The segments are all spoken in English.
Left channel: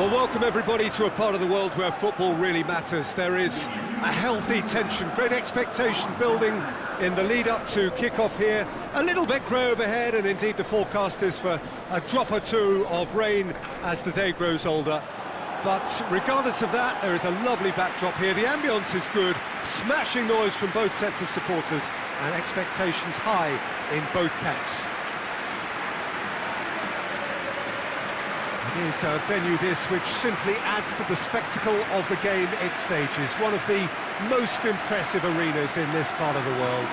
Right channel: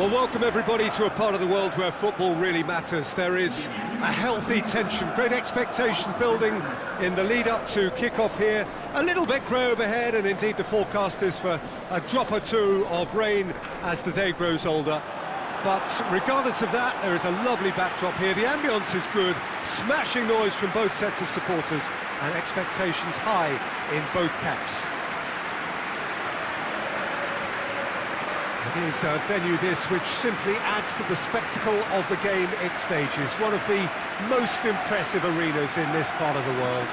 Well, welcome everybody to a part of the world where football really matters. There is a healthy tension, great expectation building in the lead-up to kick-off here. A little bit grey overhead, and indeed the forecast is for a drop or two of rain as the day grows older. But regardless of that, there is a lovely backdrop here. The ambience is good, smashing noise from both sets of supporters, and expectations high in both camps. It is a venue this which simply adds to the spectacle of the game it stages. One of the most impressive arenas in this part of the world.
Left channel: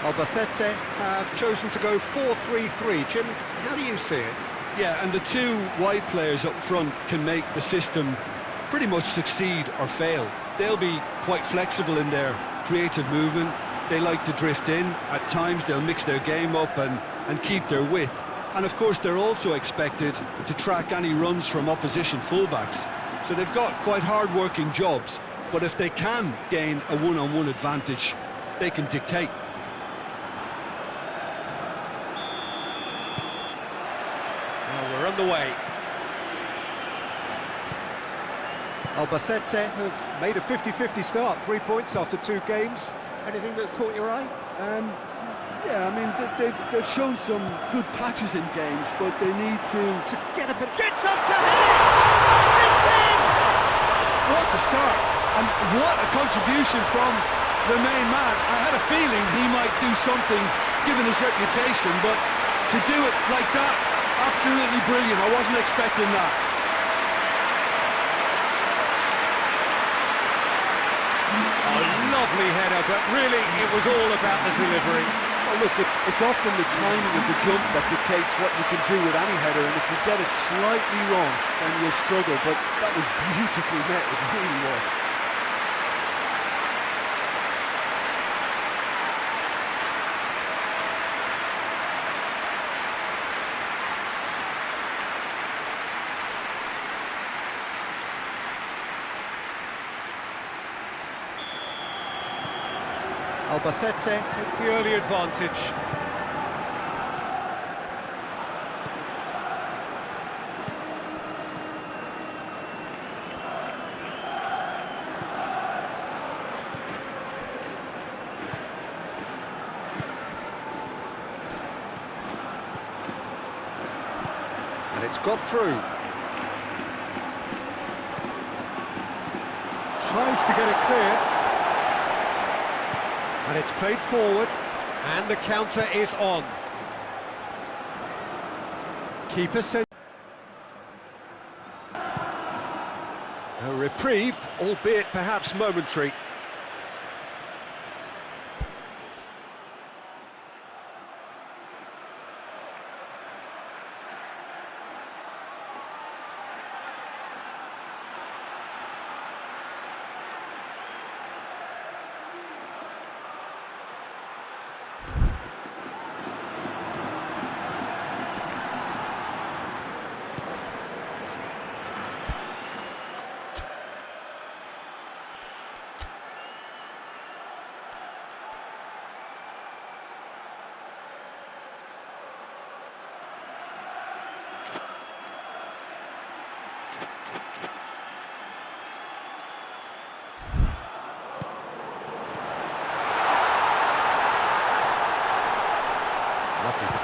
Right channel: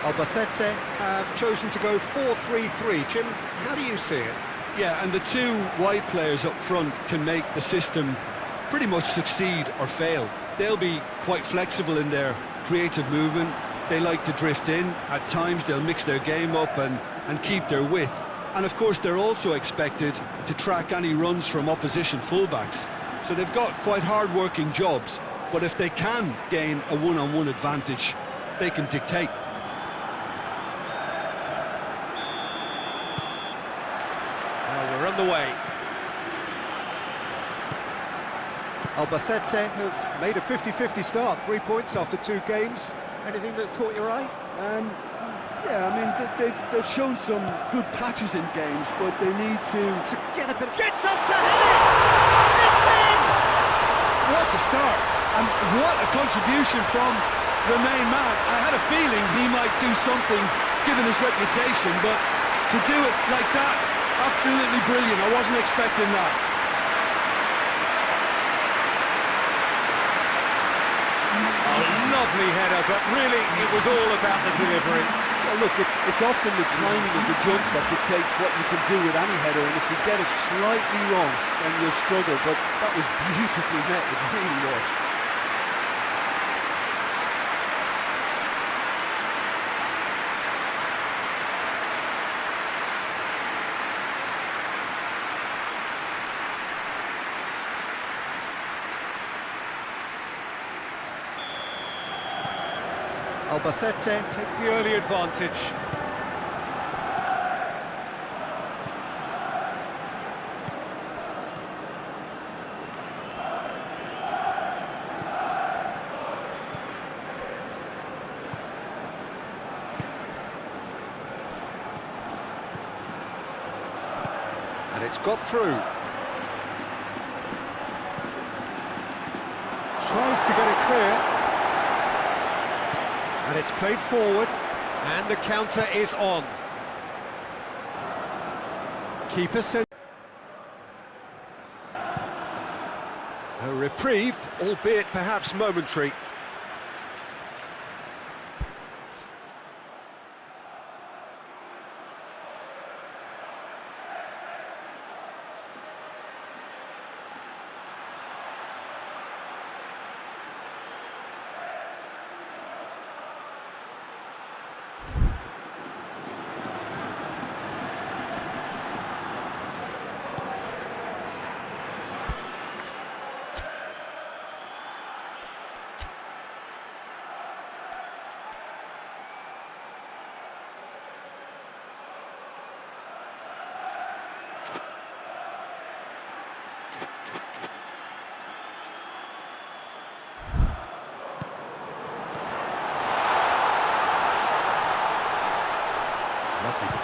Albacete have chosen to go 4-3-3. Jim, how do you see it? Yeah, and the two wide players up front can make the system pretty much succeed or fail. They'll be quite flexible in their creative movement. They like to drift in. At times they'll mix their game up and keep their width. And of course they're also expected to track any runs from opposition fullbacks. So they've got quite hard-working jobs, but if they can gain a one-on-one advantage, they can dictate. Well, we're underway. Albacete have made a 50-50 start, 3 points after 2 games. Anything that caught your eye? Yeah, I mean, they've shown some good patches in games, but they need to get a bit... Gets up to hit it! It's in! What a start, and what a contribution from the main man. I had a feeling he might do something, given his reputation, but to do it like that, absolutely brilliant. I wasn't expecting that. A lovely header, but really it was all about the delivery. Well, look, it's often the timing of the jump that dictates what you can do with any header, and if you get it slightly wrong, then you'll struggle, but that was beautifully met, it really was. Albacete take the early advantage. And it's got through. Tries to get it clear. And it's played forward, and the counter is on. Keeper sent a reprieve, albeit perhaps momentary.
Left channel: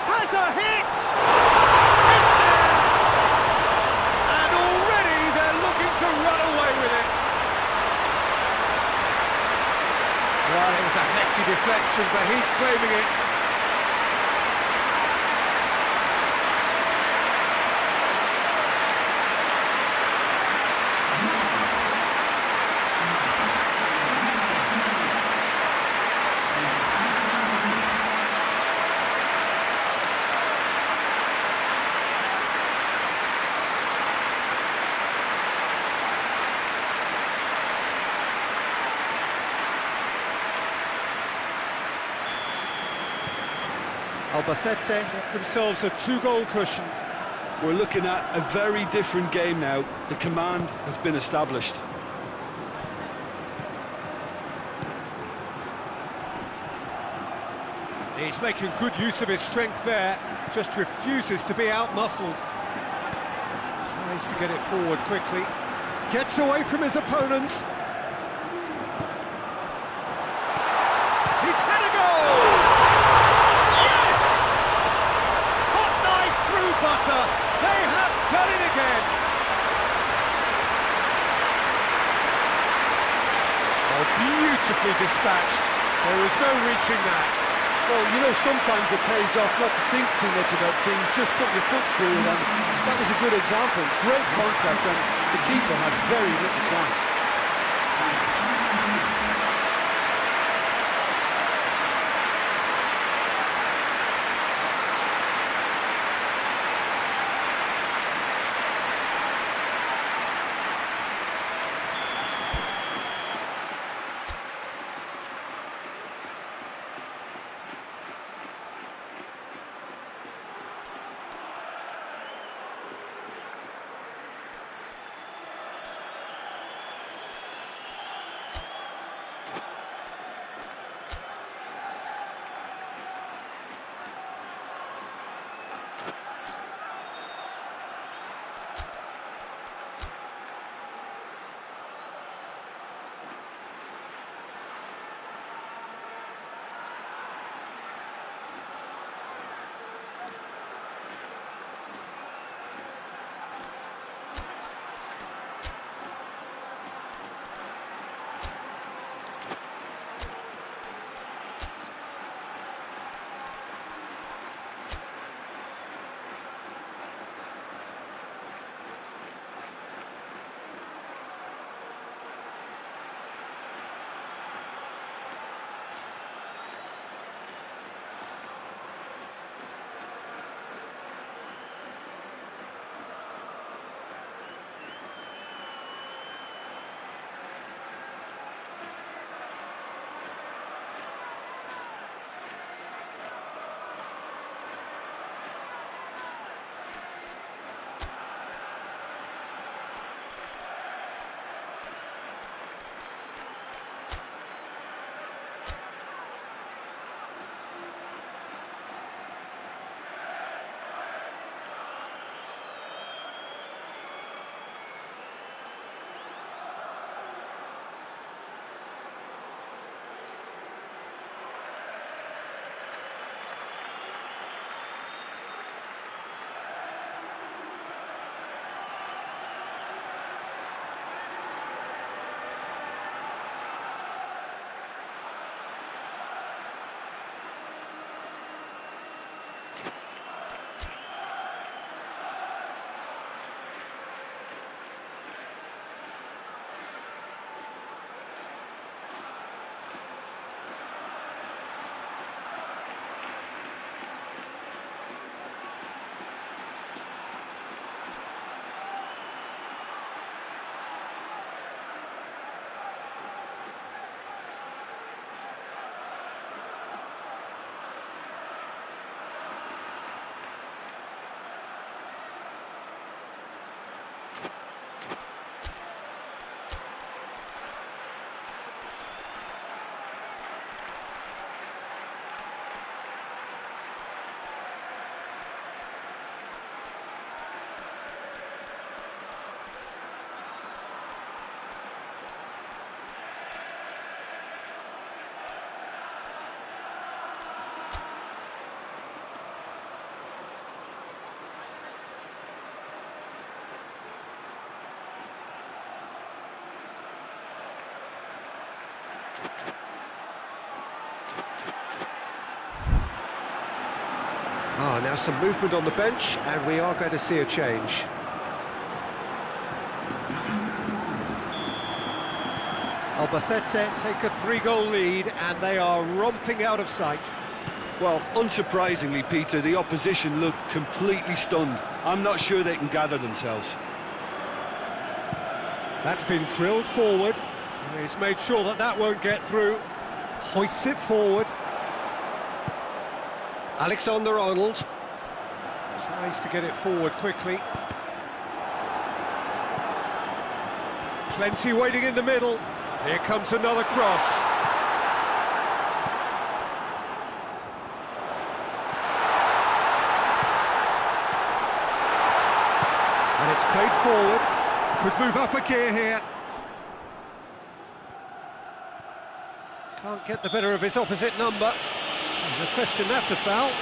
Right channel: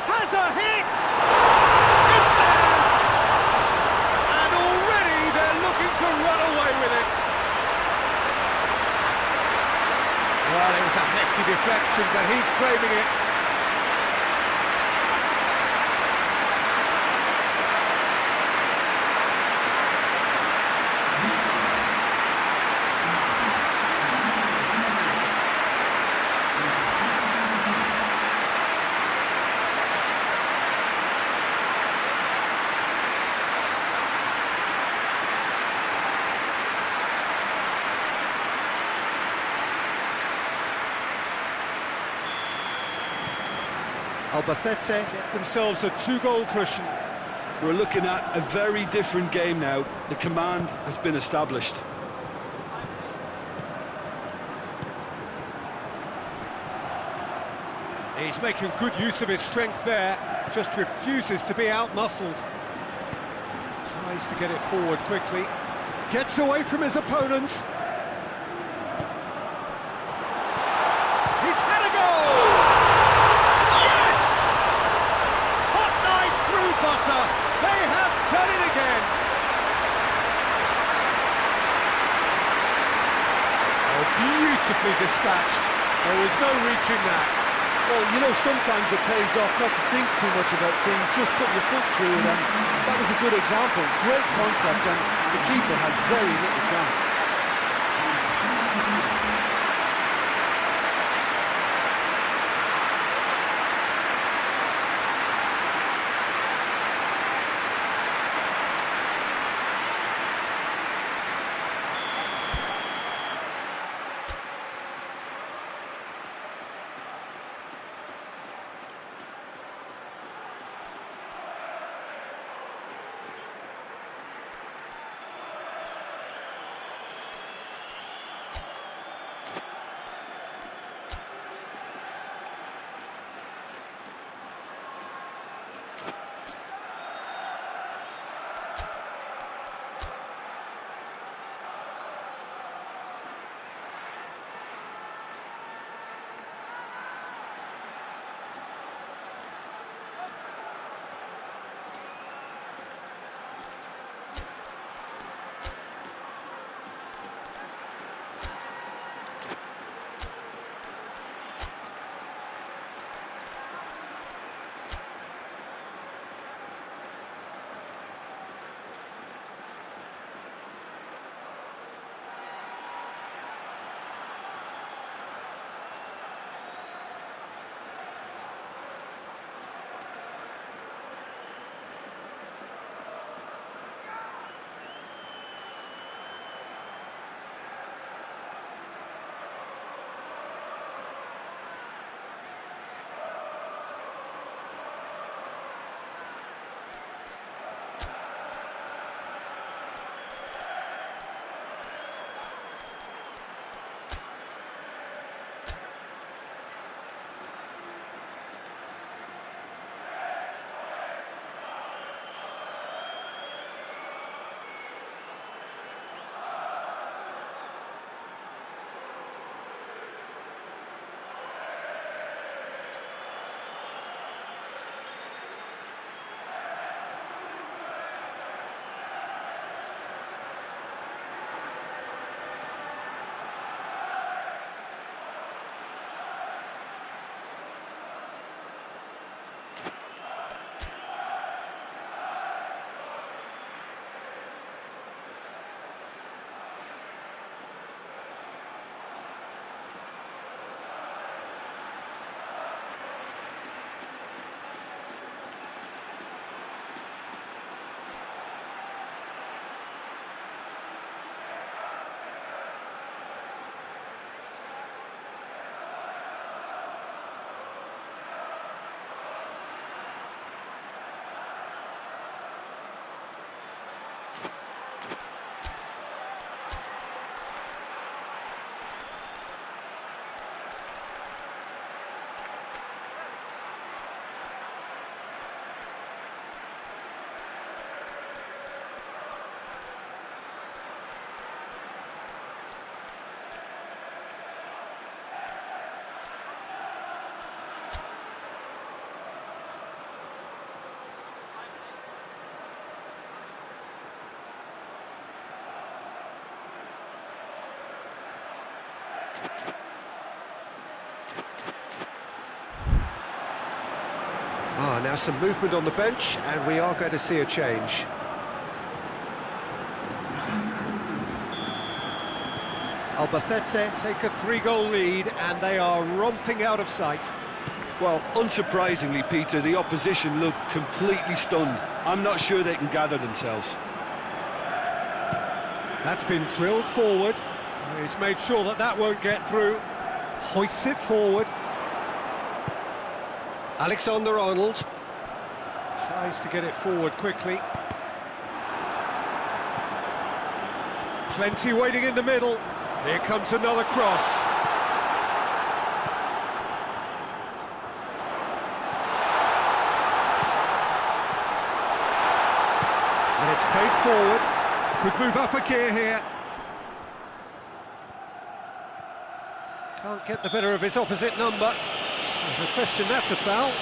Has a hit! It's there! And already they're looking to run away with it. Well, it was a hefty deflection, but he's claiming it. Albacete get themselves a 2-goal cushion. We're looking at a very different game now. The command has been established. He's making good use of his strength there, just refuses to be out-muscled. Tries to get it forward quickly. Gets away from his opponents. He's had a goal! Yes! Hot knife through butter. They have done it again. Oh, beautifully dispatched. There was no reaching that. Well, you know, sometimes it pays off not to think too much about things, just put your foot through it, and that was a good example. Great contact, and the keeper had very little chance. Now some movement on the bench, and we are going to see a change. Albacete take a 3-goal lead, and they are romping out of sight. Well, unsurprisingly, Peter, the opposition look completely stunned. I'm not sure they can gather themselves. That's been drilled forward. He's made sure that that won't get through. Hoists it forward. Alexander-Arnold tries to get it forward quickly. Plenty waiting in the middle. Here comes another cross. And it's played forward. Could move up a gear here. Can't get the better of his opposite number. No question that's a foul.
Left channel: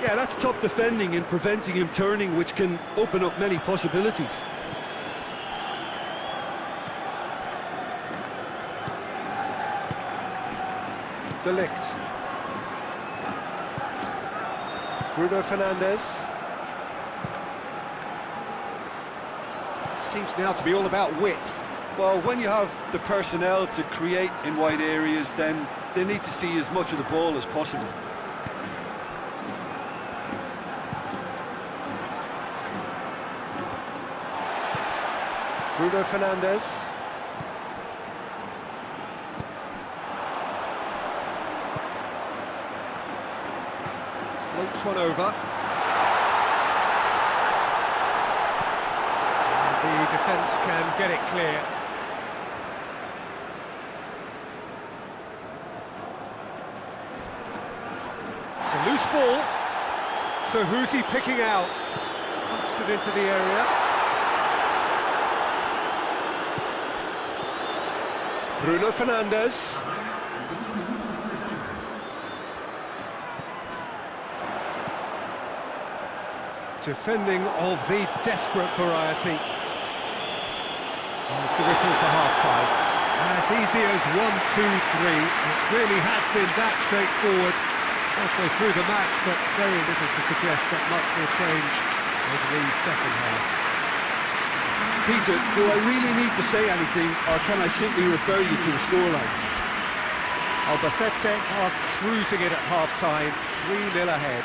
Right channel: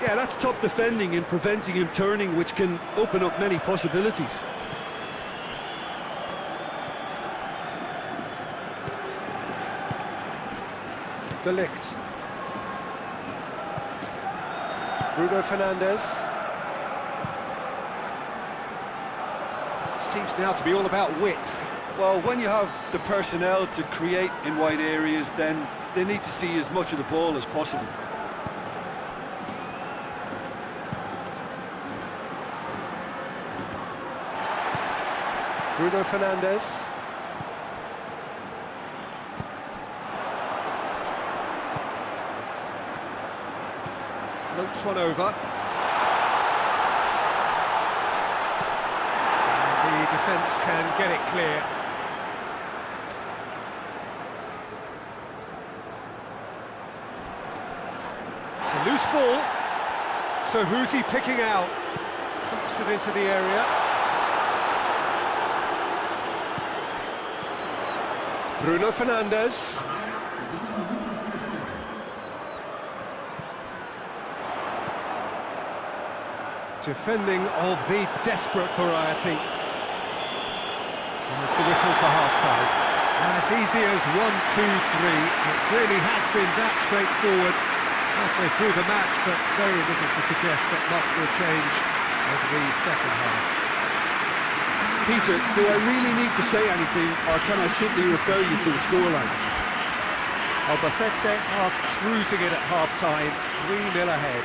Yeah, that's top defending and preventing him turning, which can open up many possibilities. De Ligt. Bruno Fernandes. Seems now to be all about width. Well, when you have the personnel to create in wide areas, then they need to see as much of the ball as possible. Bruno Fernandes. Floats one over. And the defence can get it clear. It's a loose ball. So who's he picking out? Pumps it into the area. Bruno Fernandes. Defending of the desperate variety. There's the whistle for half-time. As easy as 1, 2, 3. It really has been that straightforward halfway through the match, but very little to suggest that much will change over the second half. Peter, do I really need to say anything, or can I simply refer you to the scoreline? Albacete are cruising it at half-time, 3-0 ahead.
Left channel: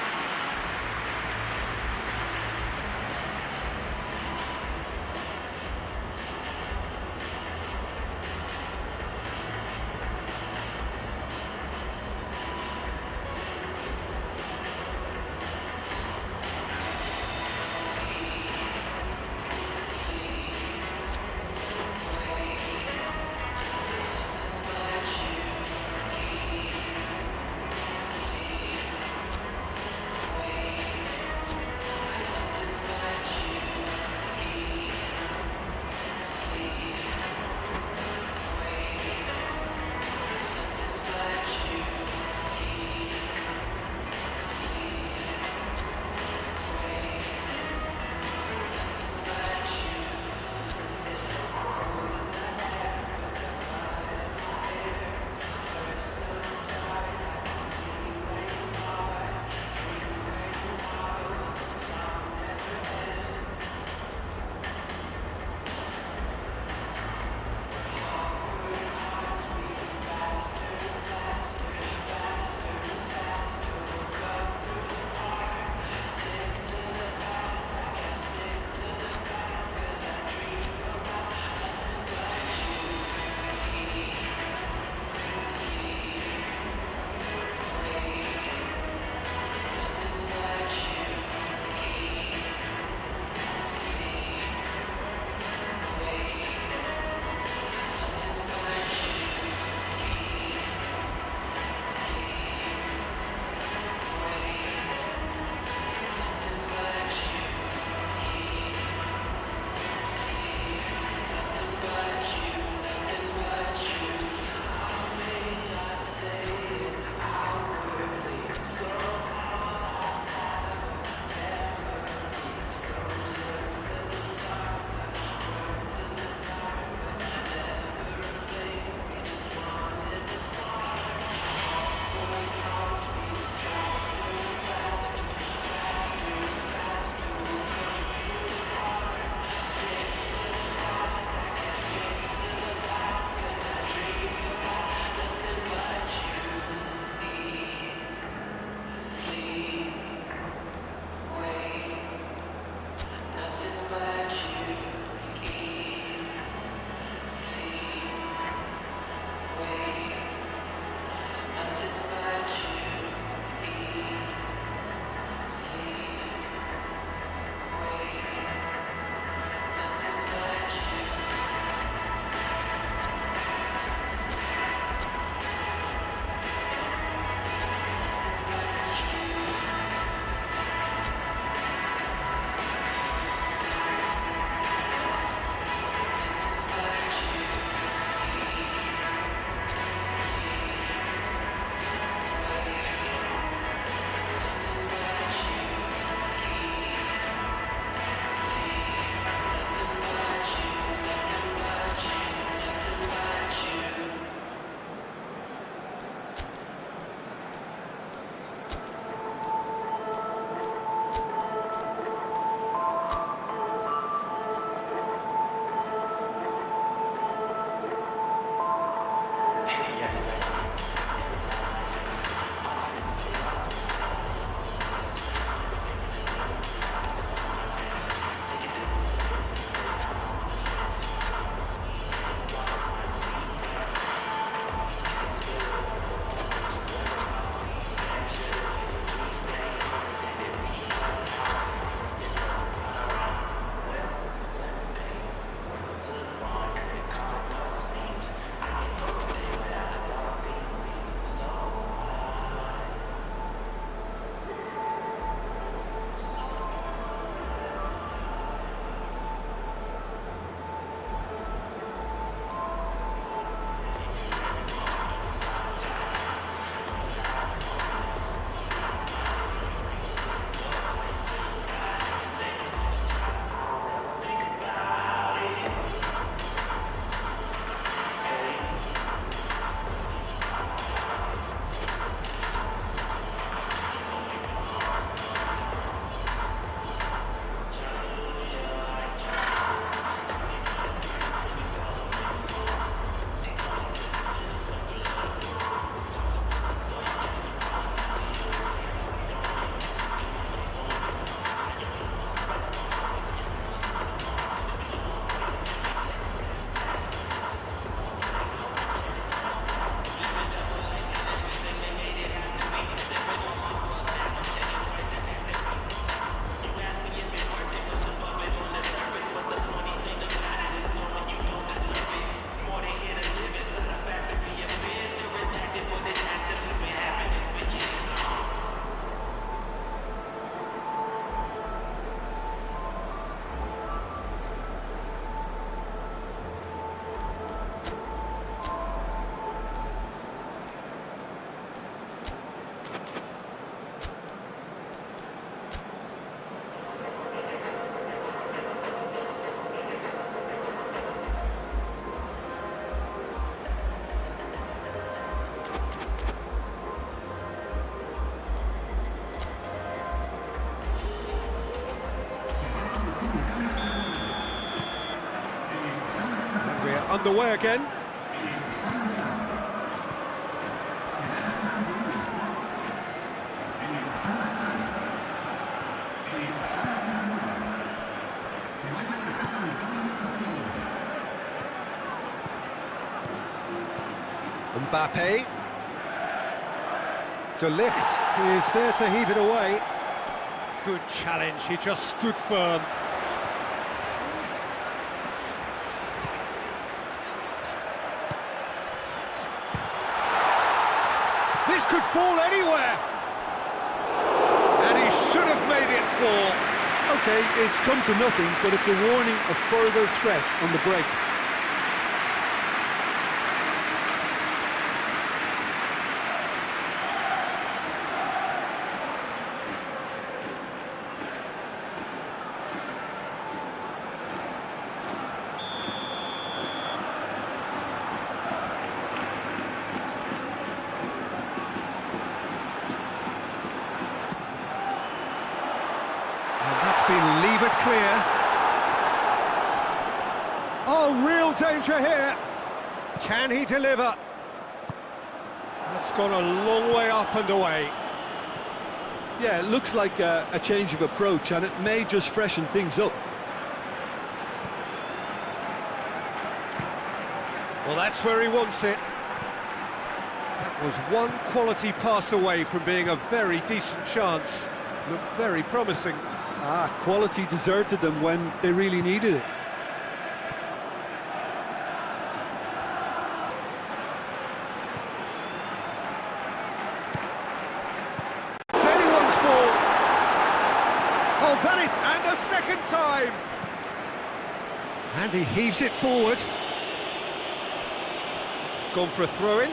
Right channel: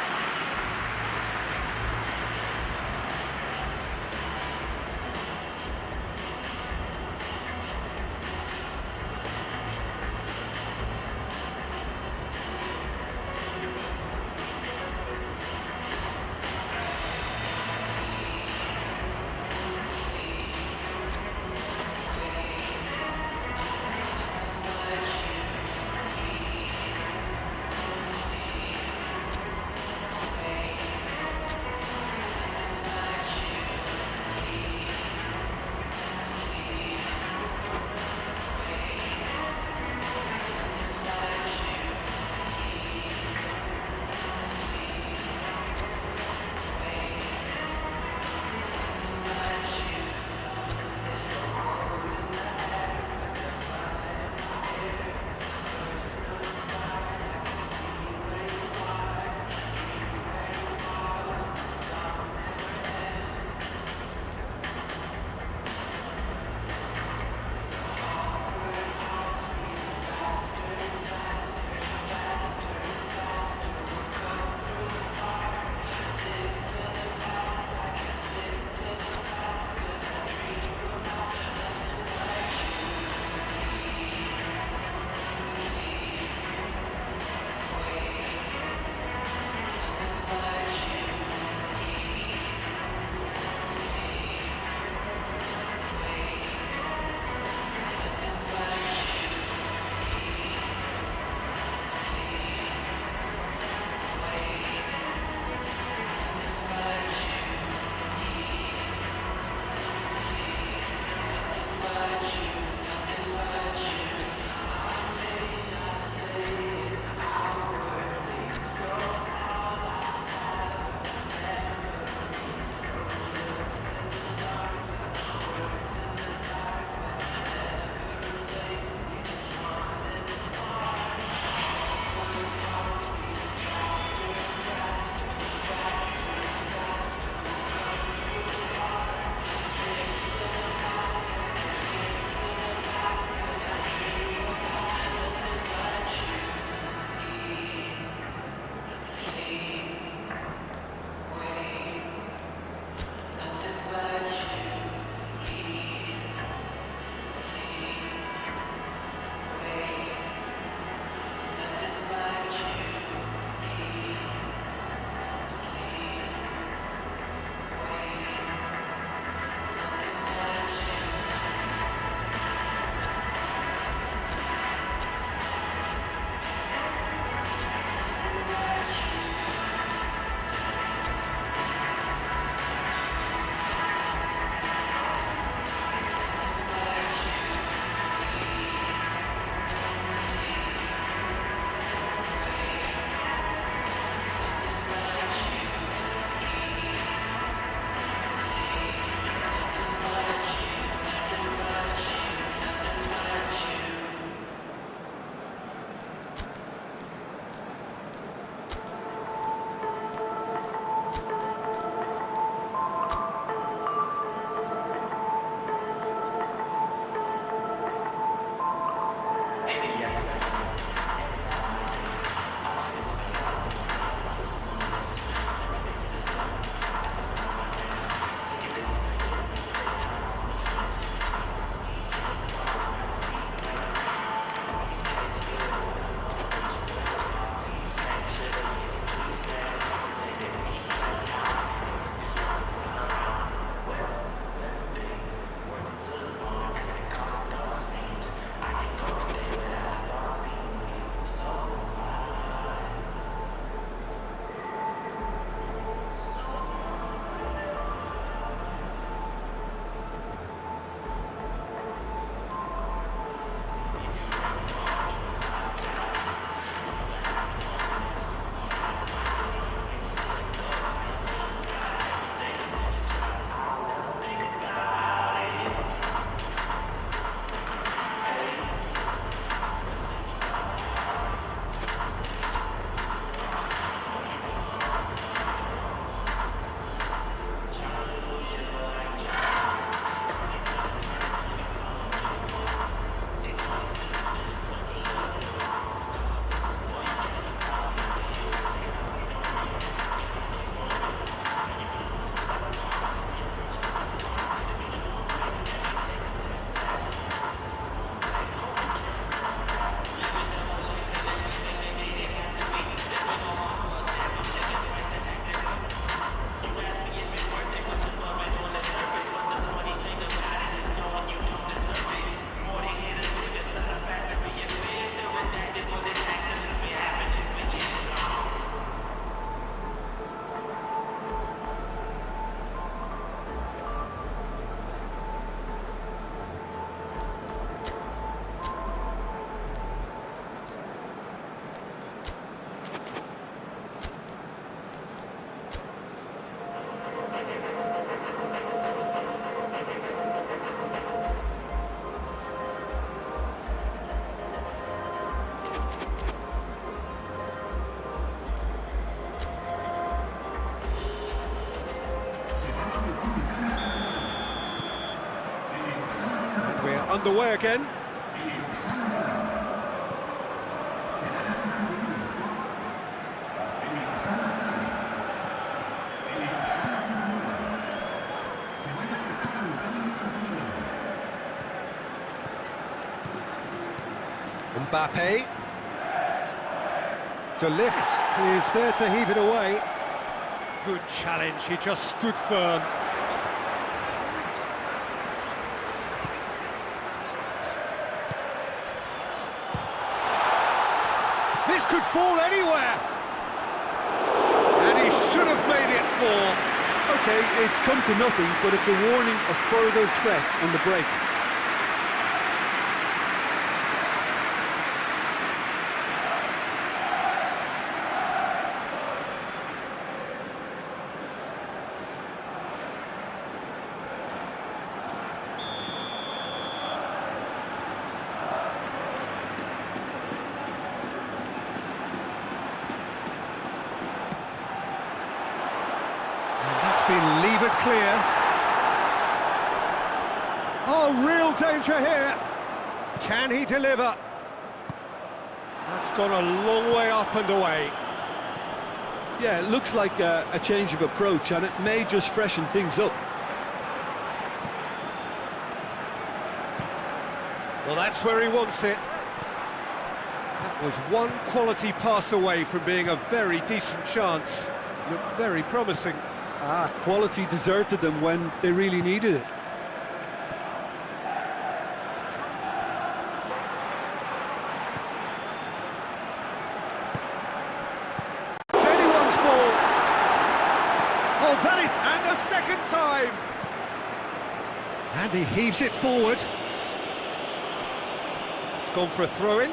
We're underway again. Mbappe. De Ligt is there to heave it away. Good challenge, he just stood firm. This could fall anywhere. And he should have made it fall. Okay, it's come to nothing, but it's a warning of further threat on the break. Been levered clear. Oh, real danger here. Can he deliver? That's gone a long way up and away. Yeah, it looks like a change of approach, and it may just freshen things up. Well, that's where he wants it. That was one quality pass away from being a very decent chance. Looked very promising. Quality deserted them when they really needed it. It's anyone's ball. Oh, that is, and a second time. And he heaves it forward. It's gone for a throw-in.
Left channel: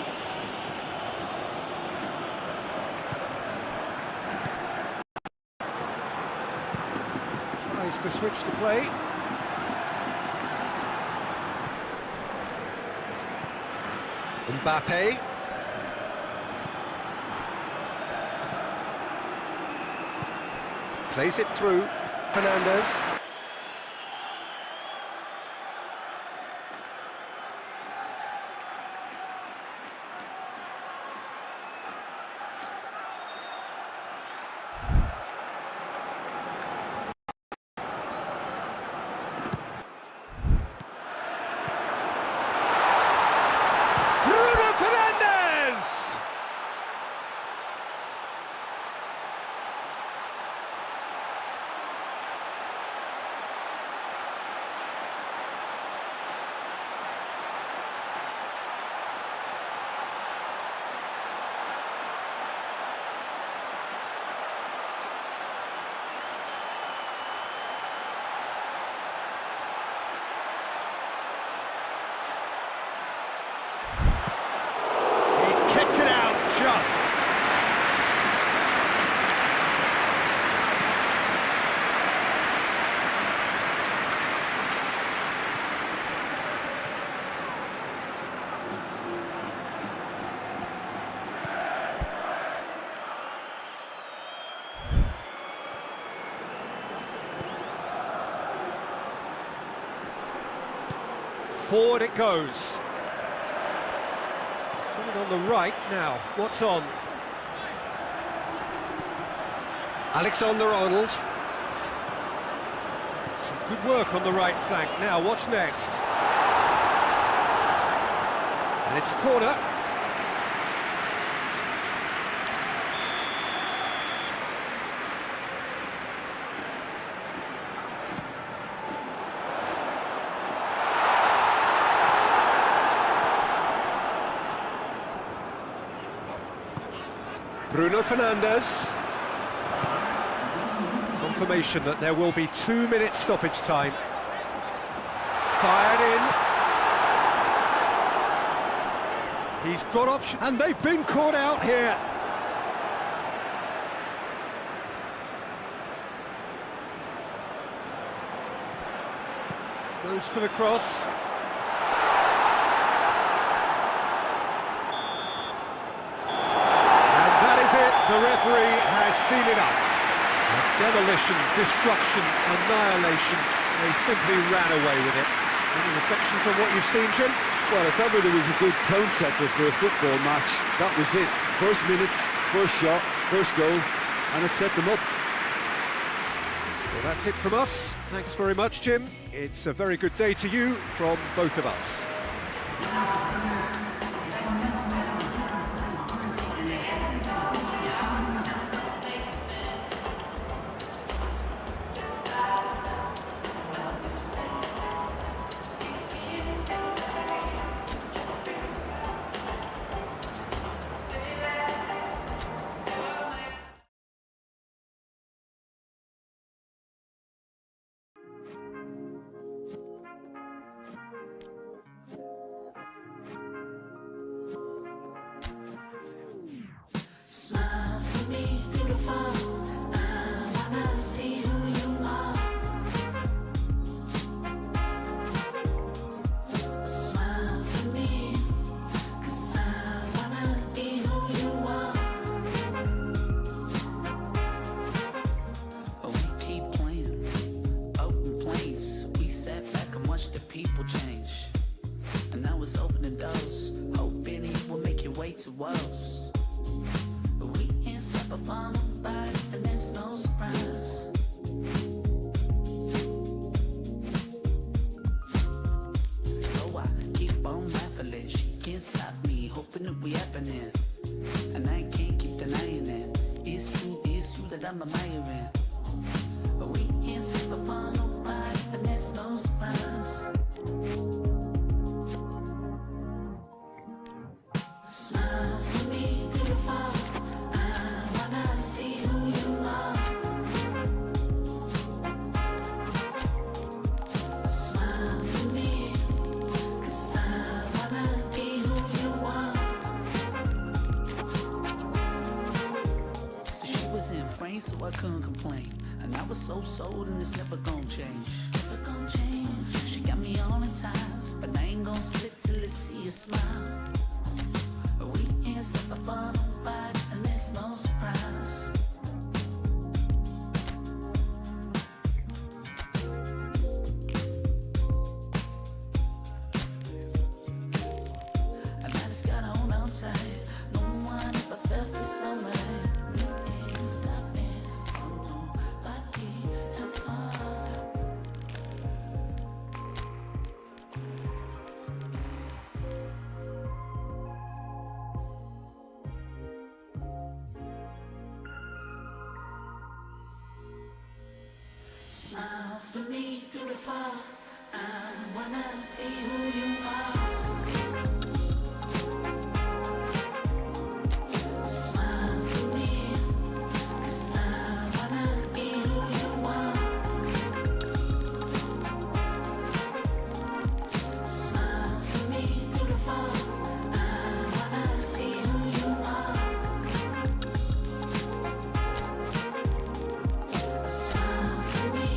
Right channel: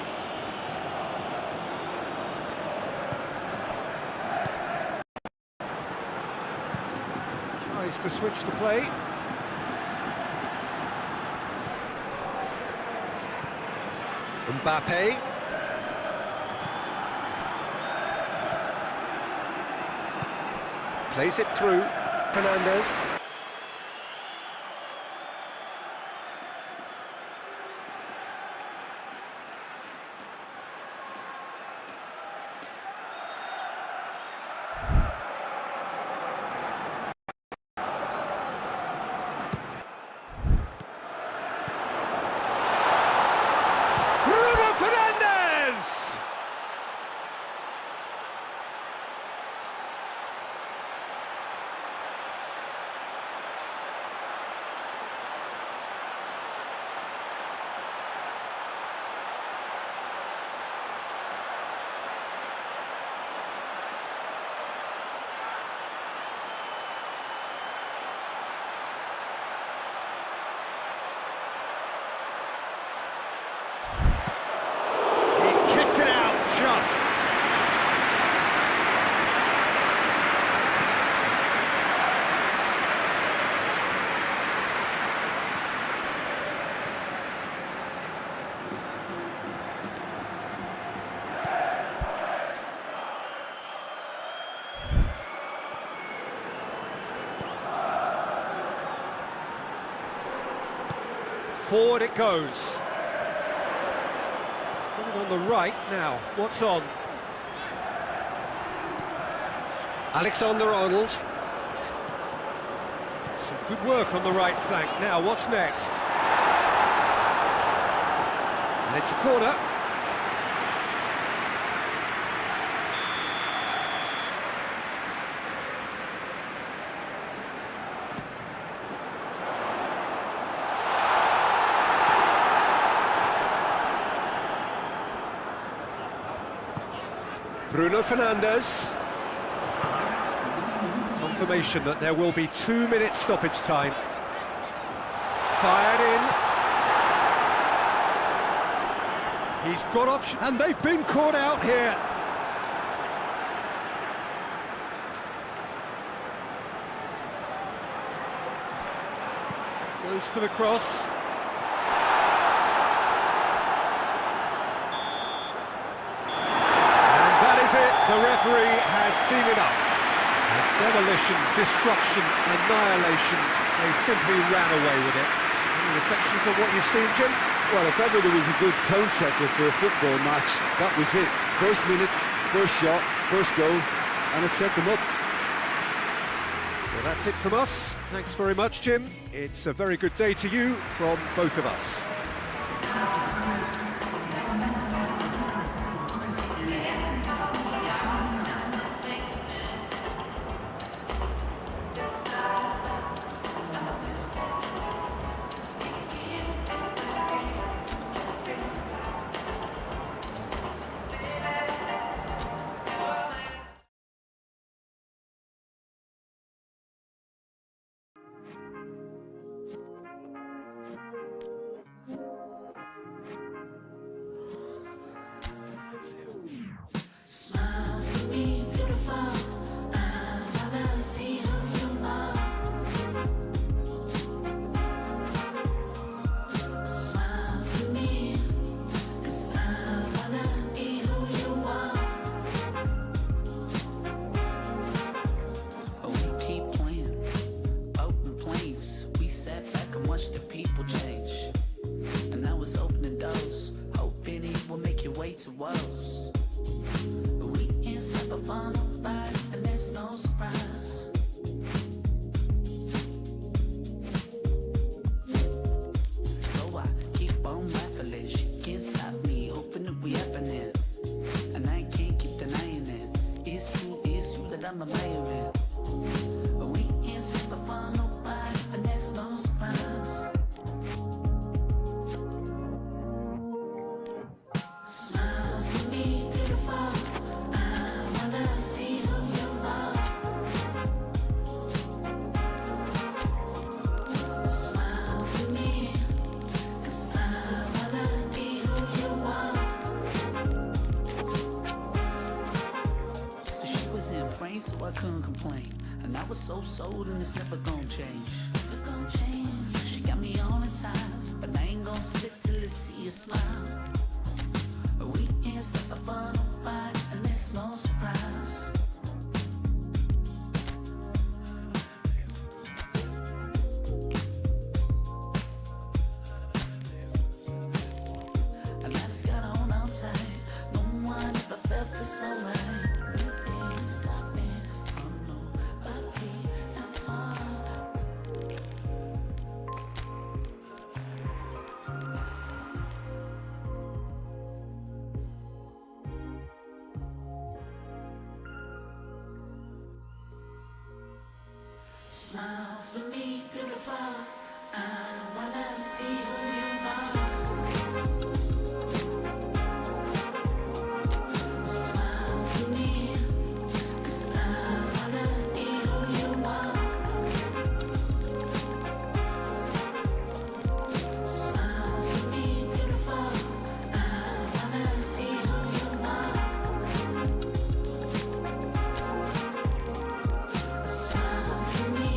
Tries to switch the play. Mbappe. Plays it through. Fernandez. Forward it goes. He's put it on the right now. What's on? Alexander-Arnold. Some good work on the right flank. Now, what's next? And it's a corner. Bruno Fernandes. Confirmation that there will be 2 minutes stoppage time. Fired in. He's got option, and they've been caught out here. Goes for the cross. And that is it. The referee has seen enough. Demolition, destruction, annihilation. They simply ran away with it. Any reflections on what you've seen, Jim? Well, if ever there was a good tone setter for a football match, that was it. First minutes, first shot, first goal, and it set them up. Well, that's it from us. Thanks very much, Jim. It's a very good day to you from both of us. To Wales. We ain't slept a fun back, and there's no surprise. So I keep on laughing, she can't stop me, hoping that we happening. And I can't keep denying it. It's true that I'm admiring. We ain't slept a fun back, and there's no surprise. So I couldn't complain, and I was so sold, and it's never gonna change. Never gonna change. She got me all in ties, but I ain't gonna split till I see a smile. We ain't step a fun back, and there's no surprise. And I just gotta hold on tight. No one ever felt free so right. Smile for me, beautiful. I wanna see who you are. Smile for me, 'cause I wanna be who you are. Smile for me, beautiful. I wanna see who you are. Smile for me.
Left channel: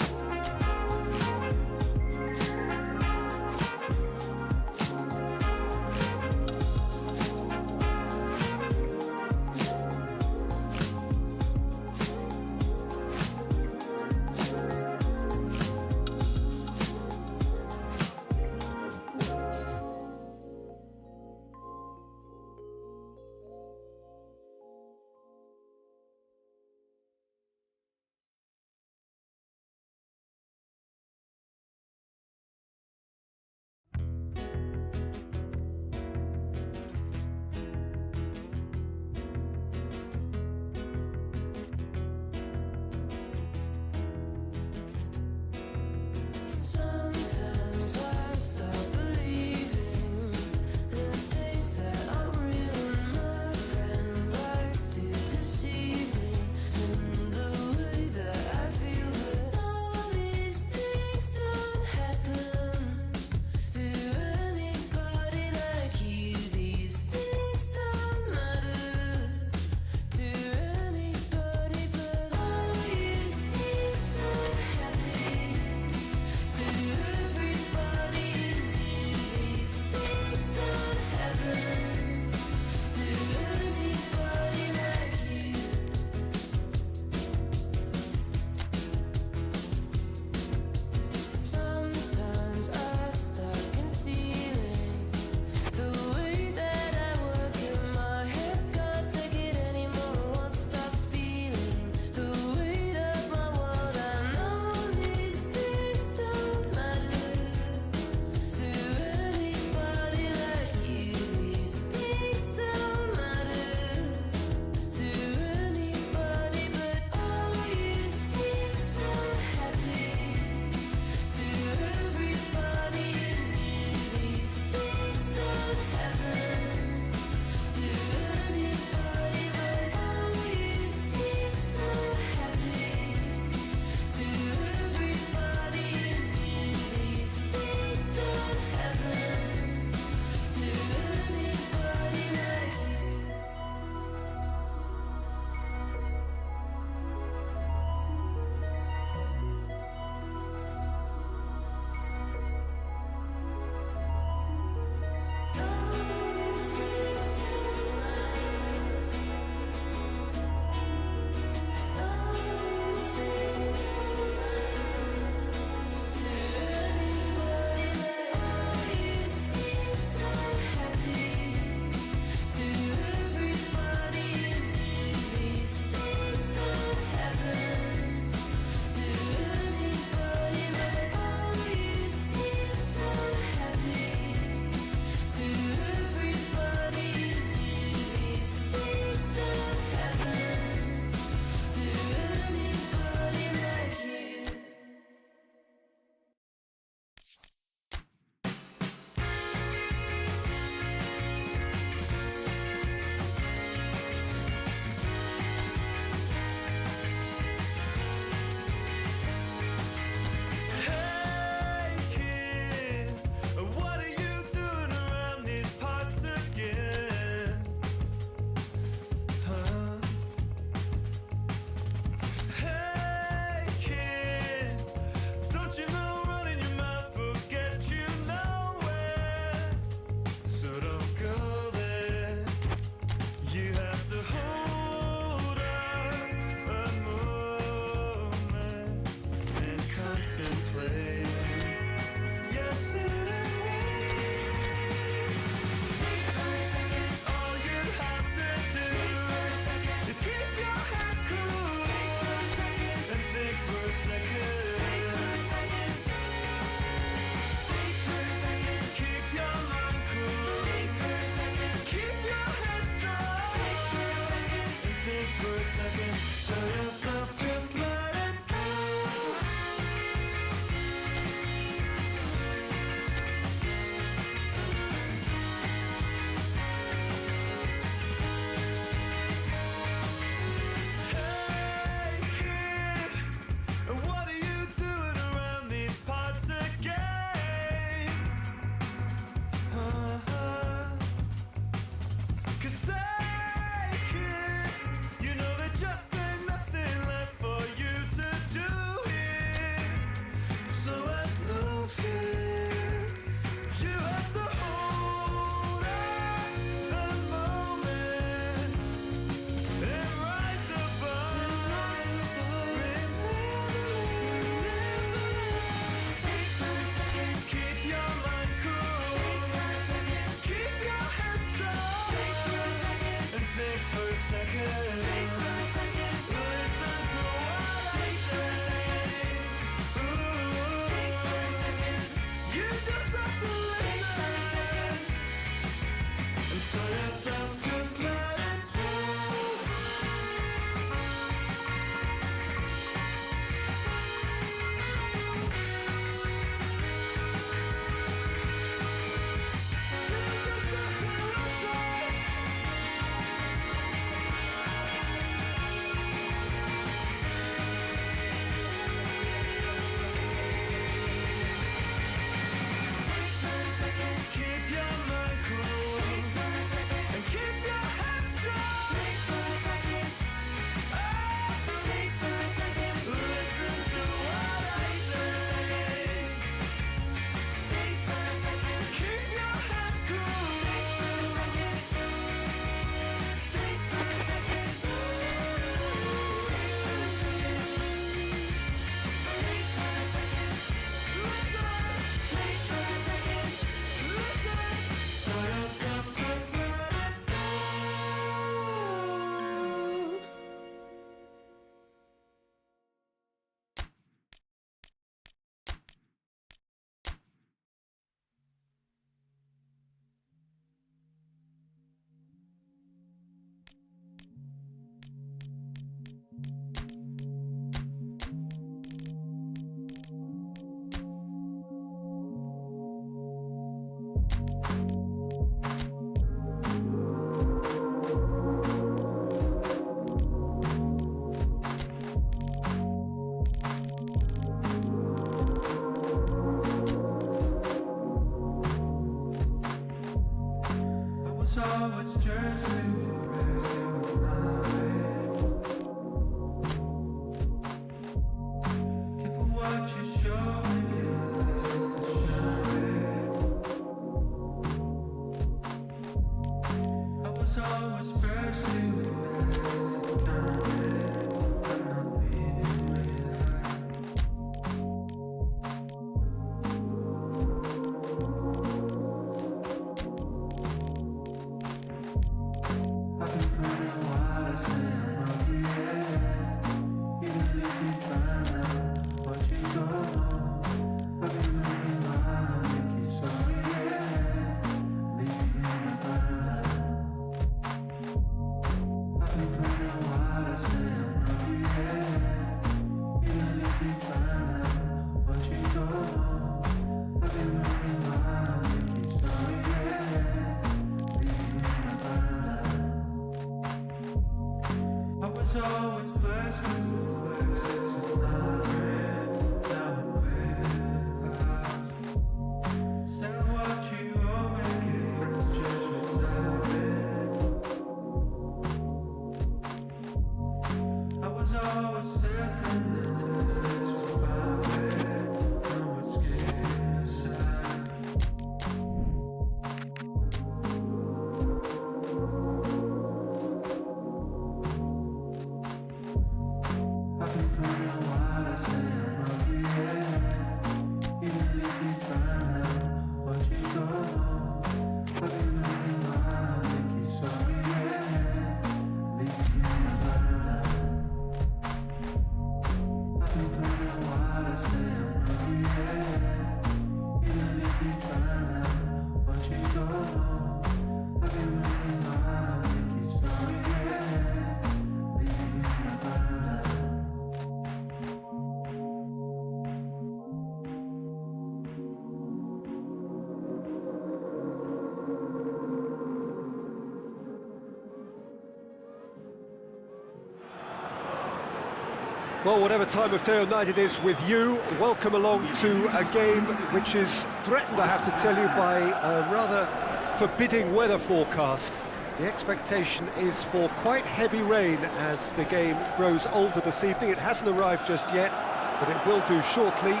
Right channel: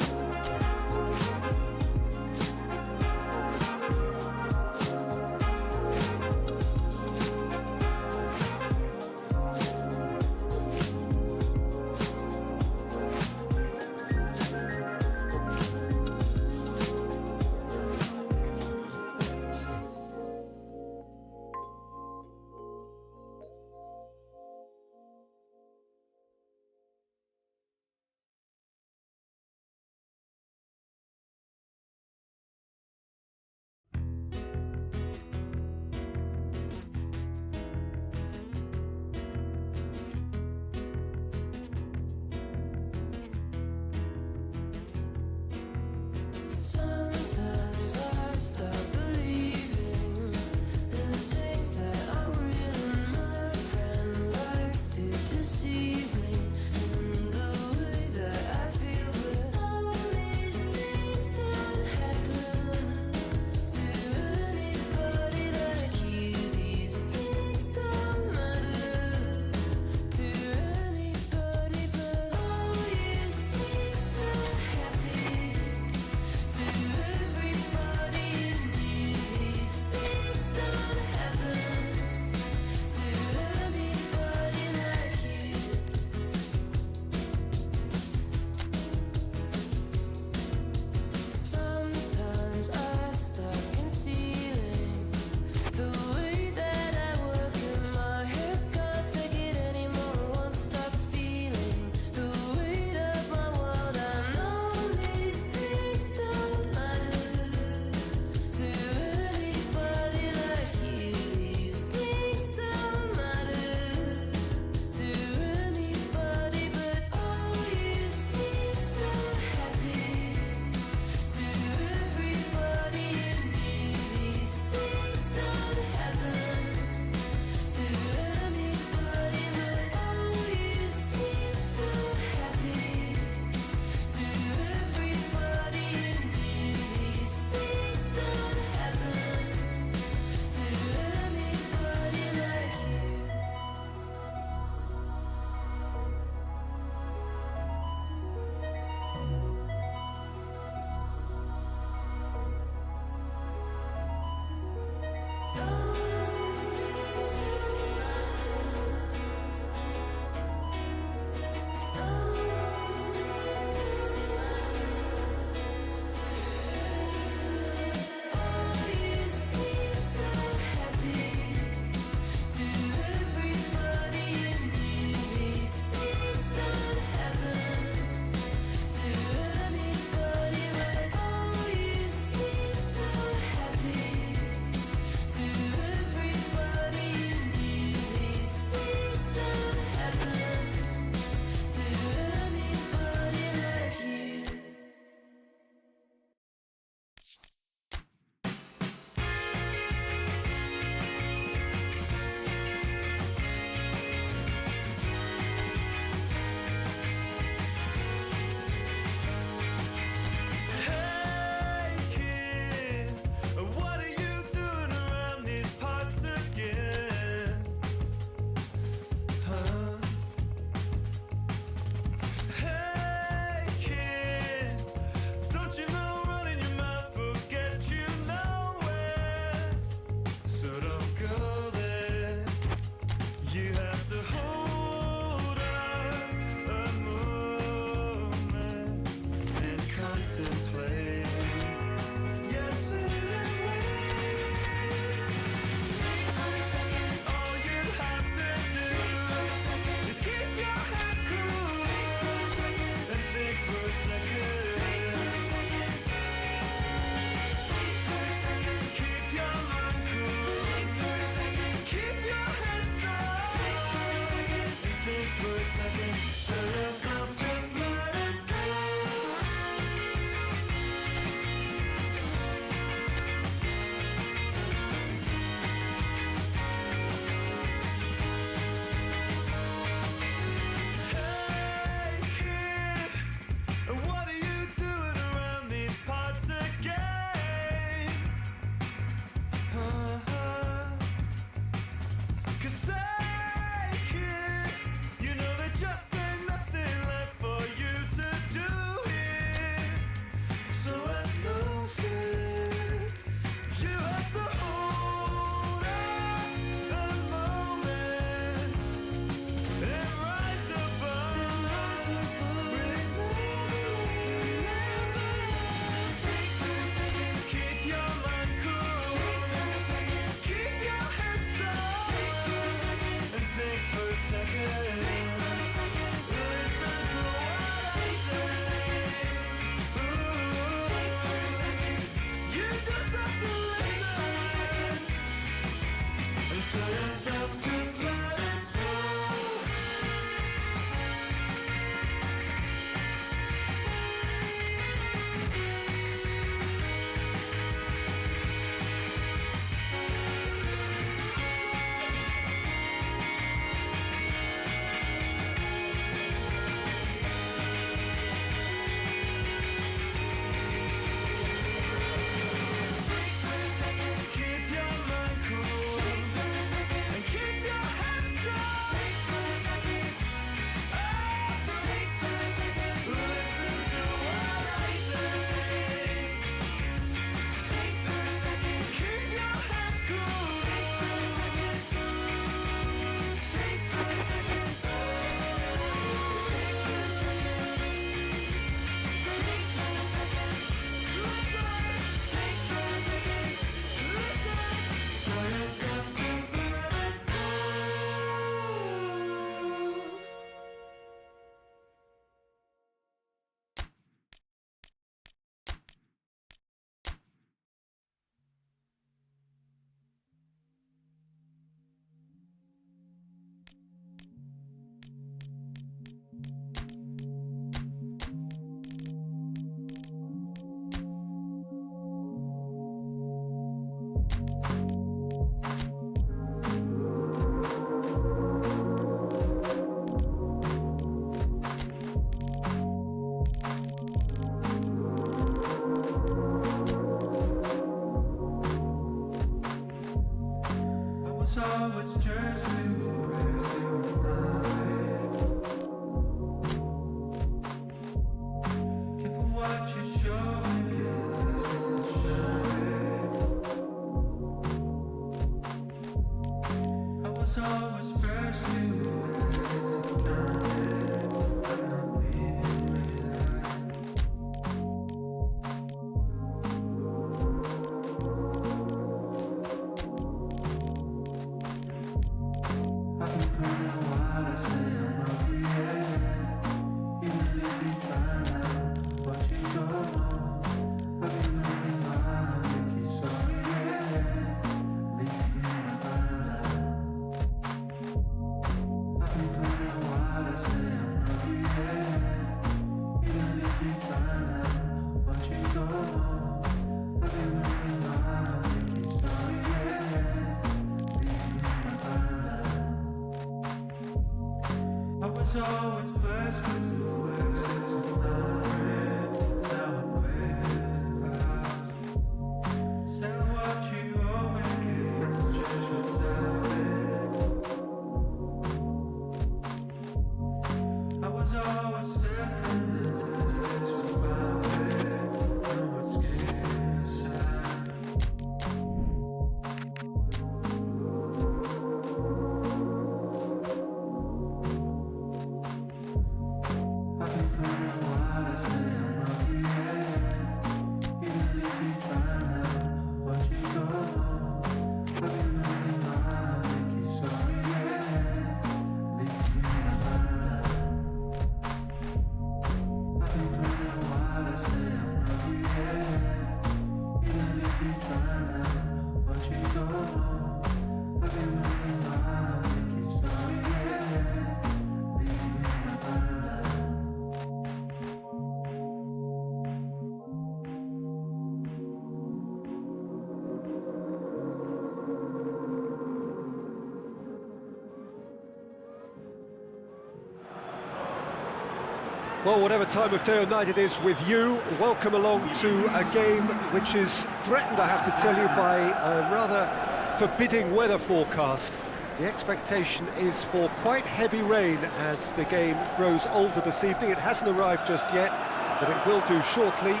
Well, whatever time of day or night it is with you, welcome along to a game which is threatened, I have to tell you, by a rather forbidding weather forecast. The expectation is for quite heavy rain as the game grows older this evening. It hasn't arrived just yet, but it will do shortly.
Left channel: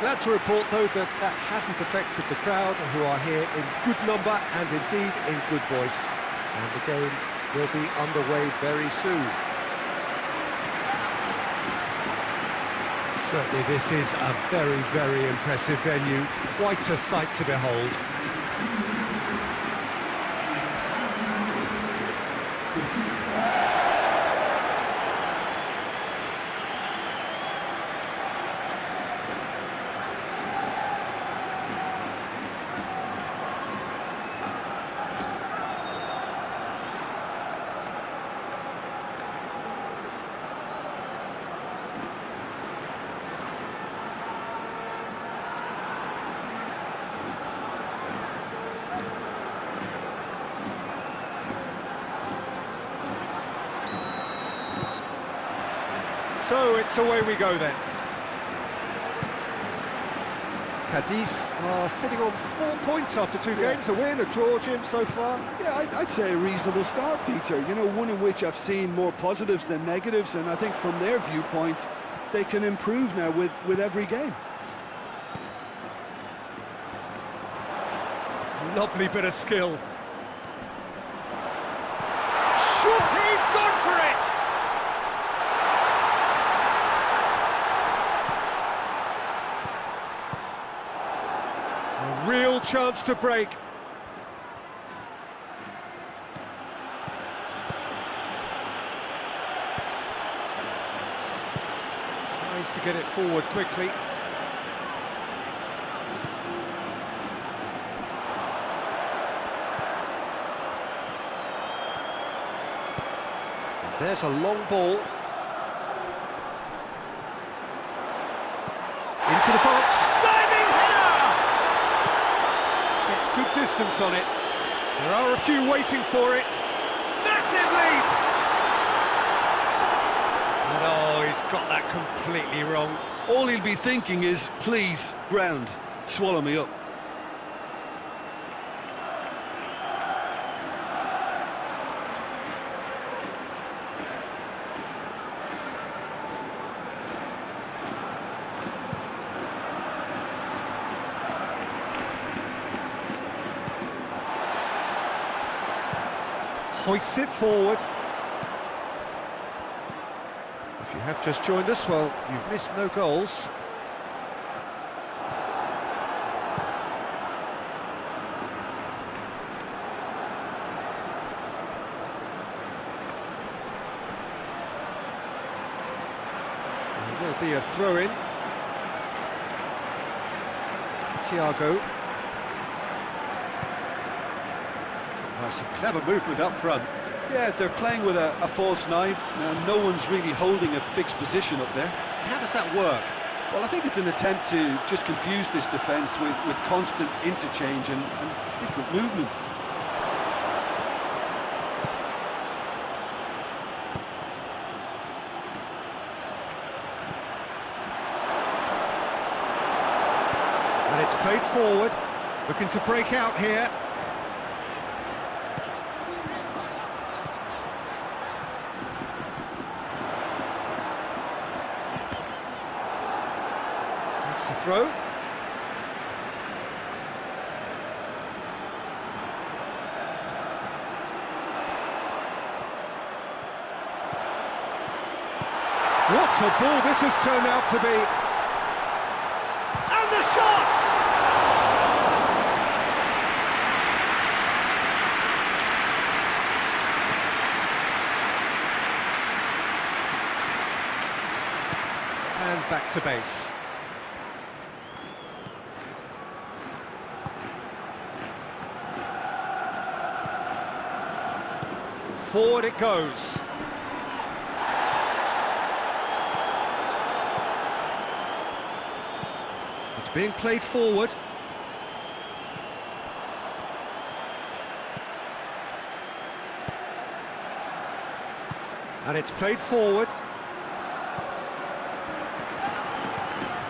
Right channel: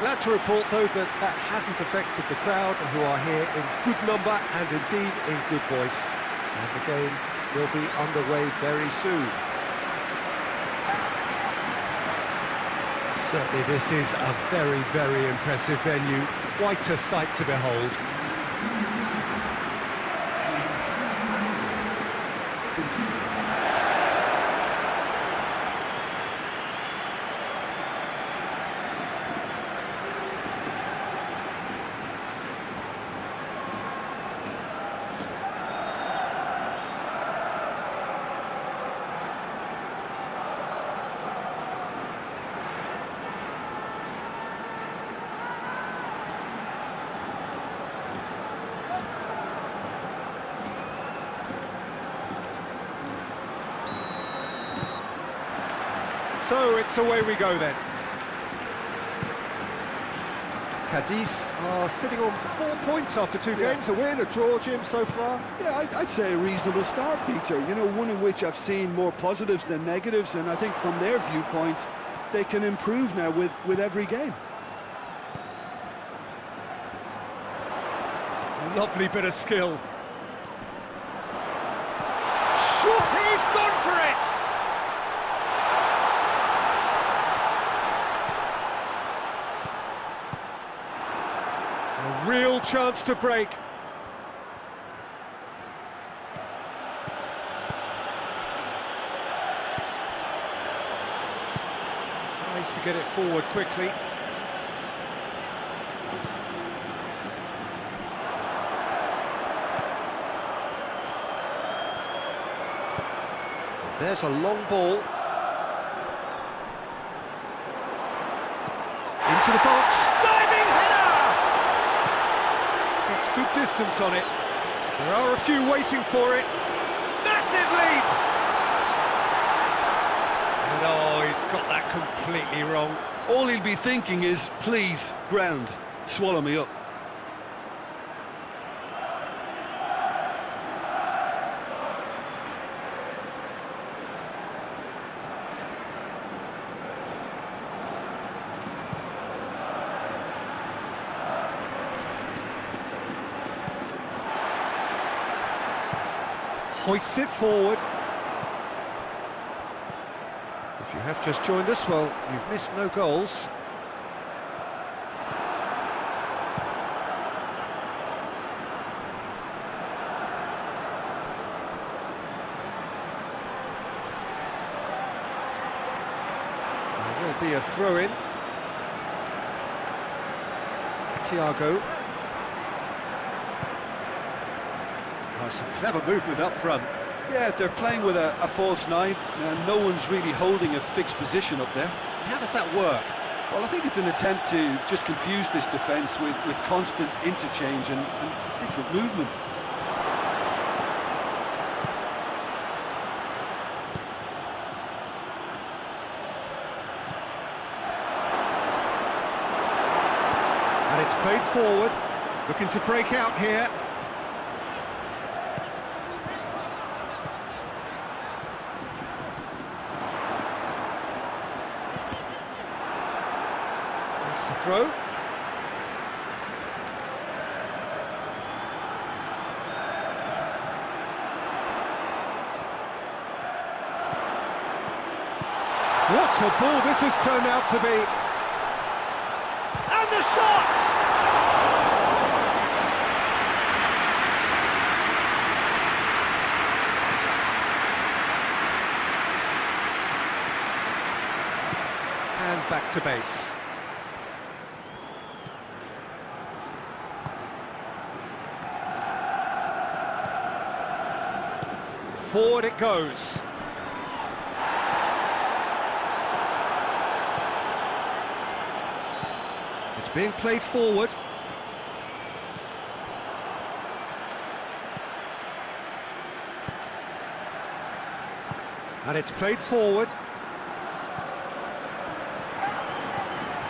Glad to report, though, that that hasn't affected the crowd, who are here in good number and indeed in good voice. And the game will be underway very soon. Certainly this is a very, very impressive venue, quite a sight to behold. So it's away we go then. Cadiz are sitting on 4 points after two games, a win, a draw, Jim, so far. Yeah, I'd say a reasonable start, Peter. You know, one in which I've seen more positives than negatives, and I think from their viewpoint, they can improve now with every game. Lovely bit of skill. Sure, he's gone for it! A real chance to break. Tries to get it forward quickly. And there's a long ball. Into the box. Diving header! Gets good distance on it. There are a few waiting for it. Massive leap! And oh, he's got that completely wrong. All he'll be thinking is, please, ground, swallow me up. hoists it forward. If you have just joined us, well, you've missed no goals. There will be a throw-in. Thiago. Oh, some clever movement up front. Yeah, they're playing with a false nine, and no one's really holding a fixed position up there. How does that work? Well, I think it's an attempt to just confuse this defence with constant interchange and different movement. And it's played forward, looking to break out here. That's the throw. What a ball this has turned out to be. And the shot! And back to base. Forward it goes. It's being played forward. And it's played forward.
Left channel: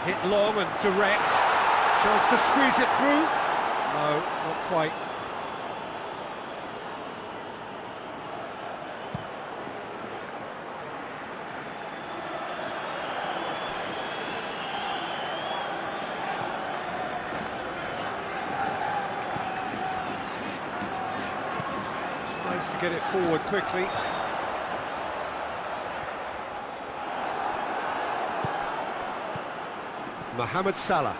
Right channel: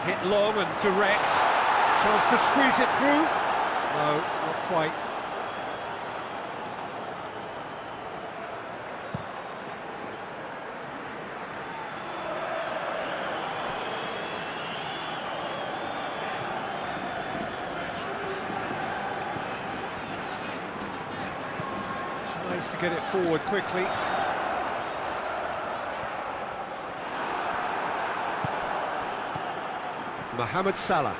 Hit long and direct. Chance to squeeze it through. No, not quite. Tries to get it forward quickly. Mohamed Salah.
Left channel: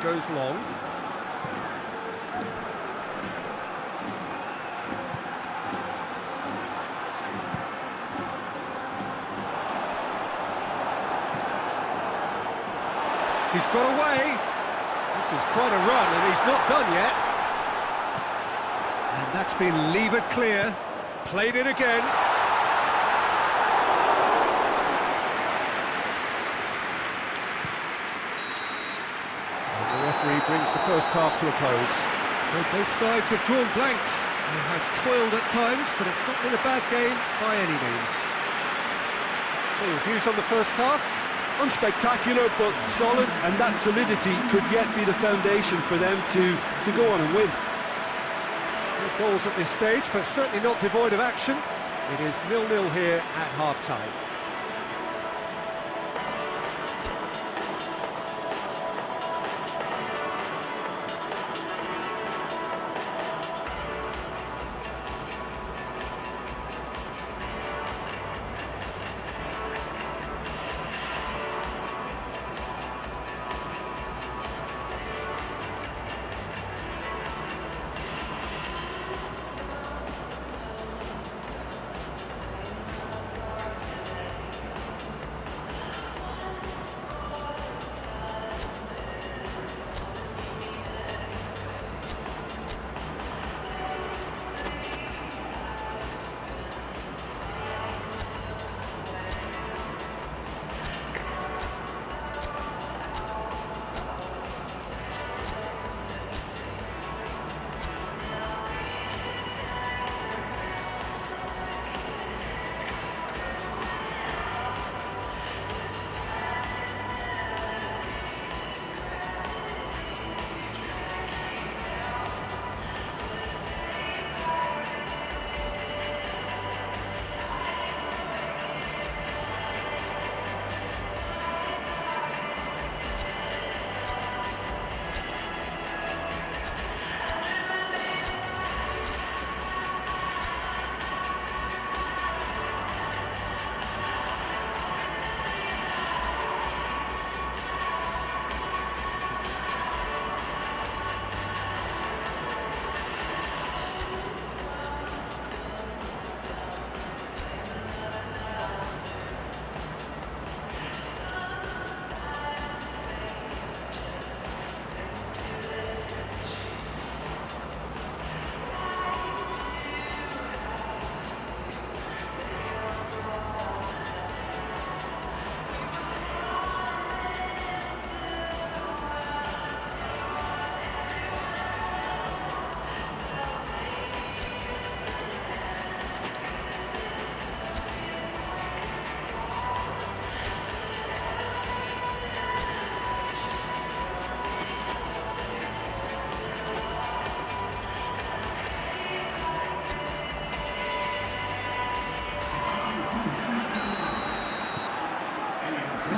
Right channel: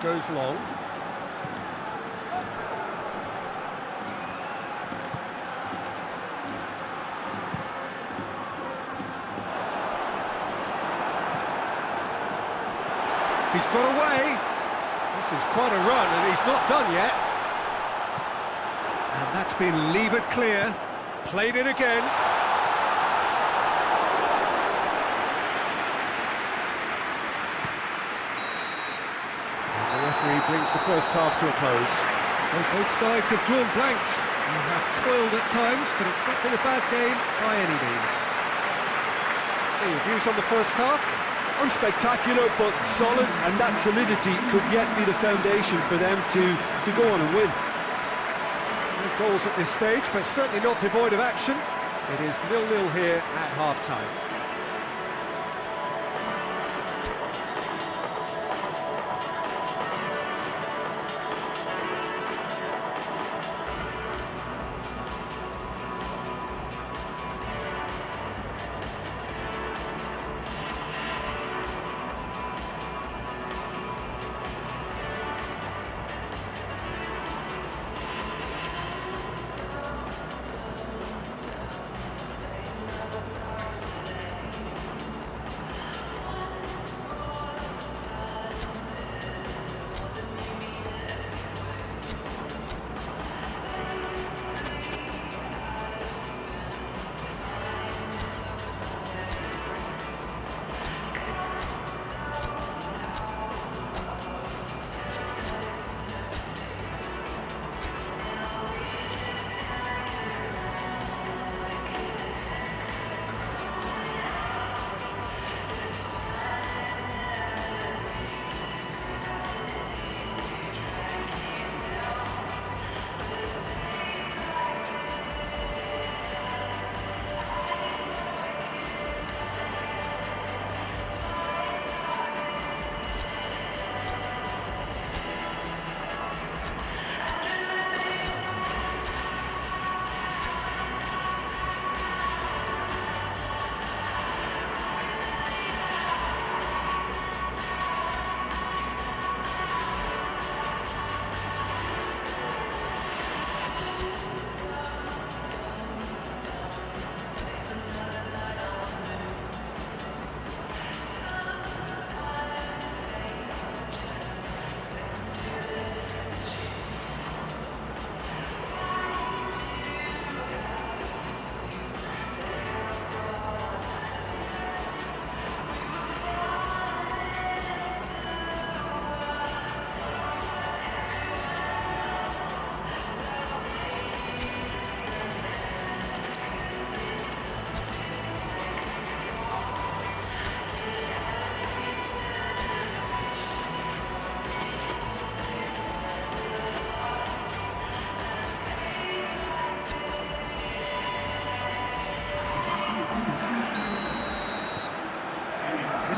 Goes long. He's got away. This is quite a run, and he's not done yet. And that's been levered clear. Played it again. The referee brings the first half to a close. So both sides have drawn blanks. They have toiled at times, but it's not been a bad game by any means. So your views on the first half? Unspectacular, but solid, and that solidity could yet be the foundation for them to go on and win. No goals at this stage, but certainly not devoid of action. It is 0-0 here at half-time.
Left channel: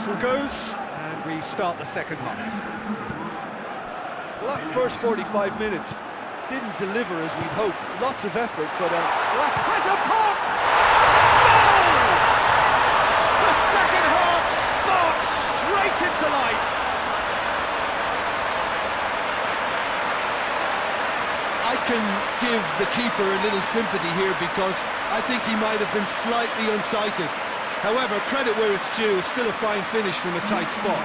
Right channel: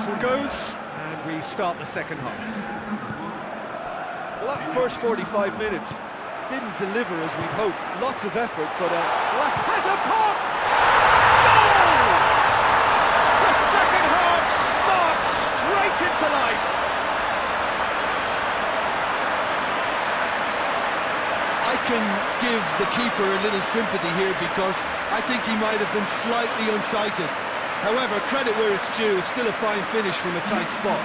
whistle goes, and we start the second half. Well, that first 45 minutes didn't deliver as we'd hoped. Lots of effort, but a lack of... Has a pop! Goal! The second half sparks straight into life. I can give the keeper a little sympathy here because I think he might have been slightly unsighted. However, credit where it's due, it's still a fine finish from a tight spot.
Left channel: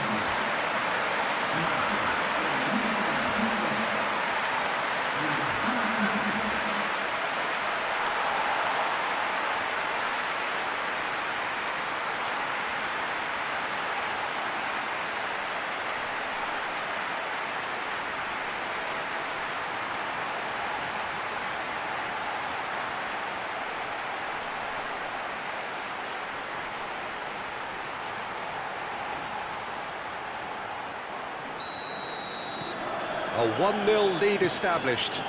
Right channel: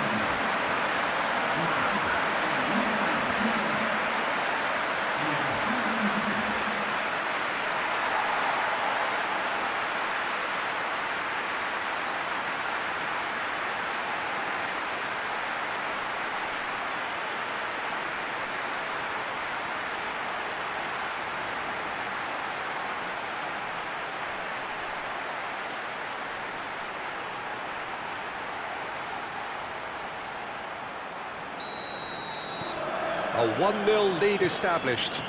A 1-0 lead established.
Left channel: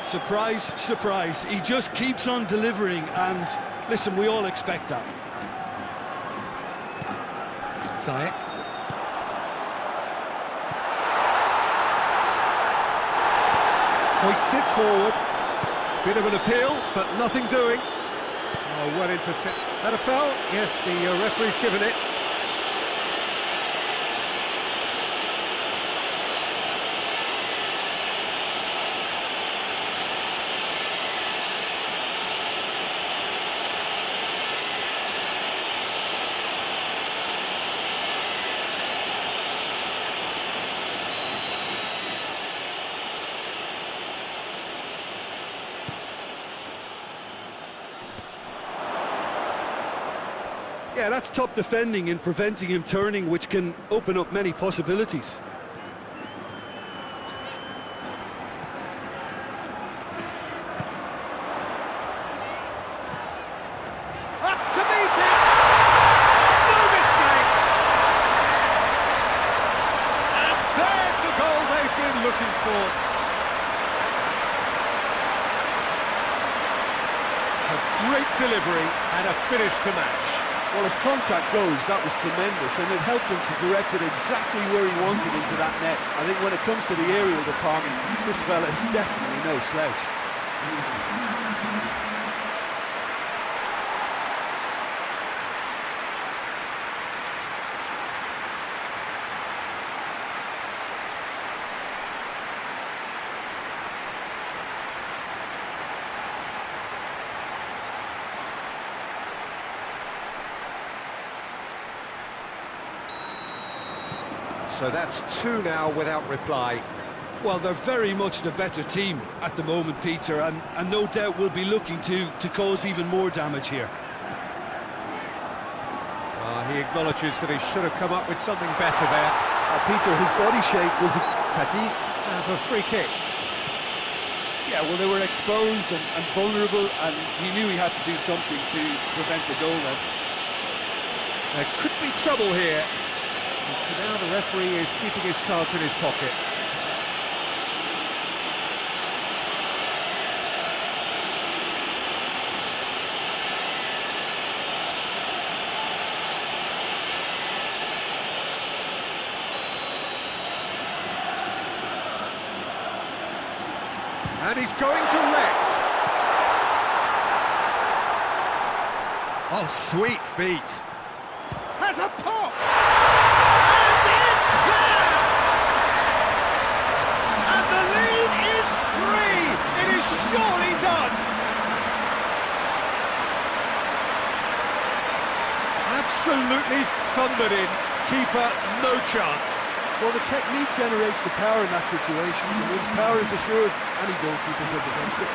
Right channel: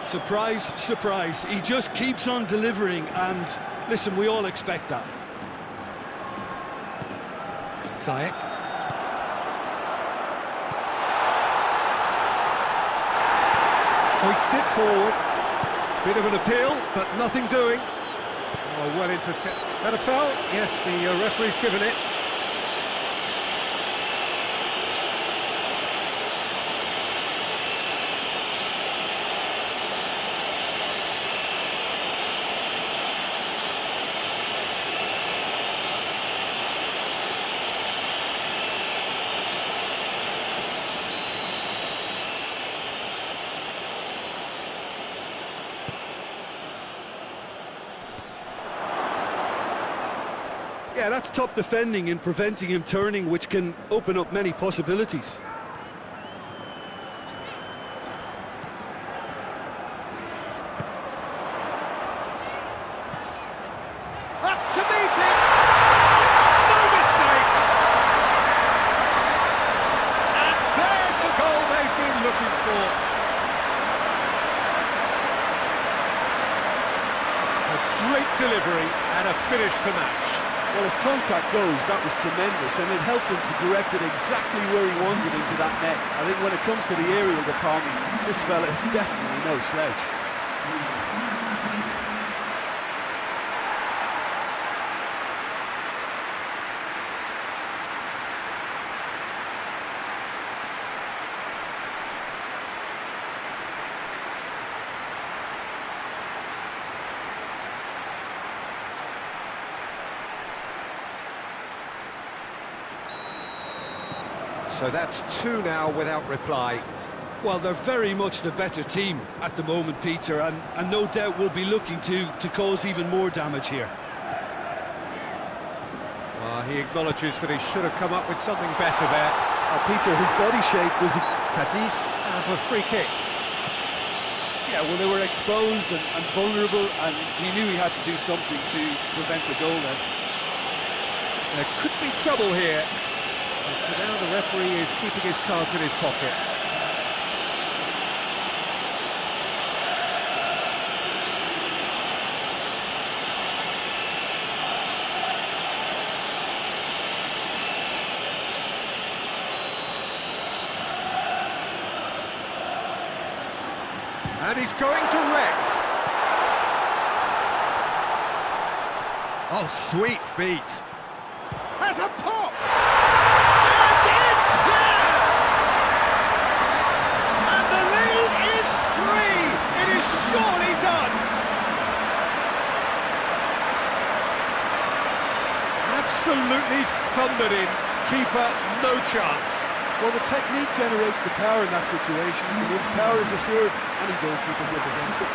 Surprise, surprise. He just keeps on delivering, and listen, we all expect that. Ziyech. Hoists it forward. Bit of an appeal, but nothing doing. Oh, well intercepted. That a foul? Yes, the referee's given it. Yeah, that's top defending and preventing him turning, which can open up many possibilities. Up to meet it! No mistake! And there's the goal they've been looking for. A great delivery and a finish to match. Well, as contact goes, that was tremendous, and it helped him to direct it exactly where he wanted into that net. I think when it comes to the aerial department, this fella is definitely no slouch. So that's 2 now without reply. Well, they're very much the better team at the moment, Peter, and no doubt will be looking to cause even more damage here. He acknowledges that he should have come up with something better there. Peter, his body shape was... Cadiz have a free kick. Yeah, well, they were exposed and vulnerable, and he knew he had to do something to prevent a goal then. There could be trouble here. But for now, the referee is keeping his cards in his pocket. And he's going direct. Oh, sweet feet. Has a pop! And it's there! And the lead is 3! It is surely done! Absolutely thundered in. Keeper, no chance. Well, the technique generates the power in that situation, and once power is assured, any goalkeeper's up against it.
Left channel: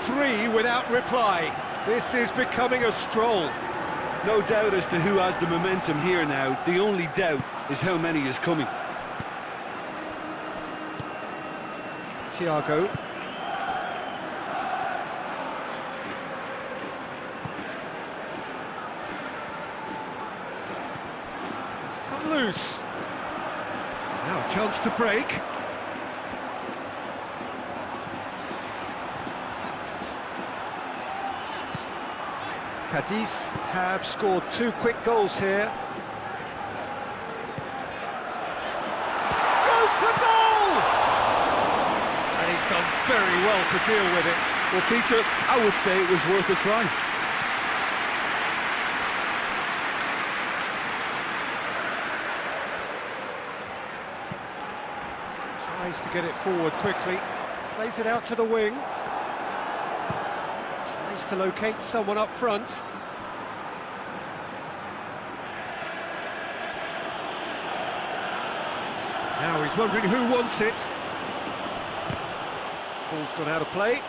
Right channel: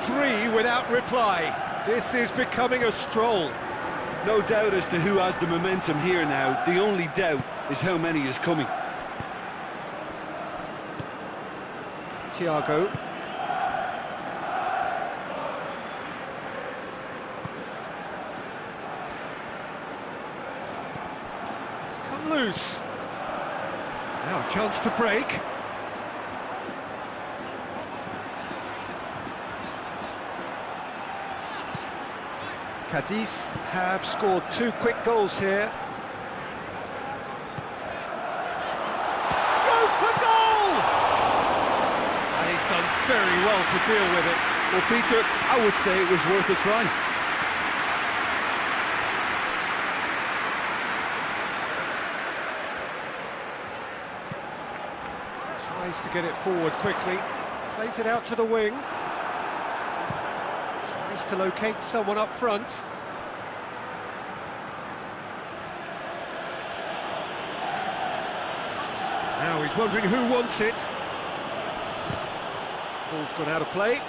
Three without reply. This is becoming a stroll. No doubt as to who has the momentum here now. The only doubt is how many is coming. Thiago. It's come loose. Now a chance to break. Cadiz have scored 2 quick goals here. Goes for goal! And he's done very well to deal with it. Well, Peter, I would say it was worth a try. Tries to get it forward quickly. Plays it out to the wing. Tries to locate someone up front. Now he's wondering who wants it. Ball's gone out of play.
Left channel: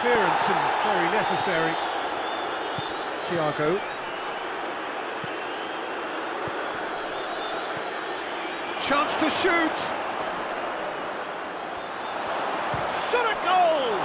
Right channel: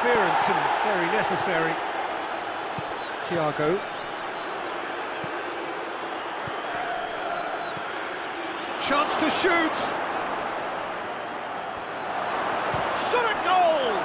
Clearance and very necessary. Thiago. Chance to shoot. Shot a goal!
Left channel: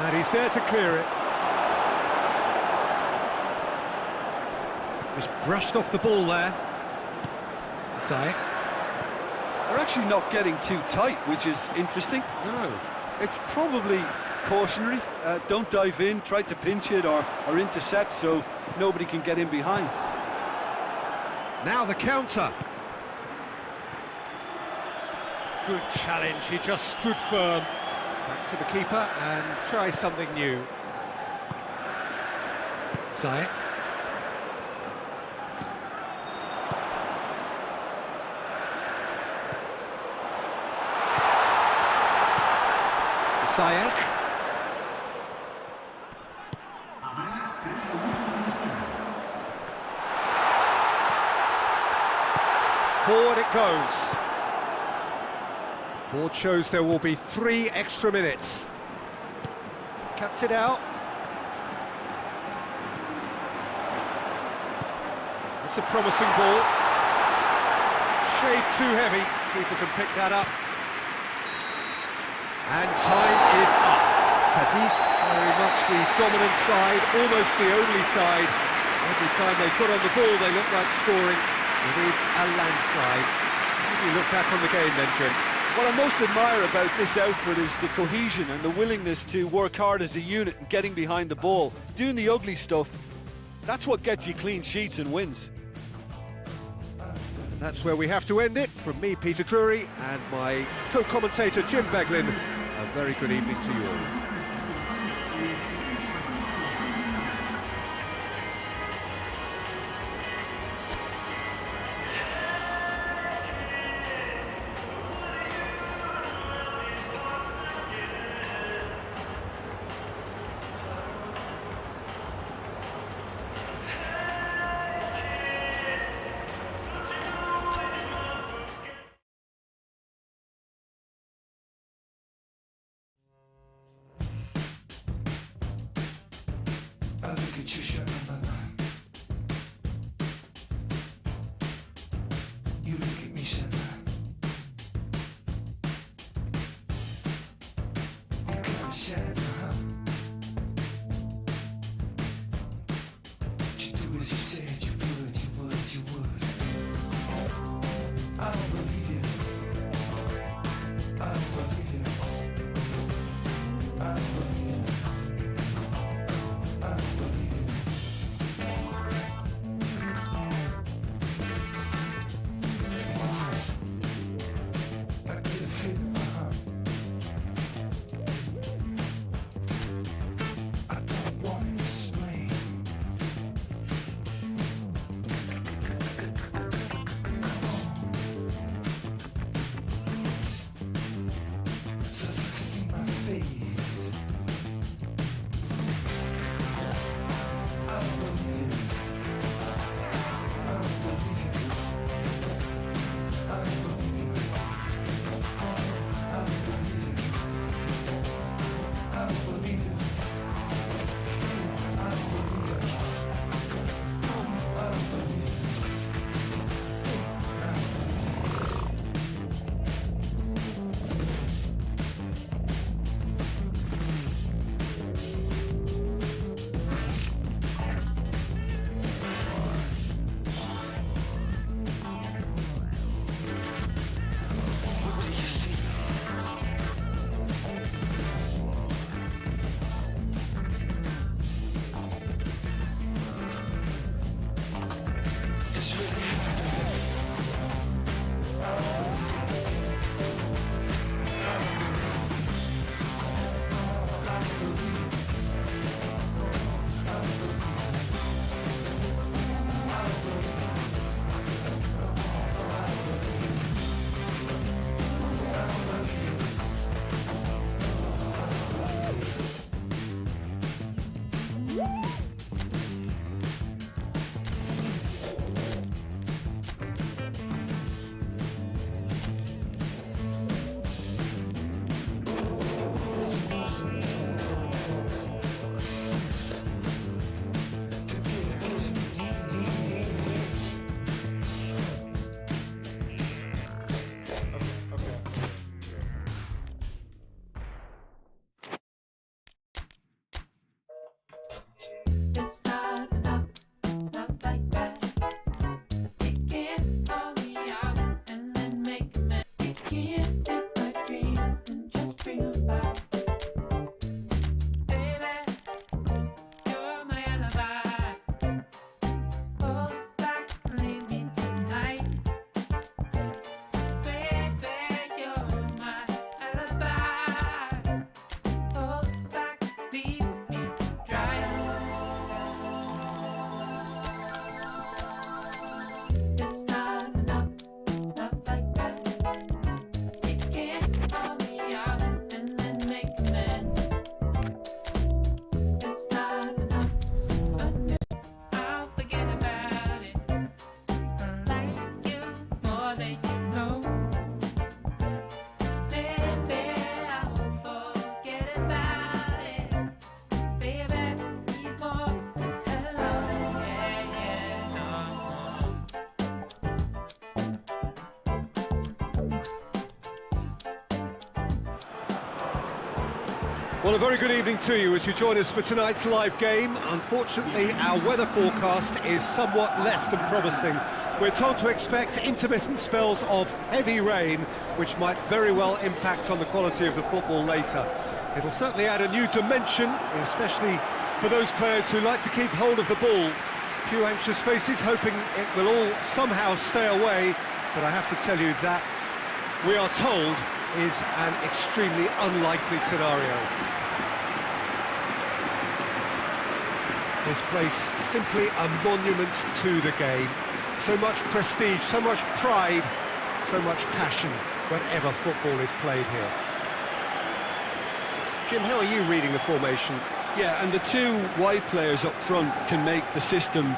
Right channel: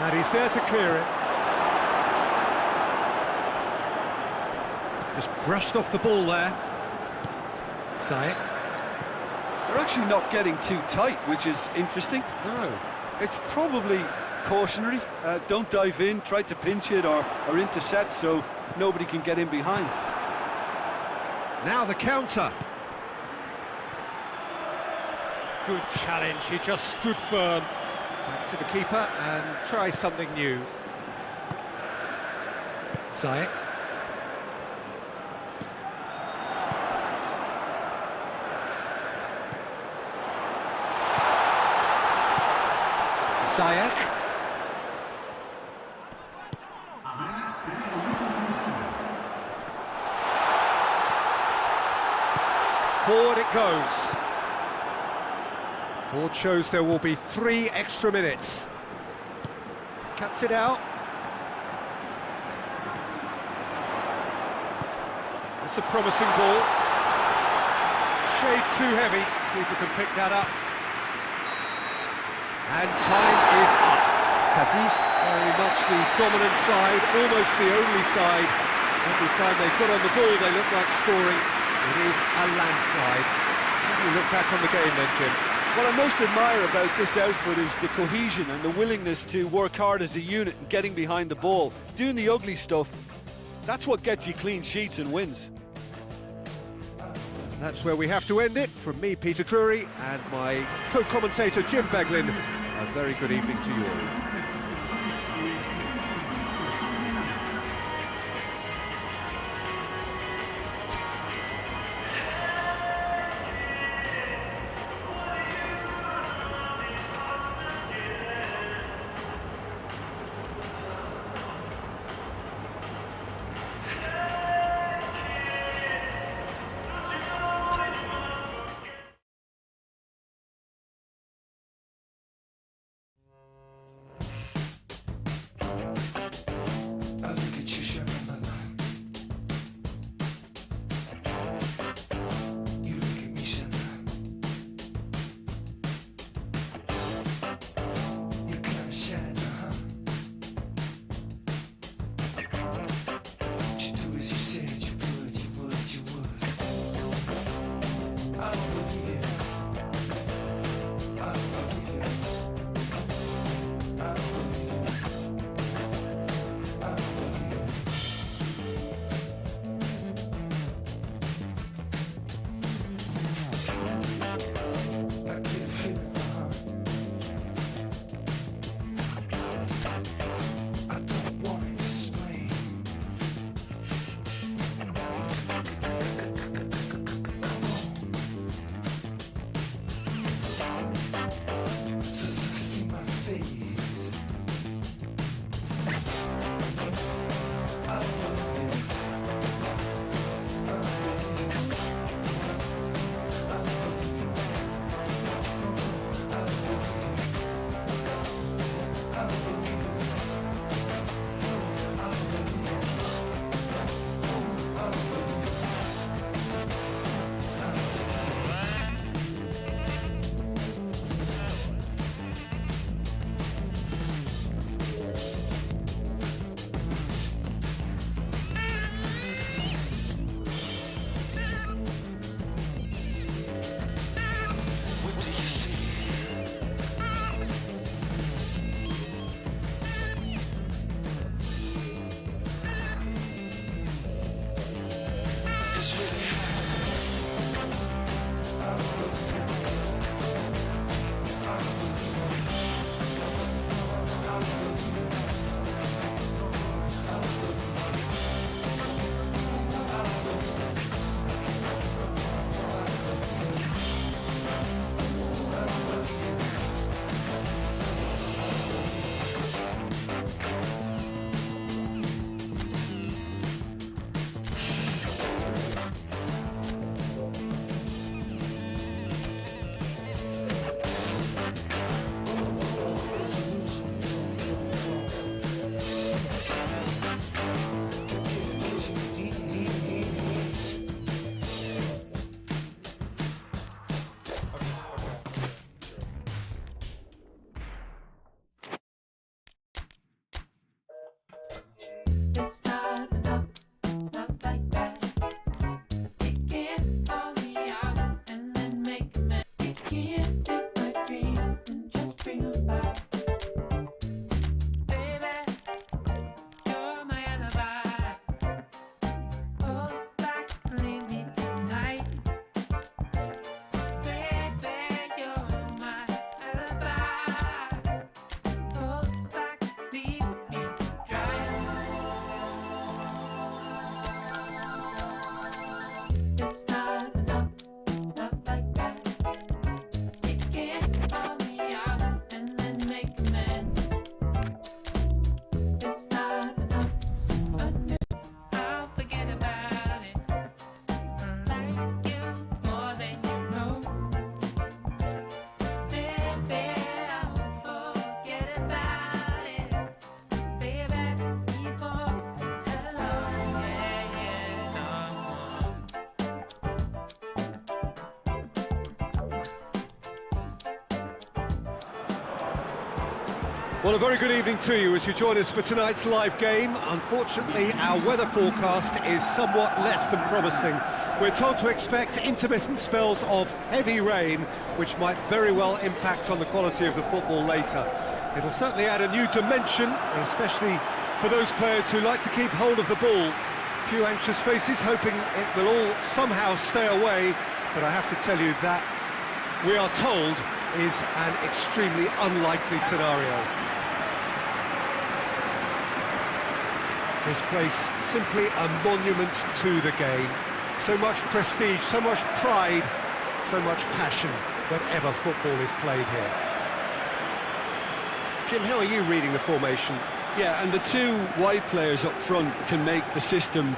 And he's there to clear it. Just brushed off the ball there. Zayek. They're actually not getting too tight, which is interesting. No. It's probably cautionary. Don't dive in, try to pinch it or intercept so nobody can get in behind. Now the counter. Good challenge, he just stood firm. Back to the keeper and try something new. Zayek. Zayek. Forward it goes. Board shows there will be 3 extra minutes. Cuts it out. It's a promising ball. Shade too heavy. Keeper can pick that up. And time is up. Cadiz, very much the dominant side, almost the only side. Every time they put on the ball, they look like scoring. It is a landslide. How do you look back on the game then, Jim? What I most admire about this outfit is the cohesion and the willingness to work hard as a unit and getting behind the ball. Doing the ugly stuff, that's what gets you clean sheets and wins. That's where we have to end it. From me, Peter Drury, and my co-commentator, Jim Beglin, a very good evening to you all. I look at you, Sha-na-na-na. You look at me, Sha-na. You kinda shine, huh? What you do as you said you would, you would, you would. I don't believe you. I don't believe you. I don't believe you. I don't believe Well, a very good evening to you as you join us for tonight's live game. Unfortunately, our weather forecast is somewhat less than promising. We're told to expect intermittent spells of heavy rain, which might very well impact on the quality of the football later. It'll certainly add a new dimension, especially for those players who like to keep hold of the ball. A few anxious faces hoping it will all somehow stay away, but I have to tell you that we are told is an extremely unlikely scenario. This place simply a monument to the game. So much prestige, so much pride, so much passion whenever football is played here. Jim, how are you reading the formation? Yeah, and the two wide players up front can make the system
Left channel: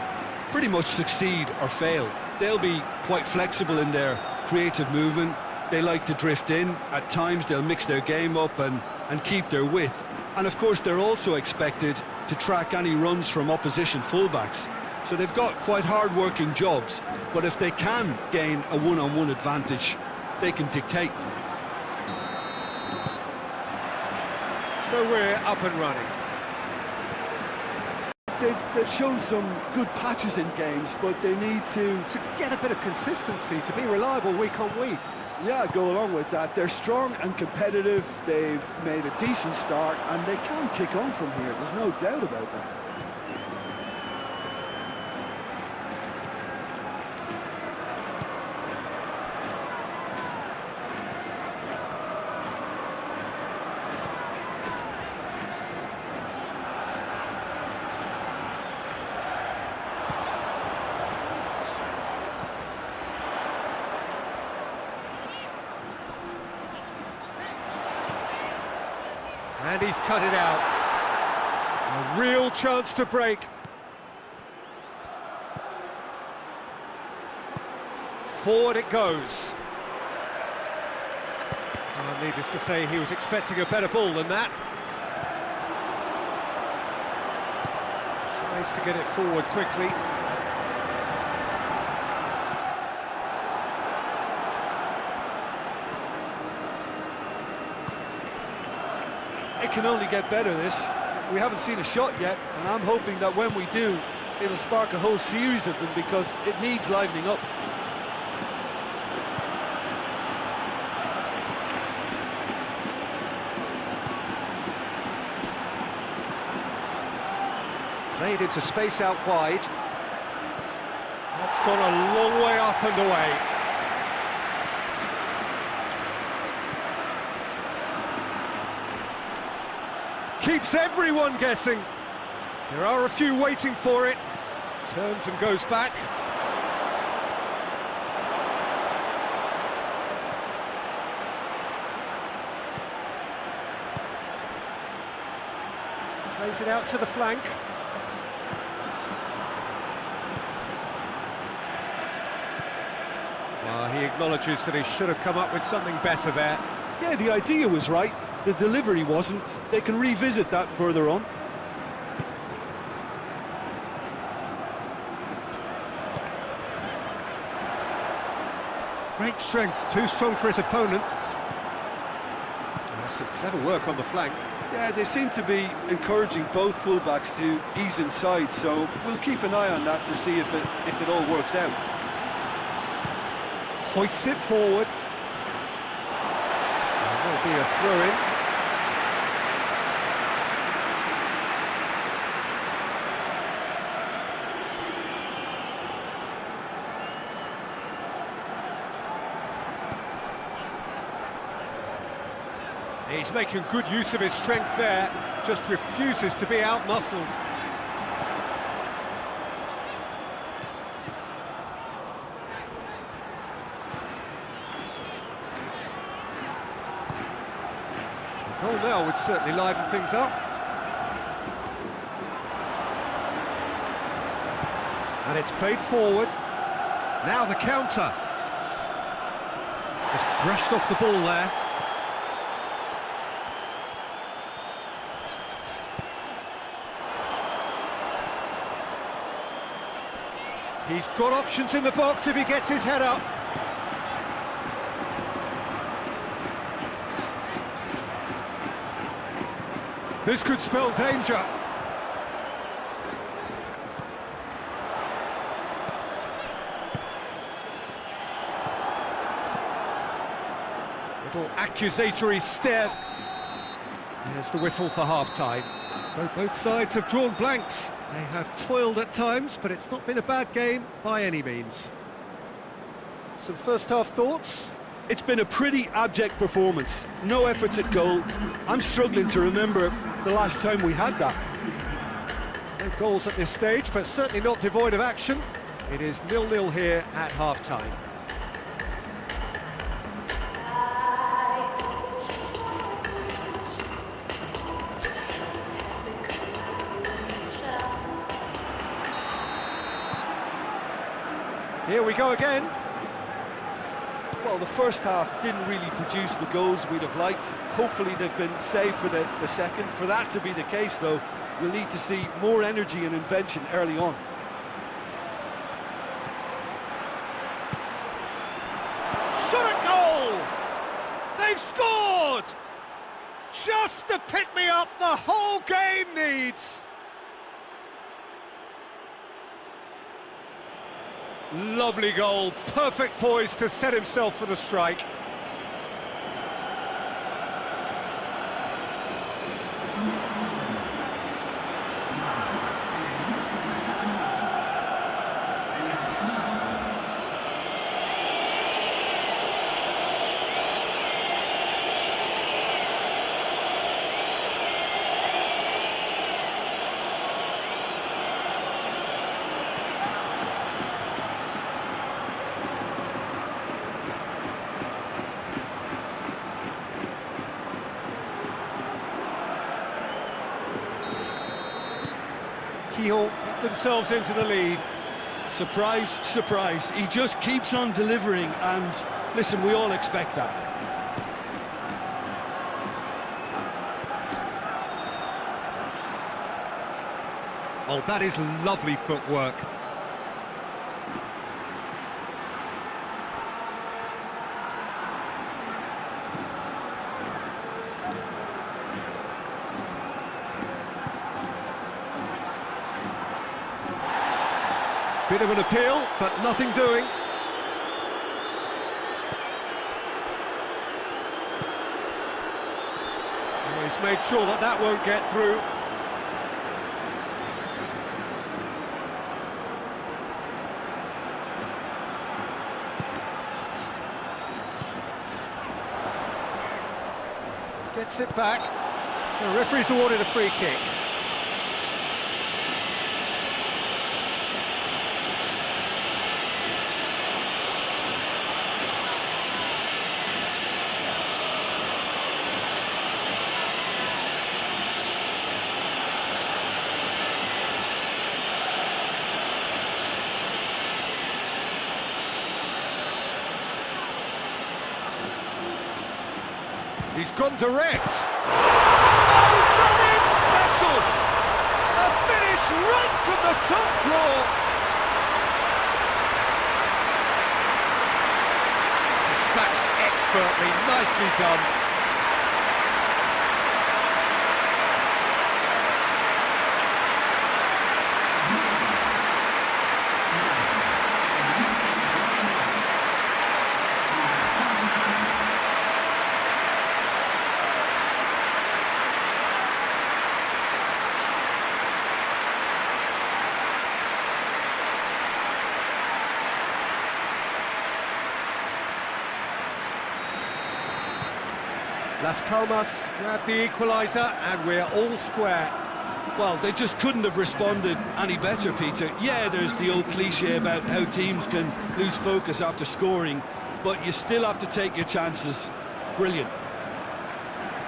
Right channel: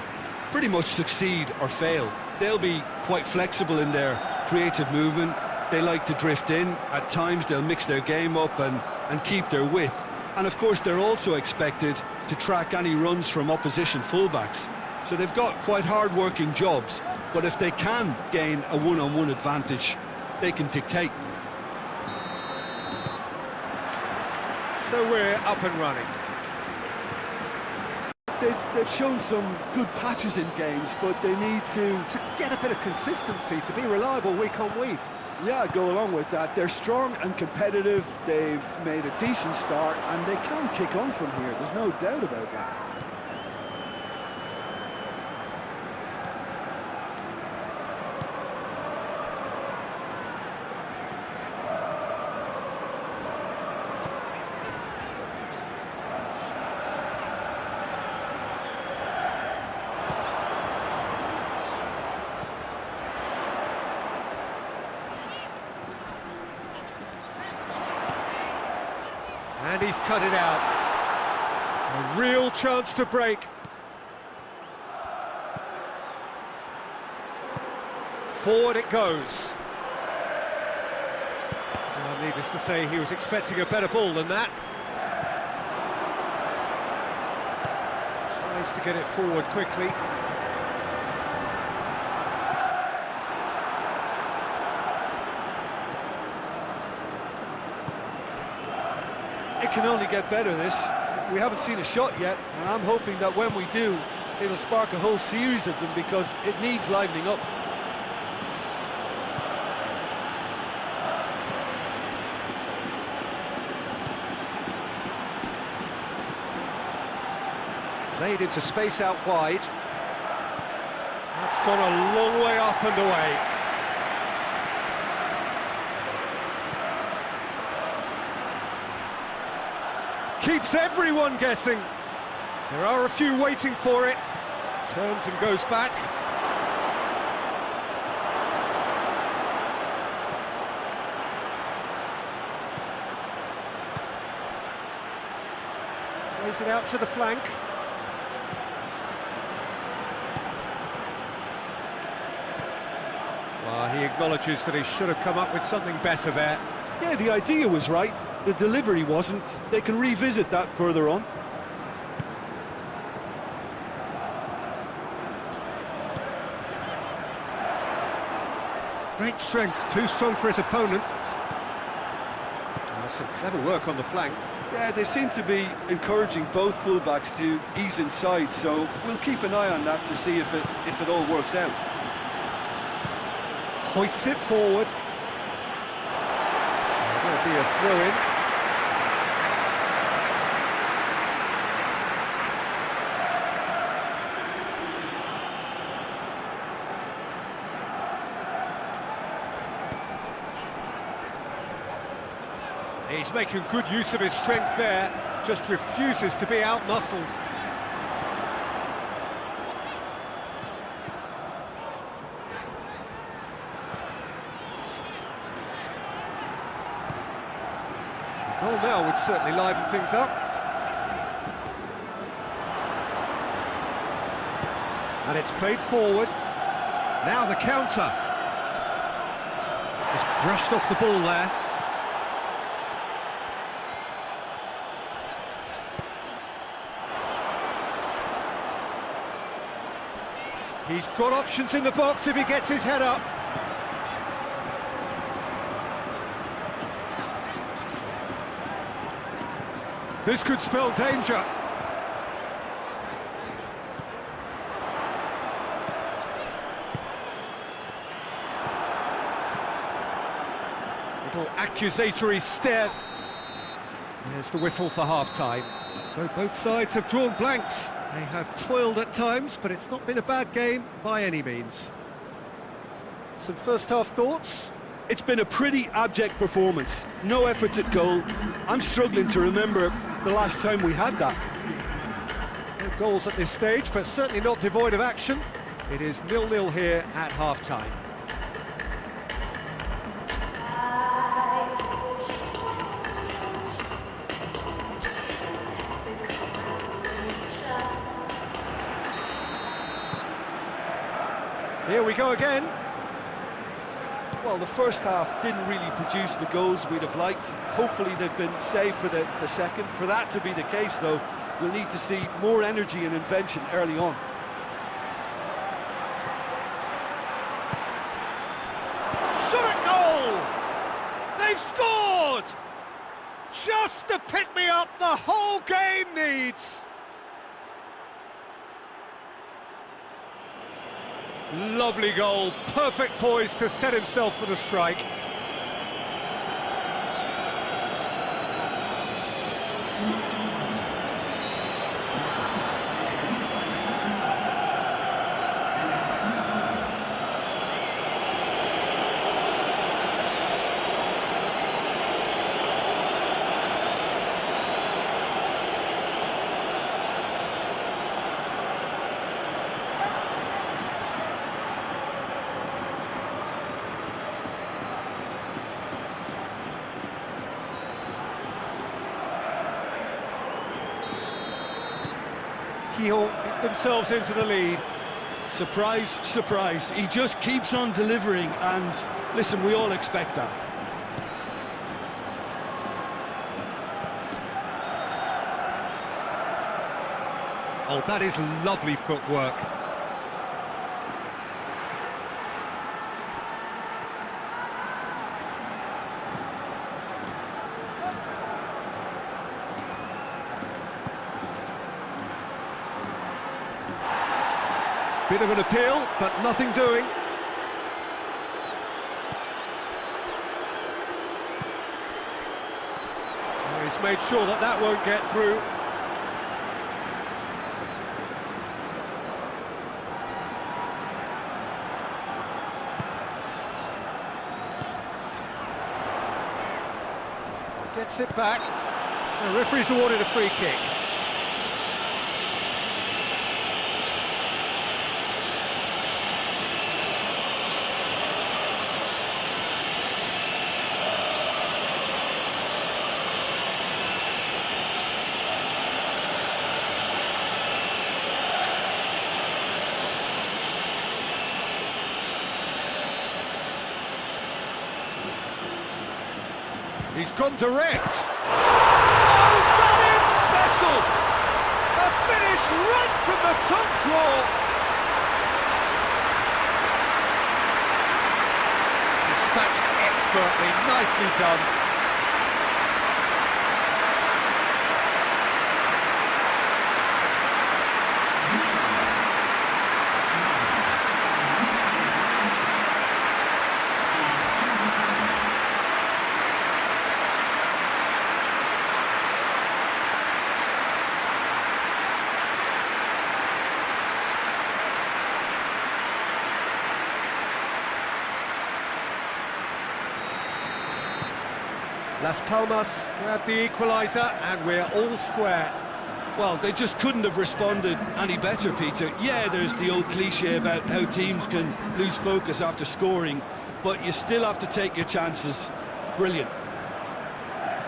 pretty much succeed or fail. They'll be quite flexible in their creative movement. They like to drift in. At times they'll mix their game up and keep their width. And of course they're also expected to track any runs from opposition fullbacks. So they've got quite hard-working jobs, but if they can gain a one-on-one advantage, they can dictate. So we're up and running. They've shown some good patches in games, but they need to get a bit of consistency, to be reliable week on week. Yeah, go along with that. They're strong and competitive. They've made a decent start, and they can kick on from here. There's no doubt about that. And he's cut it out. A real chance to break. Forward it goes. Well, needless to say, he was expecting a better ball than that. Tries to get it forward quickly. It can only get better, this. We haven't seen a shot yet, and I'm hoping that when we do, it'll spark a whole series of them, because it needs livening up. Played into space out wide. That's gone a long way up and away. Keeps everyone guessing. There are a few waiting for it. Turns and goes back. Plays it out to the flank. Well, he acknowledges that he should have come up with something better there. Yeah, the idea was right. The delivery wasn't. They can revisit that further on. Great strength, too strong for his opponent. That's some clever work on the flank. Yeah, they seem to be encouraging both fullbacks to ease inside, so we'll keep an eye on that to see if it all works out. Hoists it forward. There'll be a throw-in. He's making good use of his strength there, just refuses to be out-muscled. The goal now would certainly liven things up. And it's played forward. Now the counter. Just brushed off the ball there. He's got options in the box if he gets his head up. This could spell danger. Little accusatory stare. There's the whistle for half-time. So both sides have drawn blanks. They have toiled at times, but it's not been a bad game by any means. Some first-half thoughts? It's been a pretty abject performance. No efforts at goal. I'm struggling to remember the last time we had that. No goals at this stage, but certainly not devoid of action. It is 0-0 here at half-time. Here we go again. Well, the first half didn't really produce the goals we'd have liked. Hopefully they've been saved for the second. For that to be the case, though, we'll need to see more energy and invention early on. Shot at goal! They've scored! Just the pick-me-up the whole game needs! Lovely goal, perfect poise to set himself for the strike. Kehoe get themselves into the lead. Surprise, surprise. He just keeps on delivering, and listen, we all expect that. Oh, that is lovely footwork. Bit of an appeal, but nothing doing. Oh, he's made sure that that won't get through. Gets it back. The referee's awarded a free kick. He's gone direct. Oh, that is special! A finish right from the top draw. Dispatched expertly, nicely done. Las Palmas grab the equaliser and we're all square. Well, they just couldn't have responded any better, Peter. Yeah, there's the old cliche about how teams can lose focus after scoring, but you still have to take your chances. Brilliant.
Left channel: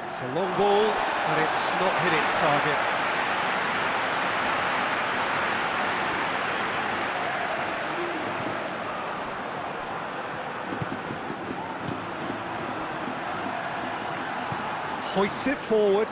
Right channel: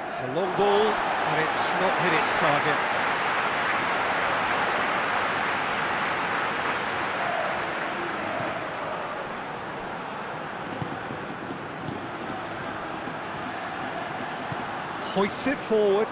It's a long ball, but it's not hit its target. Hoists it forward.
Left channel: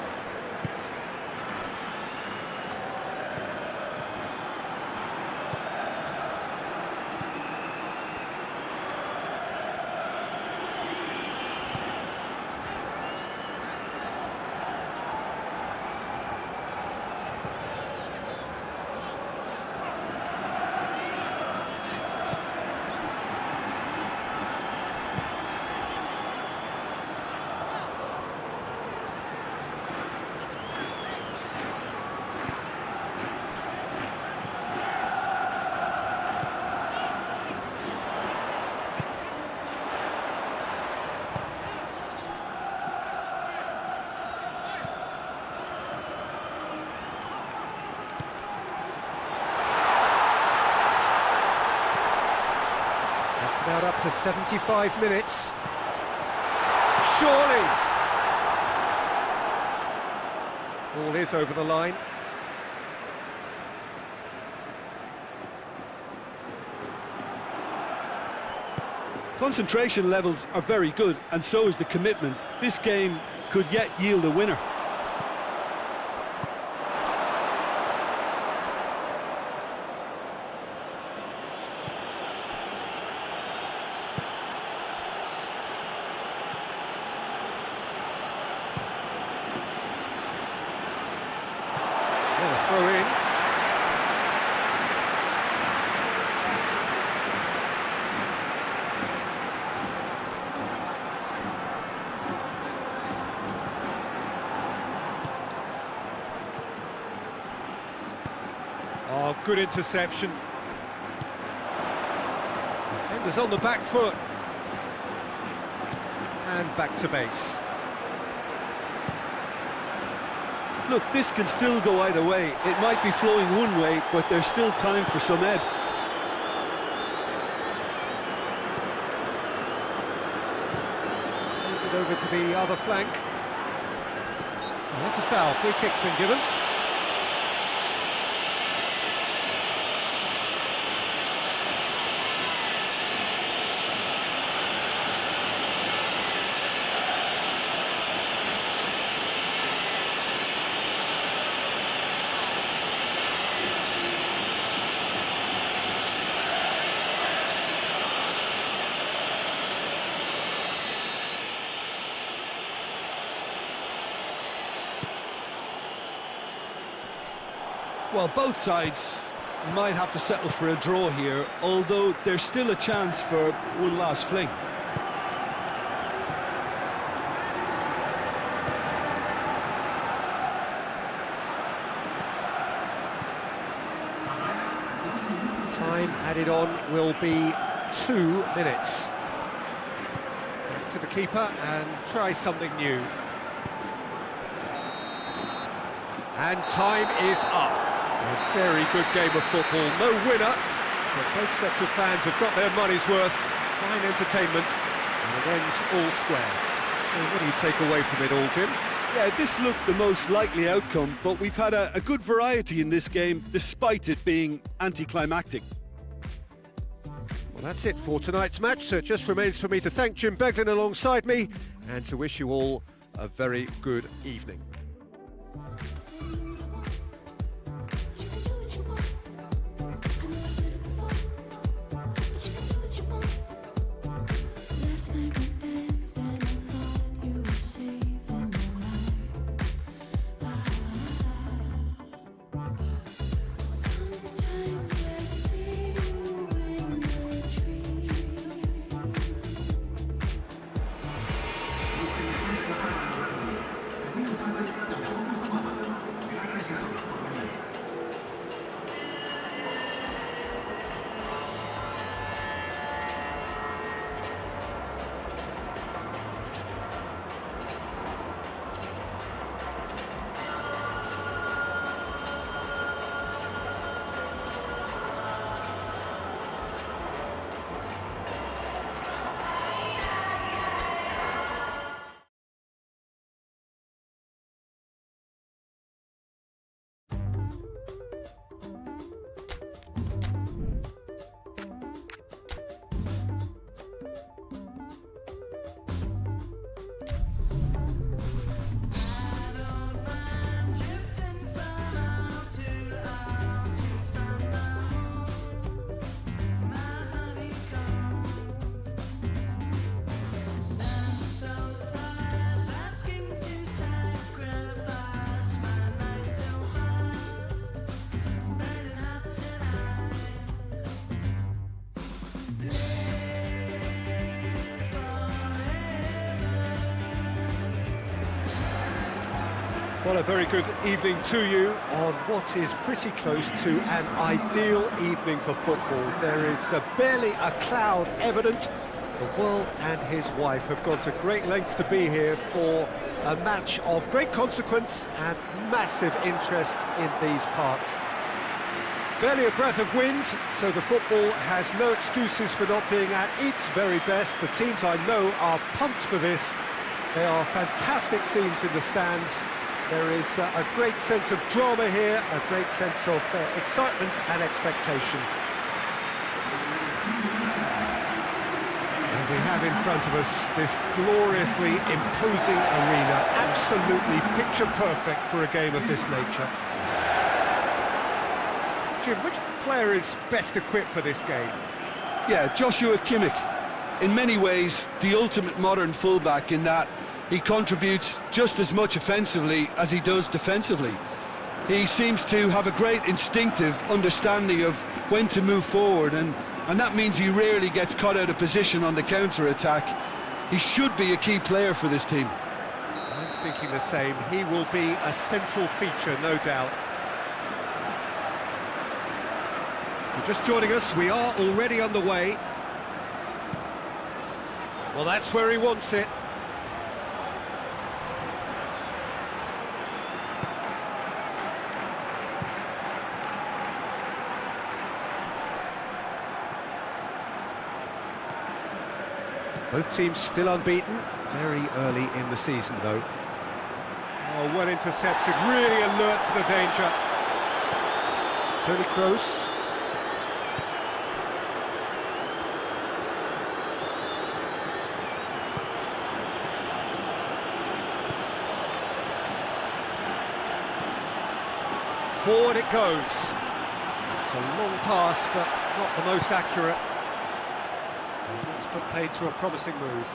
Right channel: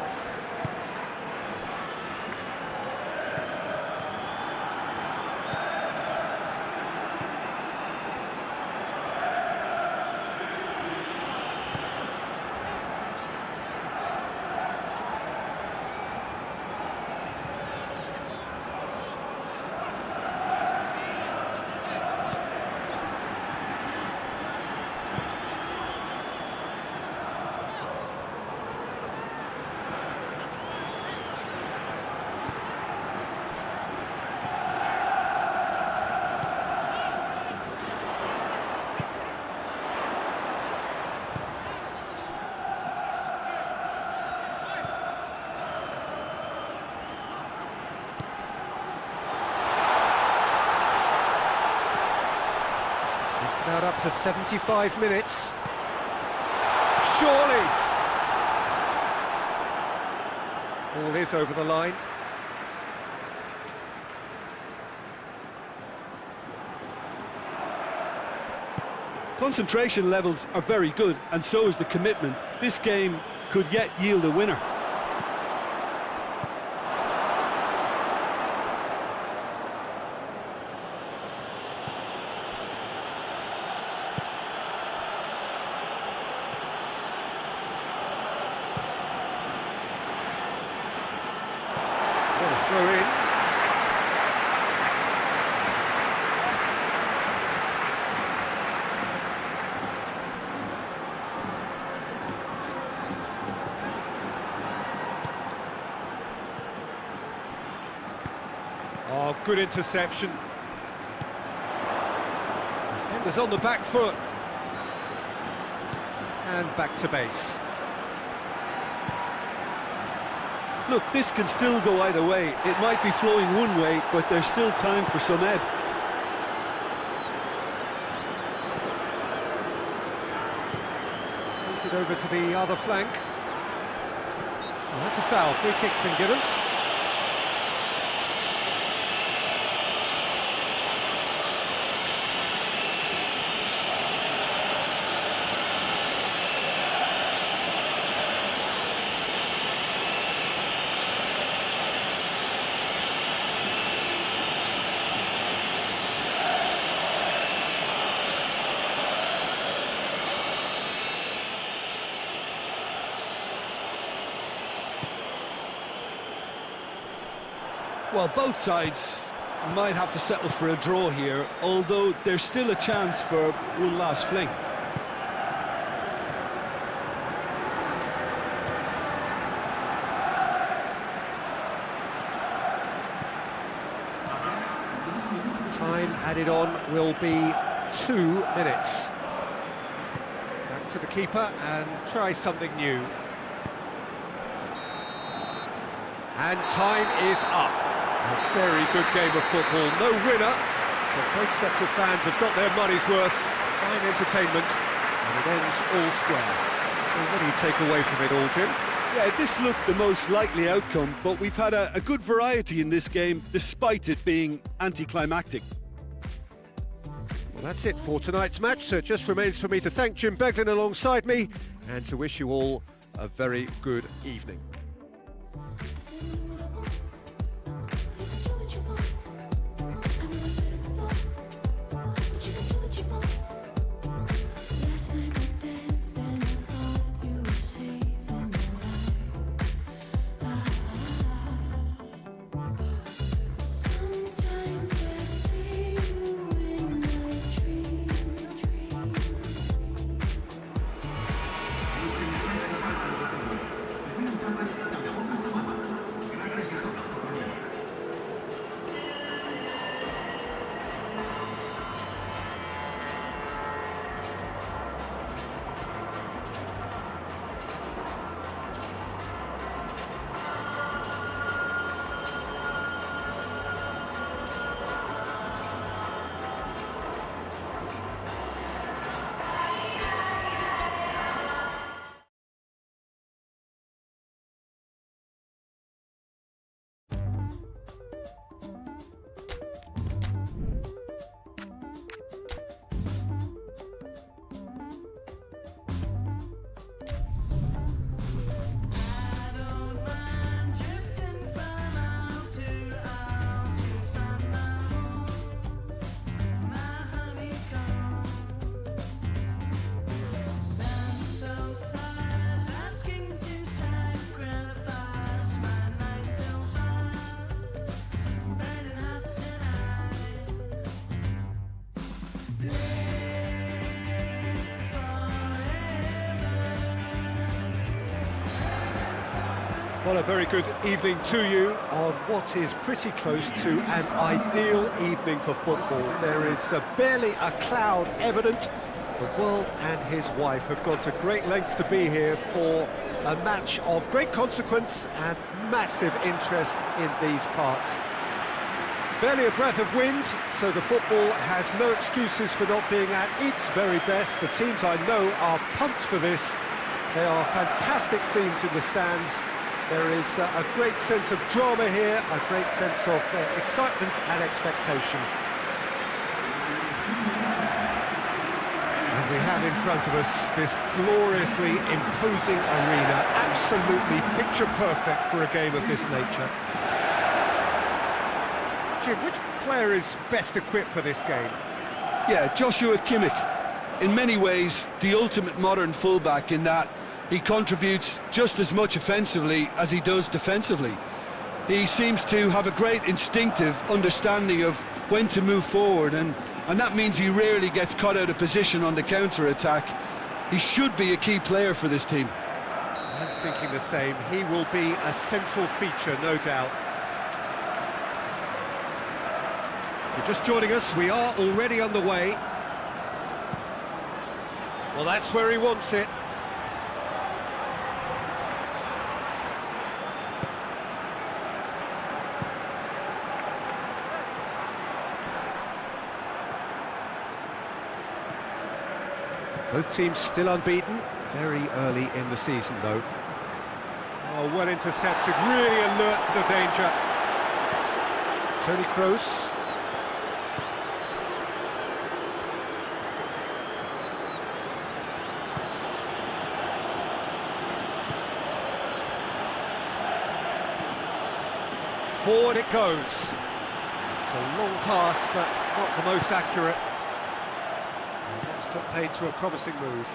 Just about up to 75 minutes. Surely! Ball is over the line. Concentration levels are very good, and so is the commitment. This game could yet yield a winner. What a throw in. Oh, good interception. Defenders on the back foot. And back to base. Look, this can still go either way. It might be flowing one way, but there's still time for some ebb. Plays it over to the other flank. Oh, that's a foul. Free kick's been given. Well, both sides might have to settle for a draw here, although there's still a chance for one last fling. Time added on will be 2 minutes. Back to the keeper and try something new. And time is up. A very good game of football. No winner, but both sets of fans have got their money's worth. Fine entertainment, and it ends all square. So what do you take away from it all, Jim? Yeah, this looked the most likely outcome, but we've had a good variety in this game, despite it being anticlimactic. Well, that's it for tonight's match. So it just remains for me to thank Jim Beglin alongside me and to wish you all a very good evening. Well, a very good evening to you on what is pretty close to an ideal evening for football. There is barely a cloud evident. The world and his wife have gone to great lengths to be here for a match of great consequence and massive interest in these parts. Barely a breath of wind, so the football has no excuses for not being at its very best. The teams I know are pumped for this. They are fantastic scenes in the stands. There is a great sense of drama here, a great sense of excitement and expectation. And we have in front of us this gloriously imposing arena, absolutely picture perfect for a game of this nature. Jim, which player is best equipped for this game? Yeah, Joshua Kimmich. In many ways, the ultimate modern fullback in that he contributes just as much offensively as he does defensively. He seems to have a great instinctive understanding of when to move forward, and that means he rarely gets caught out of position on the counter-attack. He should be a key player for this team. I'm thinking the same. He will be a central feature, no doubt. If you're just joining us, we are already underway. Well, that's where he wants it. Both teams still unbeaten, very early in the season though. Oh, well intercepted, really alert to the danger. Toni Kroos. Forward it goes. It's a long pass, but not the most accurate. And that's put paid to a promising move.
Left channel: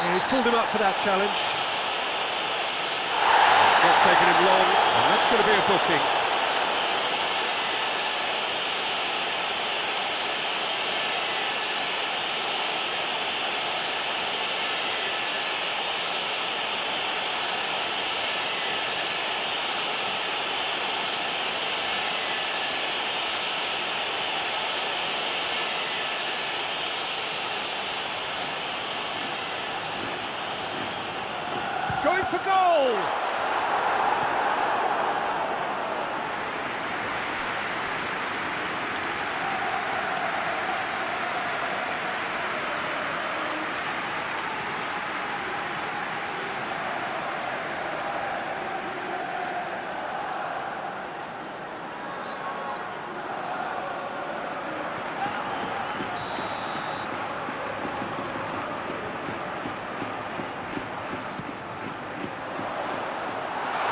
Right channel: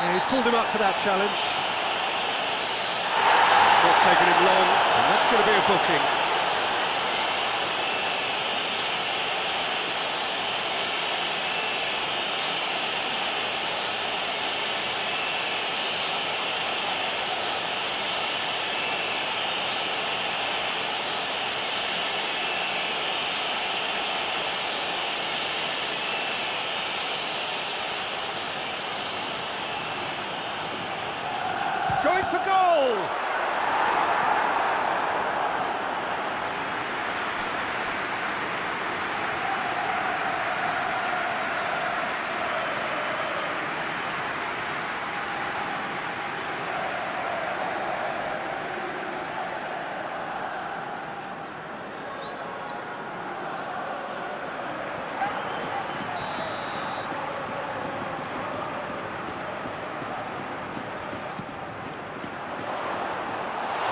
Yeah, he's pulled him up for that challenge. It's not taken him long, and that's going to be a booking. Going for goal!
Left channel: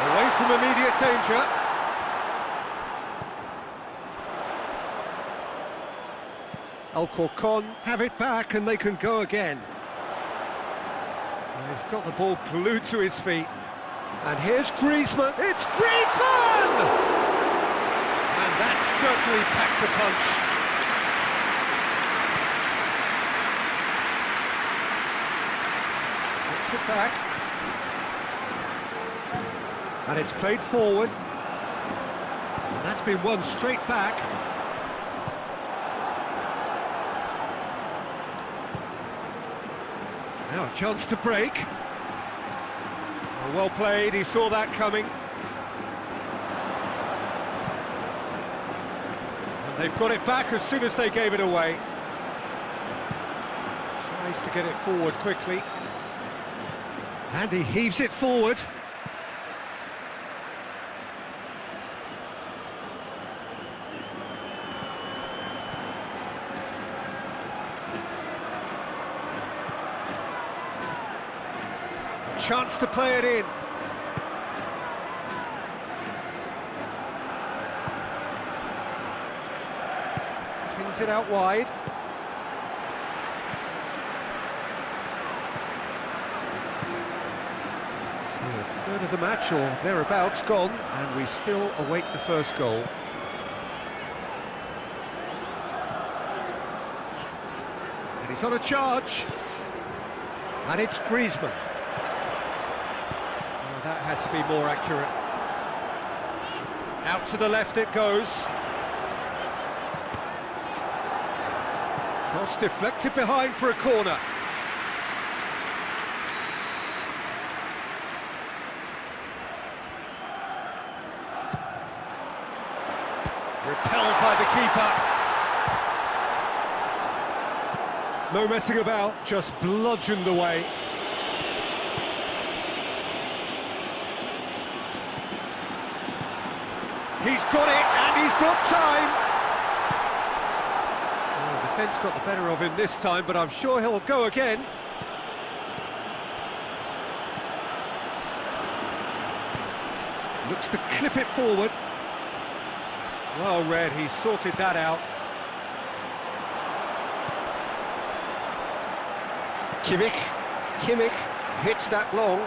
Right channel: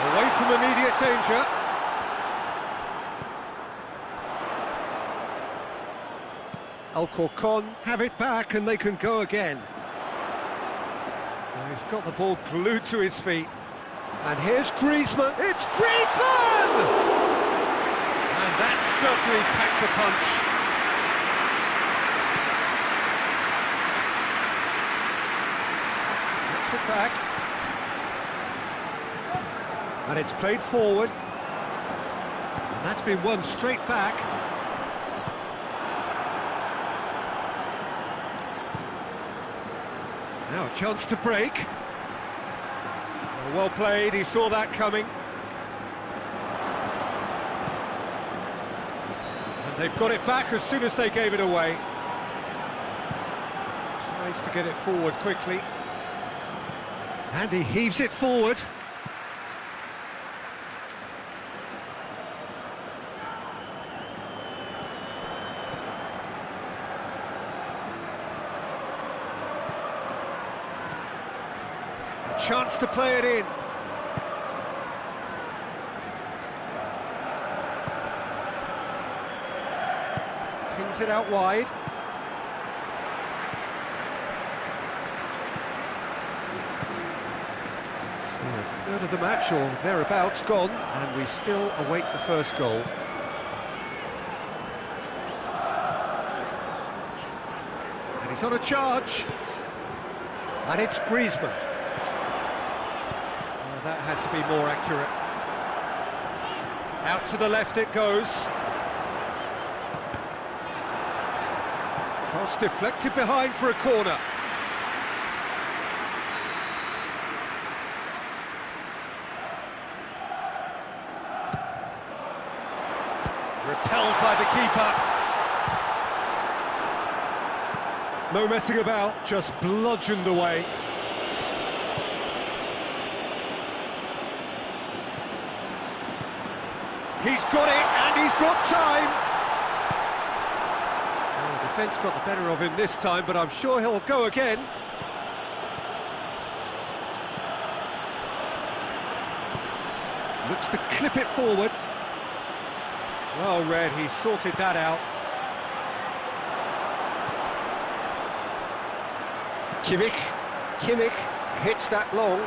Away from immediate danger. Alcorcon have it back and they can go again. Well, he's got the ball glued to his feet. And here's Griezmann. It's Griezmann! And that certainly packed a punch. Gets it back. And it's played forward. And that's been won straight back. Now a chance to break. Oh, well played, he saw that coming. And they've got it back as soon as they gave it away. Tries to get it forward quickly. And he heaves it forward. A chance to play it in. Pings it out wide. So a third of the match, or thereabouts, gone, and we still await the first goal. And he's on a charge. And it's Griezmann. Oh, that had to be more accurate. Out to the left it goes. Cross deflected behind for a corner. Repelled by the keeper. No messing about, just bludgeoned away. He's got it, and he's got time. Oh, defence got the better of him this time, but I'm sure he'll go again. Looks to clip it forward. Well read, he sorted that out. Kimmich hits that long.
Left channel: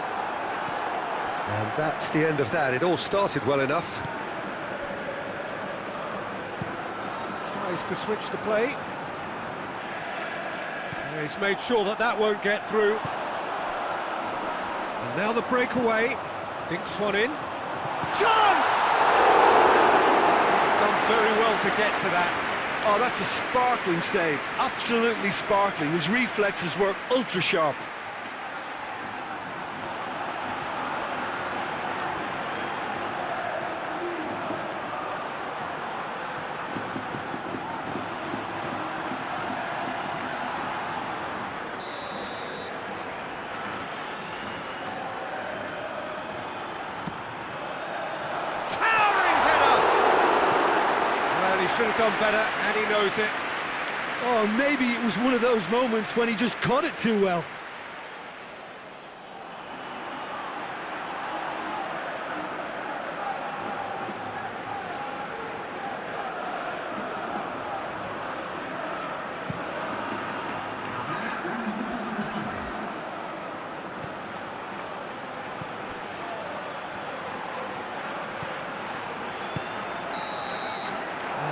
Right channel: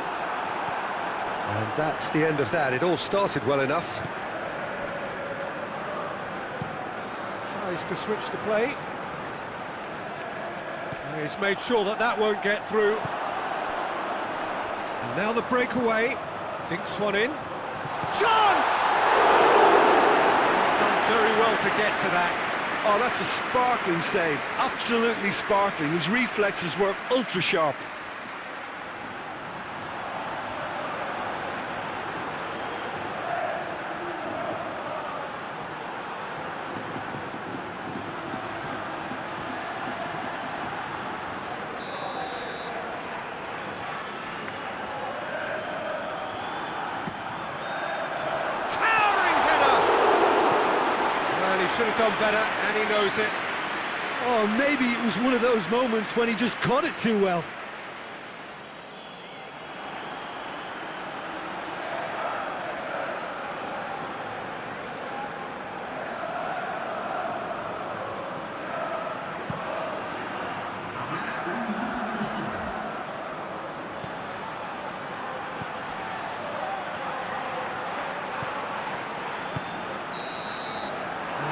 And that's the end of that. It all started well enough. Tries to switch the play. He's made sure that that won't get through. And now the breakaway. Dinks one in. Chance! He's done very well to get to that. Oh, that's a sparkling save. Absolutely sparkling. His reflexes work ultra sharp. Well, he should have done better, and he knows it. Oh, maybe it was one of those moments when he just caught it too well.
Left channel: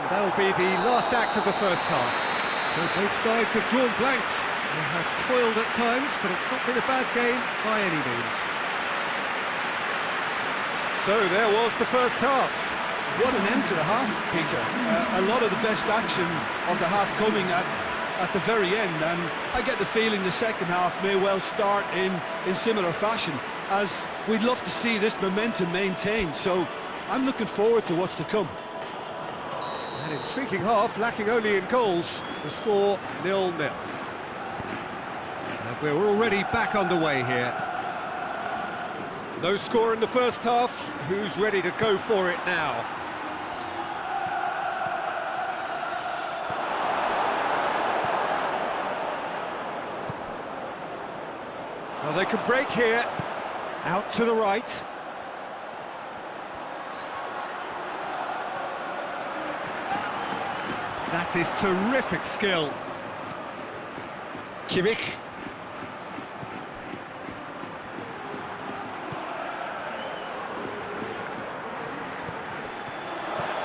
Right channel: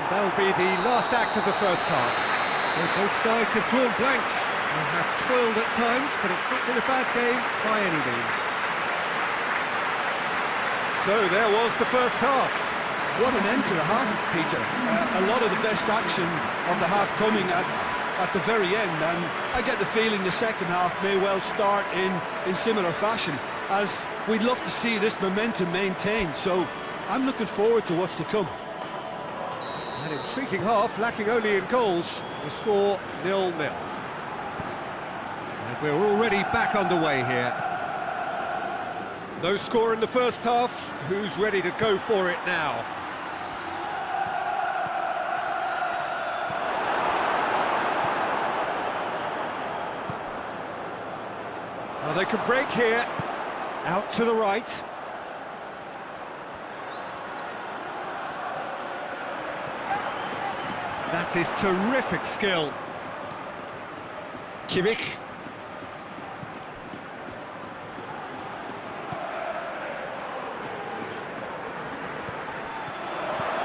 That'll be the last act of the first half. So both sides have drawn blanks. They have toiled at times, but it's not been a bad game by any means. So there was the first half. What an end to the half, Peter. A lot of the best action of the half coming at the very end, and I get the feeling the second half may well start in similar fashion, as we'd love to see this momentum maintained. So I'm looking forward to what's to come. An intriguing half, lacking only in goals. The score 0-0. And we're already back underway here. No score in the first half. Who's ready to go for it now? Well, they can break here. Out to the right. That is terrific skill. Kimmich.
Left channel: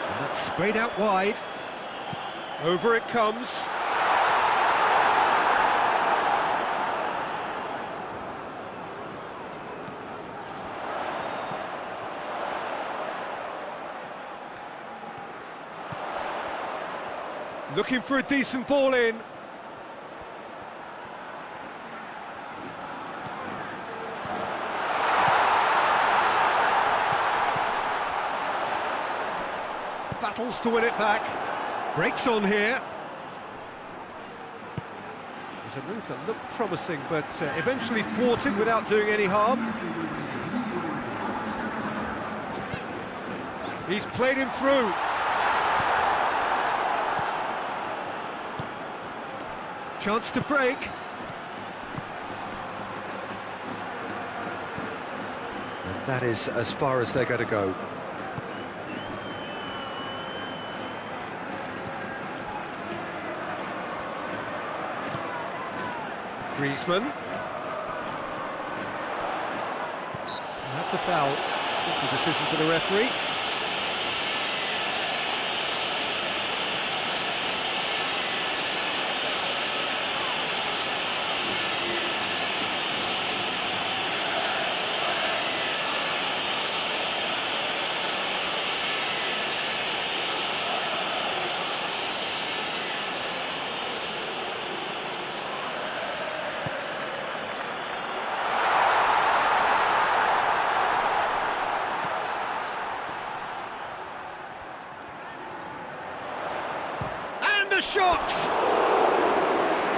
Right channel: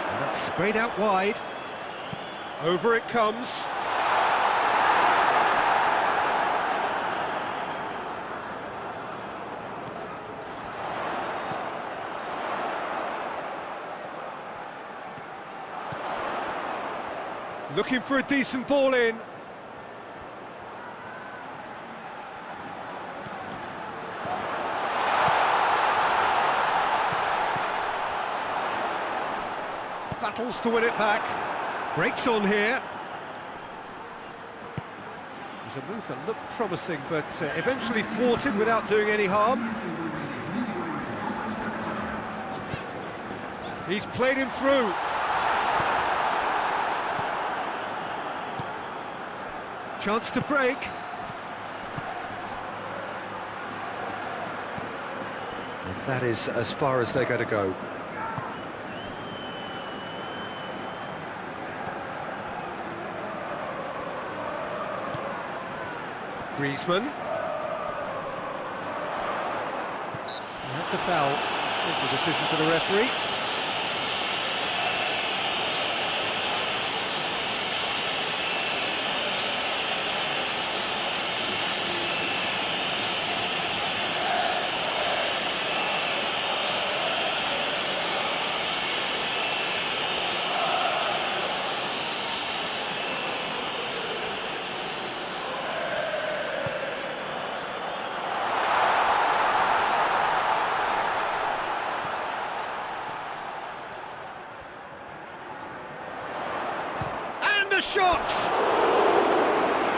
And that's sprayed out wide. Over it comes. Looking for a decent ball in. Battles to win it back. Breaks on here. It was a move that looked promising, but eventually thwarted without doing any harm. He's played him through. Chance to break. And that is as far as they're going to go. Griezmann. That's a foul. Simple decision for the referee. a shot!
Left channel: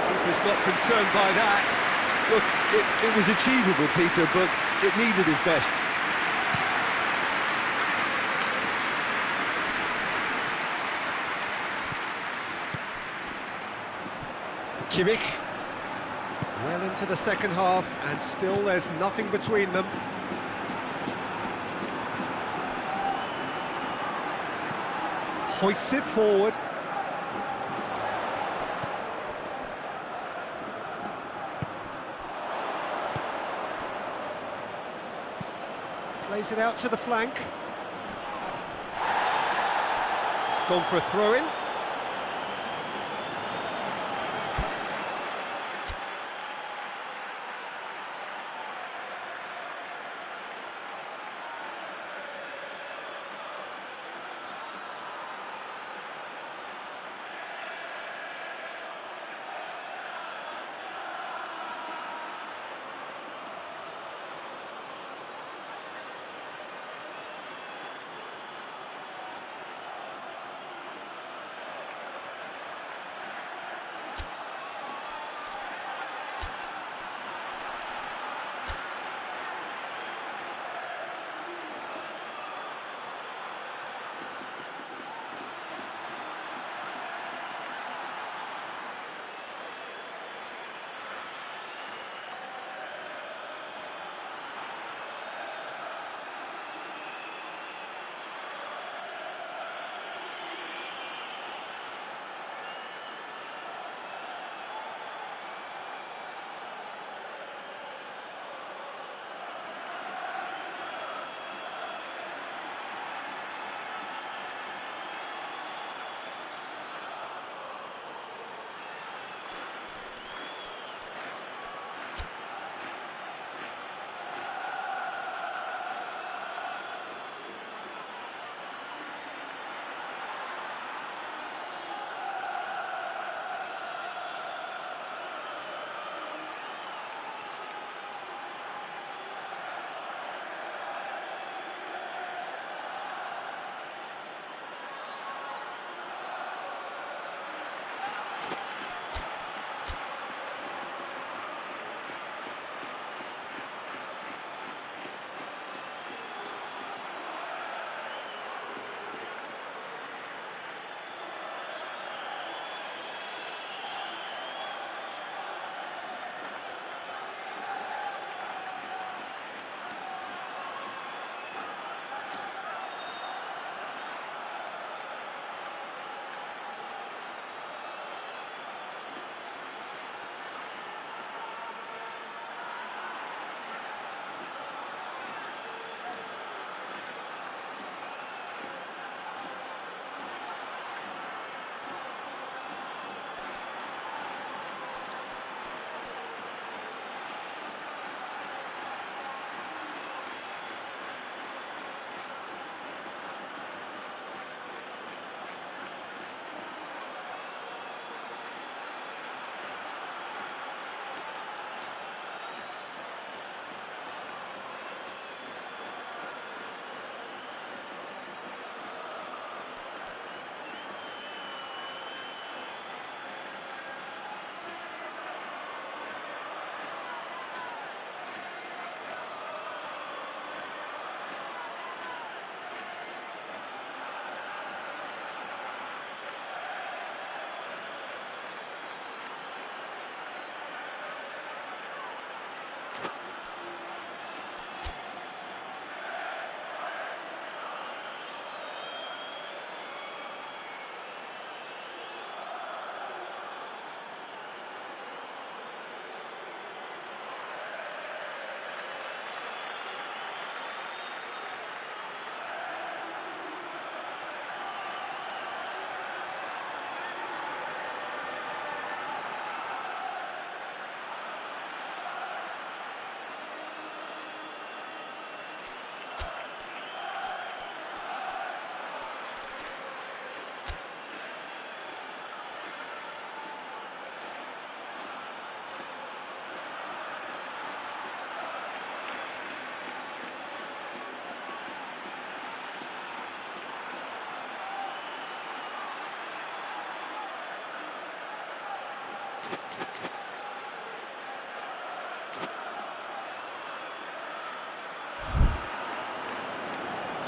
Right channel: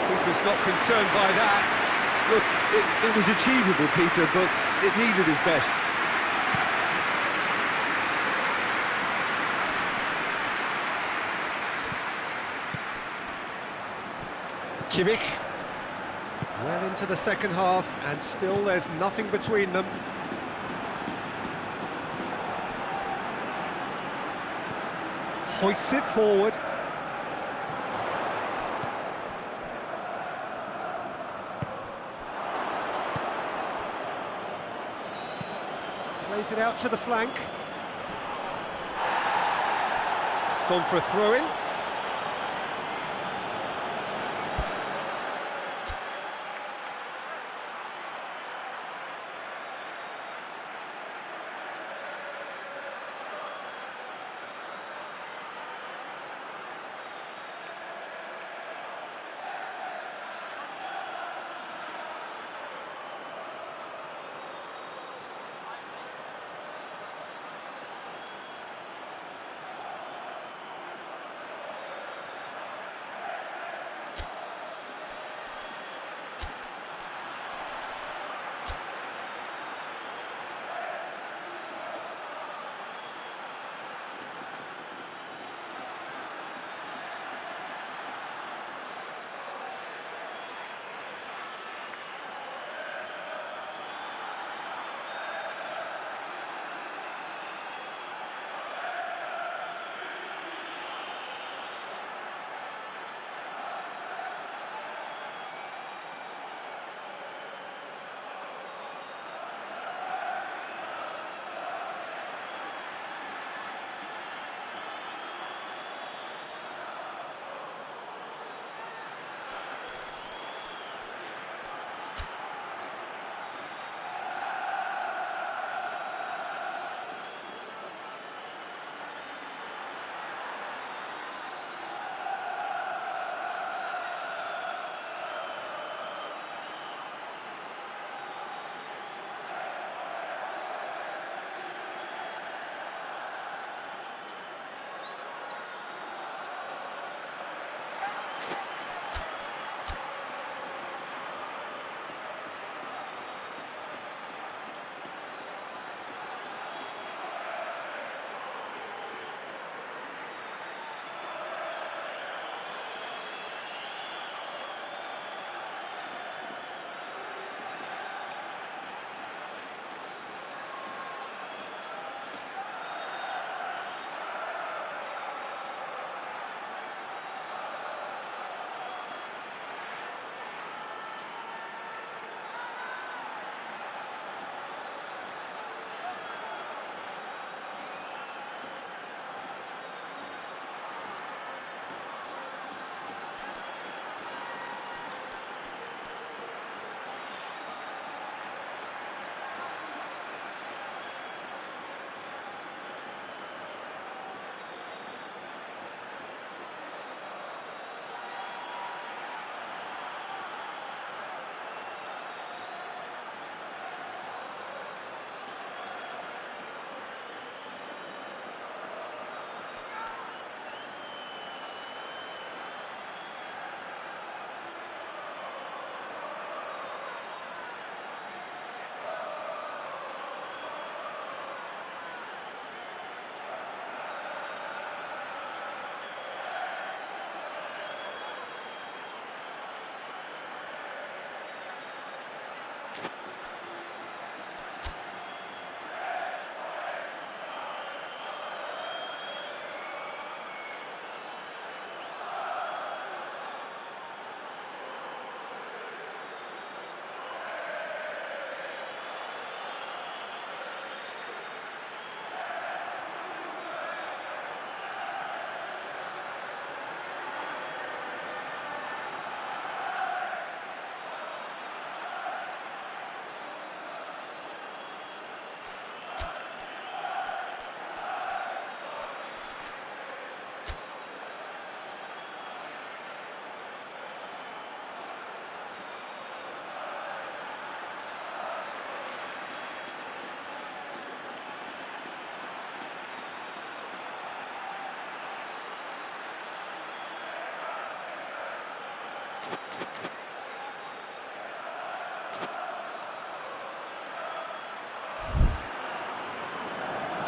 Keeper's not concerned by that. Look, it was achievable, Peter, but it needed his best. Kimmich. Well into the second half, and still there's nothing between them. Hoists it forward. Plays it out to the flank. It's gone for a throw-in.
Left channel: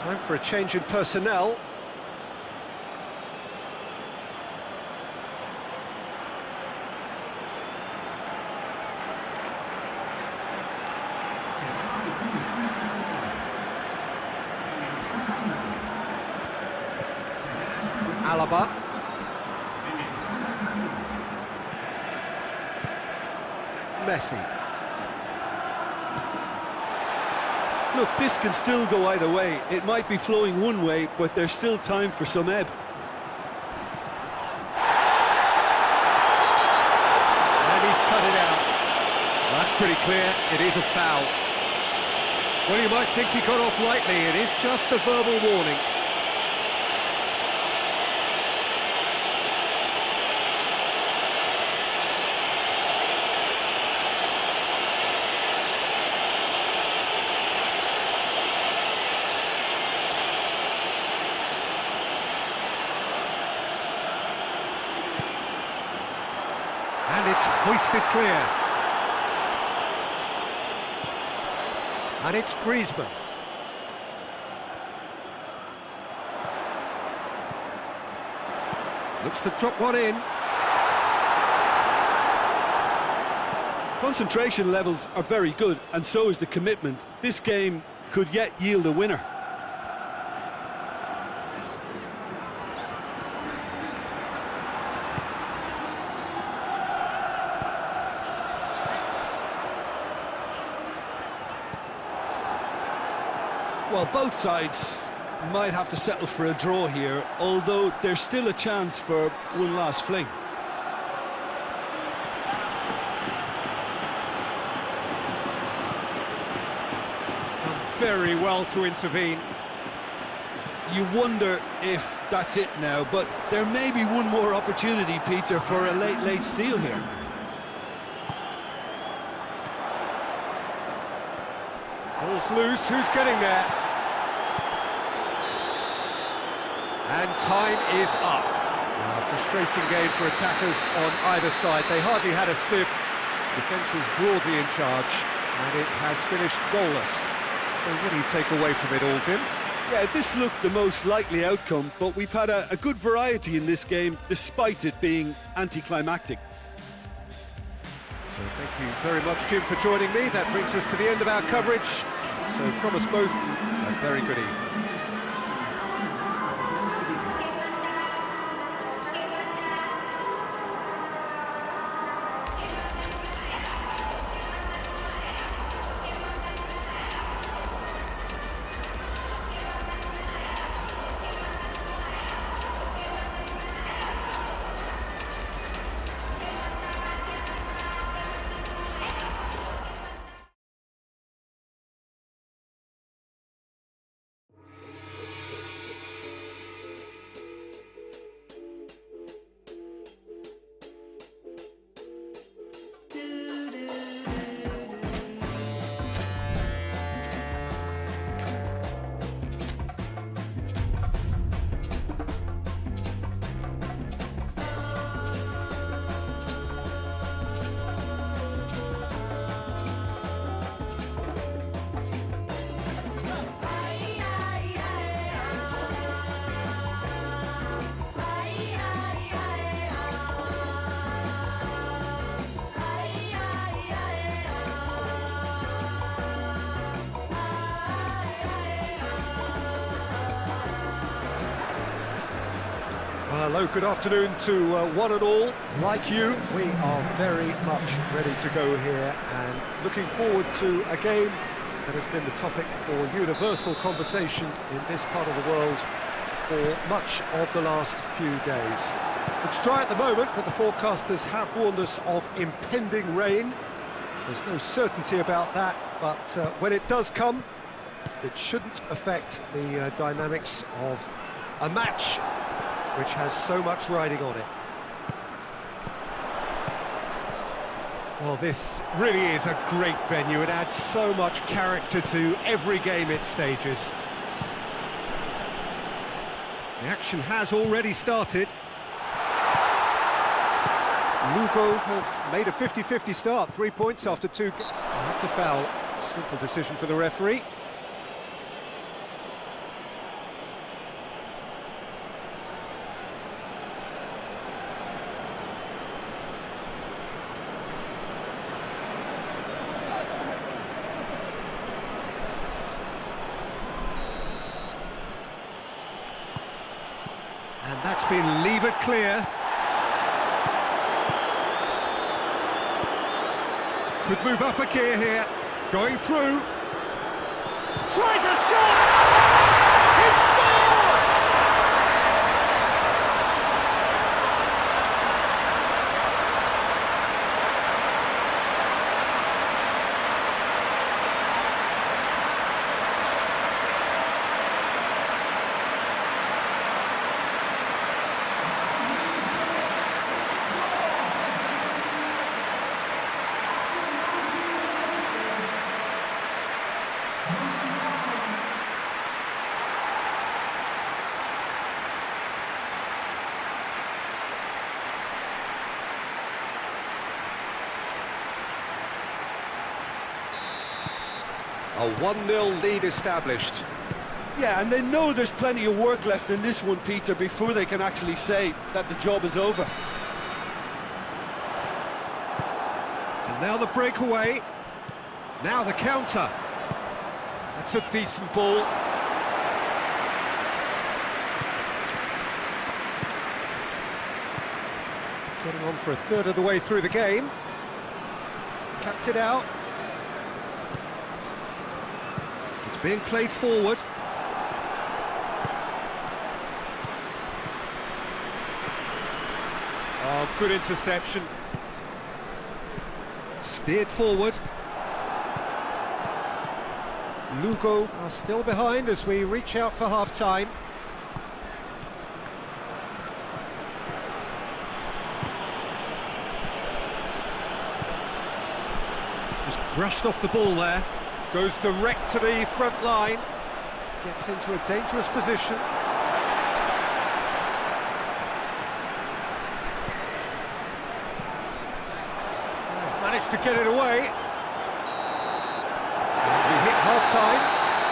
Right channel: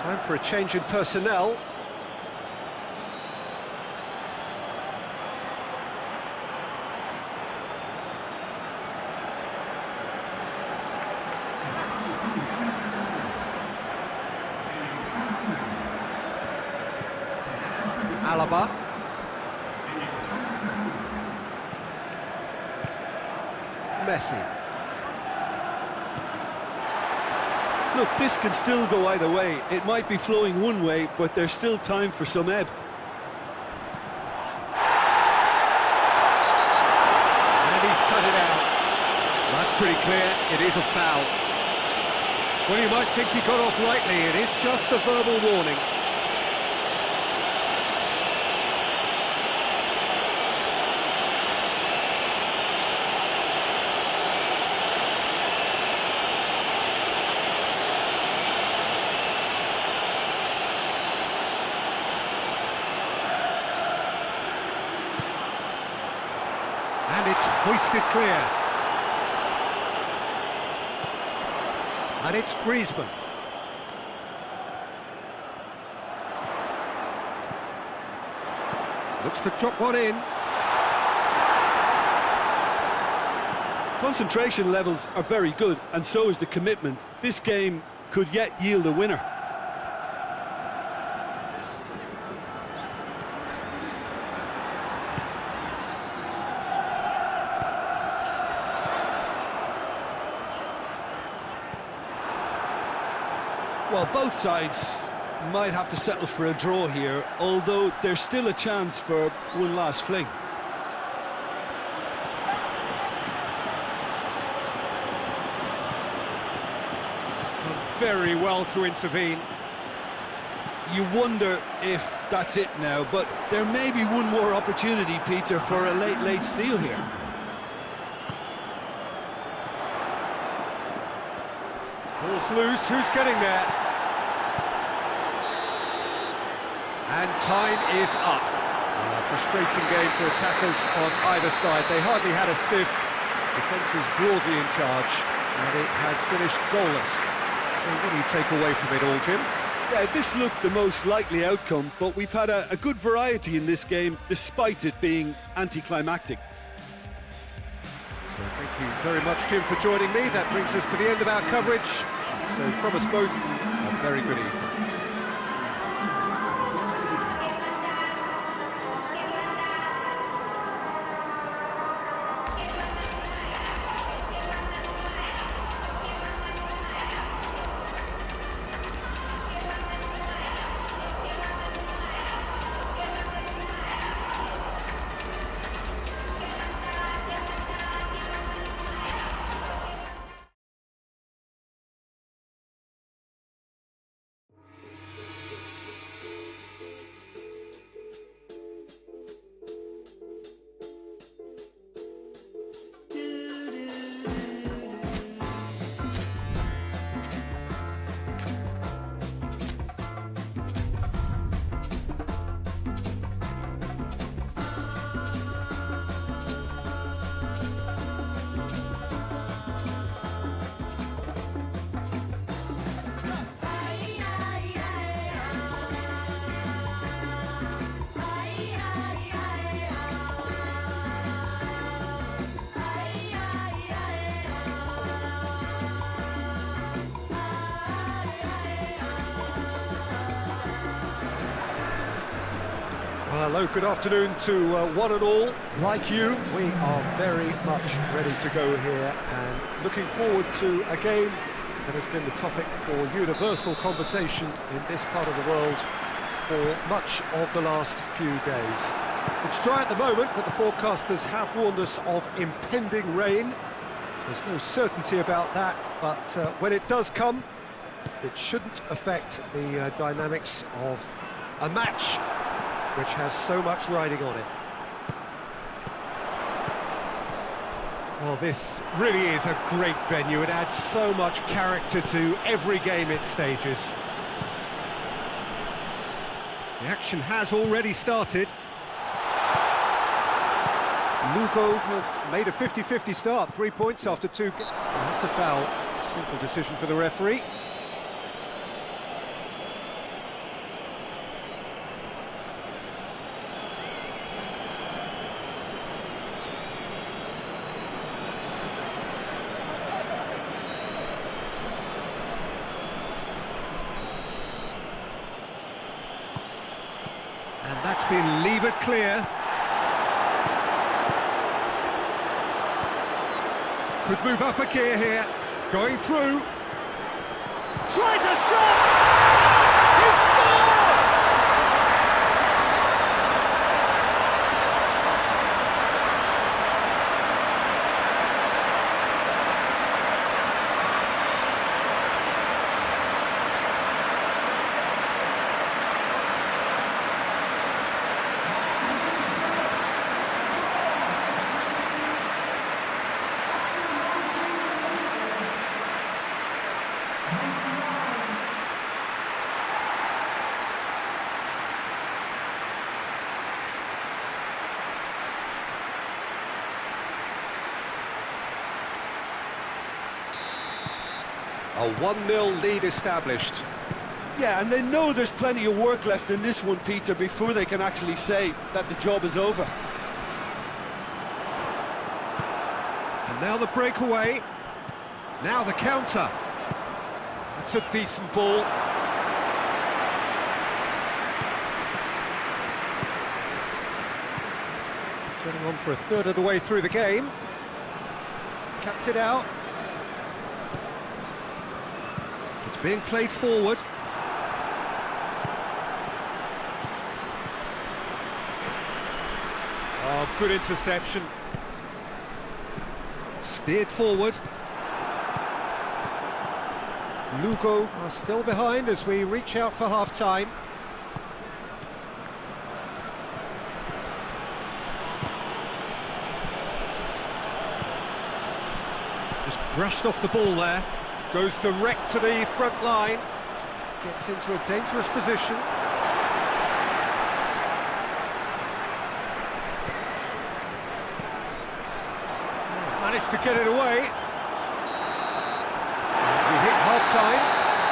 Time for a change in personnel. Alaba. Messi. Look, this can still go either way. It might be flowing one way, but there's still time for some ebb. And he's cut it out. That's pretty clear, it is a foul. Well, you might think he got off lightly, it is just a verbal warning. And it's hoisted clear. And it's Griezmann. Looks to drop one in. Concentration levels are very good, and so is the commitment. This game could yet yield a winner. Well, both sides might have to settle for a draw here, although there's still a chance for one last fling. Done very well to intervene. You wonder if that's it now, but there may be one more opportunity, Peter, for a late steal here. Ball's loose, who's getting there? And time is up. A frustrating game for attackers on either side. They hardly had a sniff. Defence is broadly in charge, and it has finished goalless. So what do you take away from it all, Jim? Yeah, this looked the most likely outcome, but we've had a good variety in this game, despite it being anticlimactic. So thank you very much, Jim, for joining me. That brings us to the end of our coverage. So from us both, a very good evening. Hello, good afternoon to one and all. Like you, we are very much ready to go here and looking forward to a game that has been the topic for universal conversation in this part of the world for much of the last few days. It's dry at the moment, but the forecasters have warned us of impending rain. There's no certainty about that, but when it does come, it shouldn't affect the dynamics of a match which has so much riding on it. Well, this really is a great venue. It adds so much character to every game it stages. The action has already started. Lugo have made a 50-50 start, 3 points after two. Well, that's a foul. Simple decision for the referee. And that's been levered clear. Could move up a gear here. Going through. Tries a shot! He's scored! A 1-0 lead established. Yeah, and they know there's plenty of work left in this one, Peter, before they can actually say that the job is over. And now the breakaway. Now the counter. That's a decent ball. Getting on for a third of the way through the game. Cuts it out. It's being played forward. Oh, good interception. Steered forward. Lugo are still behind as we reach out for half-time. Just brushed off the ball there. Goes direct to the front line. Gets into a dangerous position. Managed to get it away. We hit half-time.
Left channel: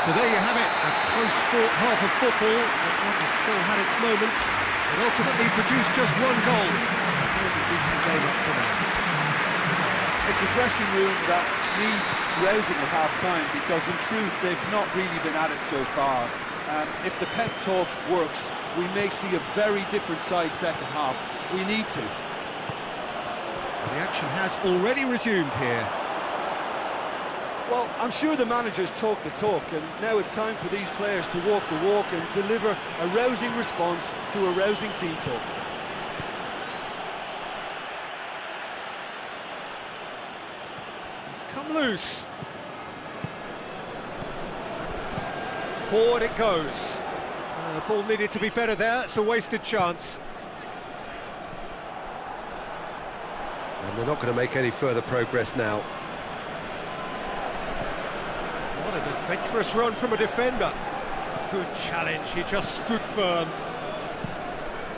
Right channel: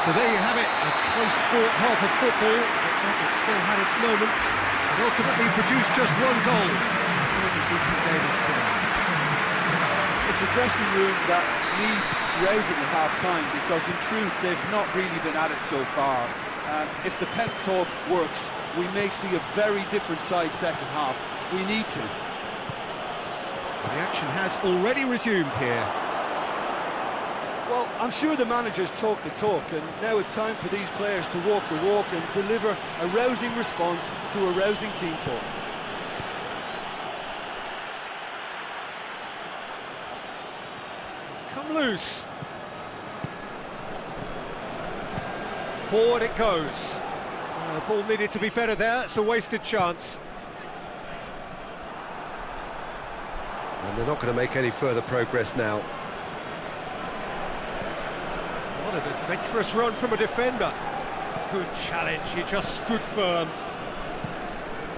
So there you have it, a close-fought half of football, but that has still had its moments. It ultimately produced just one goal. A really decent game up to now. It's a dressing room that needs rousing at half-time, because in truth they've not really been at it so far. If the pep talk works, we may see a very different side second half. We need to. The action has already resumed here. Well, I'm sure the managers talk the talk, and now it's time for these players to walk the walk and deliver a rousing response to a rousing team talk. It's come loose. Forward it goes. Ball needed to be better there, it's a wasted chance. And they're not going to make any further progress now. What an adventurous run from a defender. Good challenge, he just stood firm.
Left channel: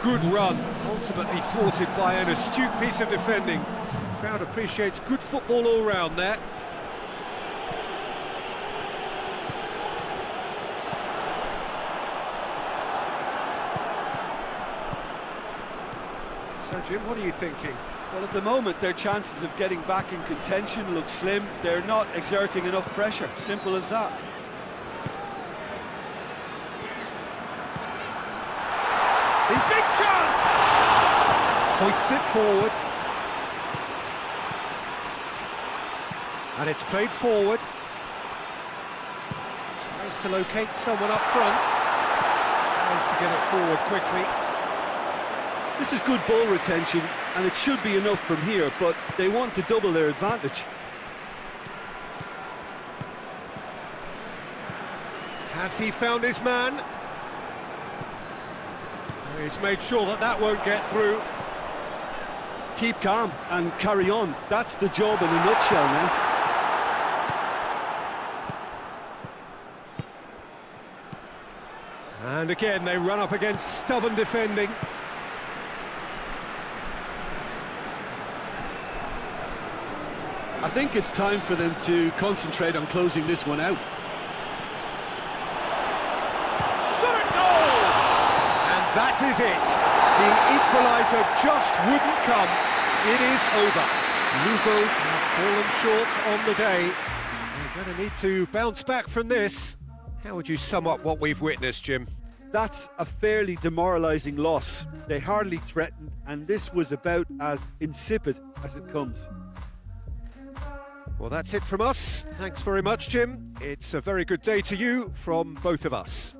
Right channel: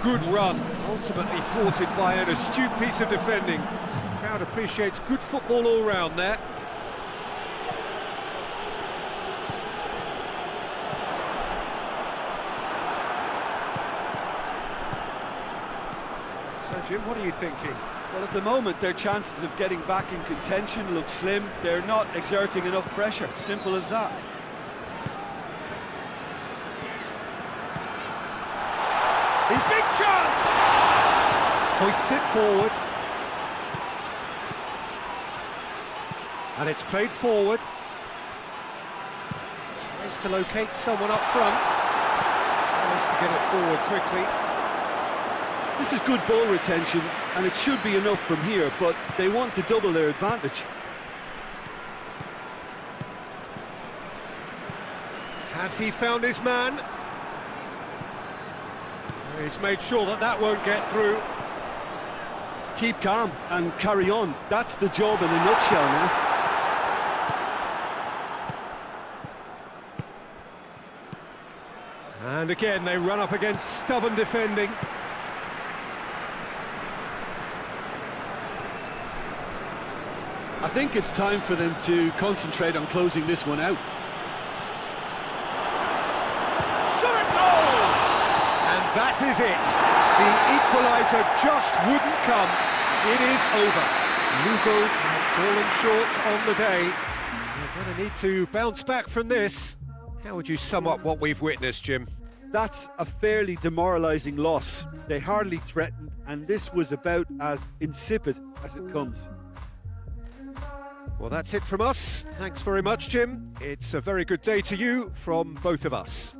Good run, ultimately thwarted by an astute piece of defending. Crowd appreciates good football all round there. So Jim, what are you thinking? Well, at the moment, their chances of getting back in contention look slim. They're not exerting enough pressure. Simple as that. His big chance! Hoists it forward. And it's played forward. Tries to locate someone up front. Tries to get it forward quickly. This is good ball retention, and it should be enough from here, but they want to double their advantage. Has he found his man? He's made sure that that won't get through. Keep calm and carry on. That's the job in a nutshell now. And again, they run up against stubborn defending. I think it's time for them to concentrate on closing this one out. Shot at goal! And that is it. The equaliser just wouldn't come. It is over. Lugo have fallen short on the day. They're going to need to bounce back from this. How would you sum up what we've witnessed, Jim? That's a fairly demoralising loss. They hardly threatened, and this was about as insipid as it comes. Well, that's it from us. Thanks very much, Jim. It's a very good day to you from both of us.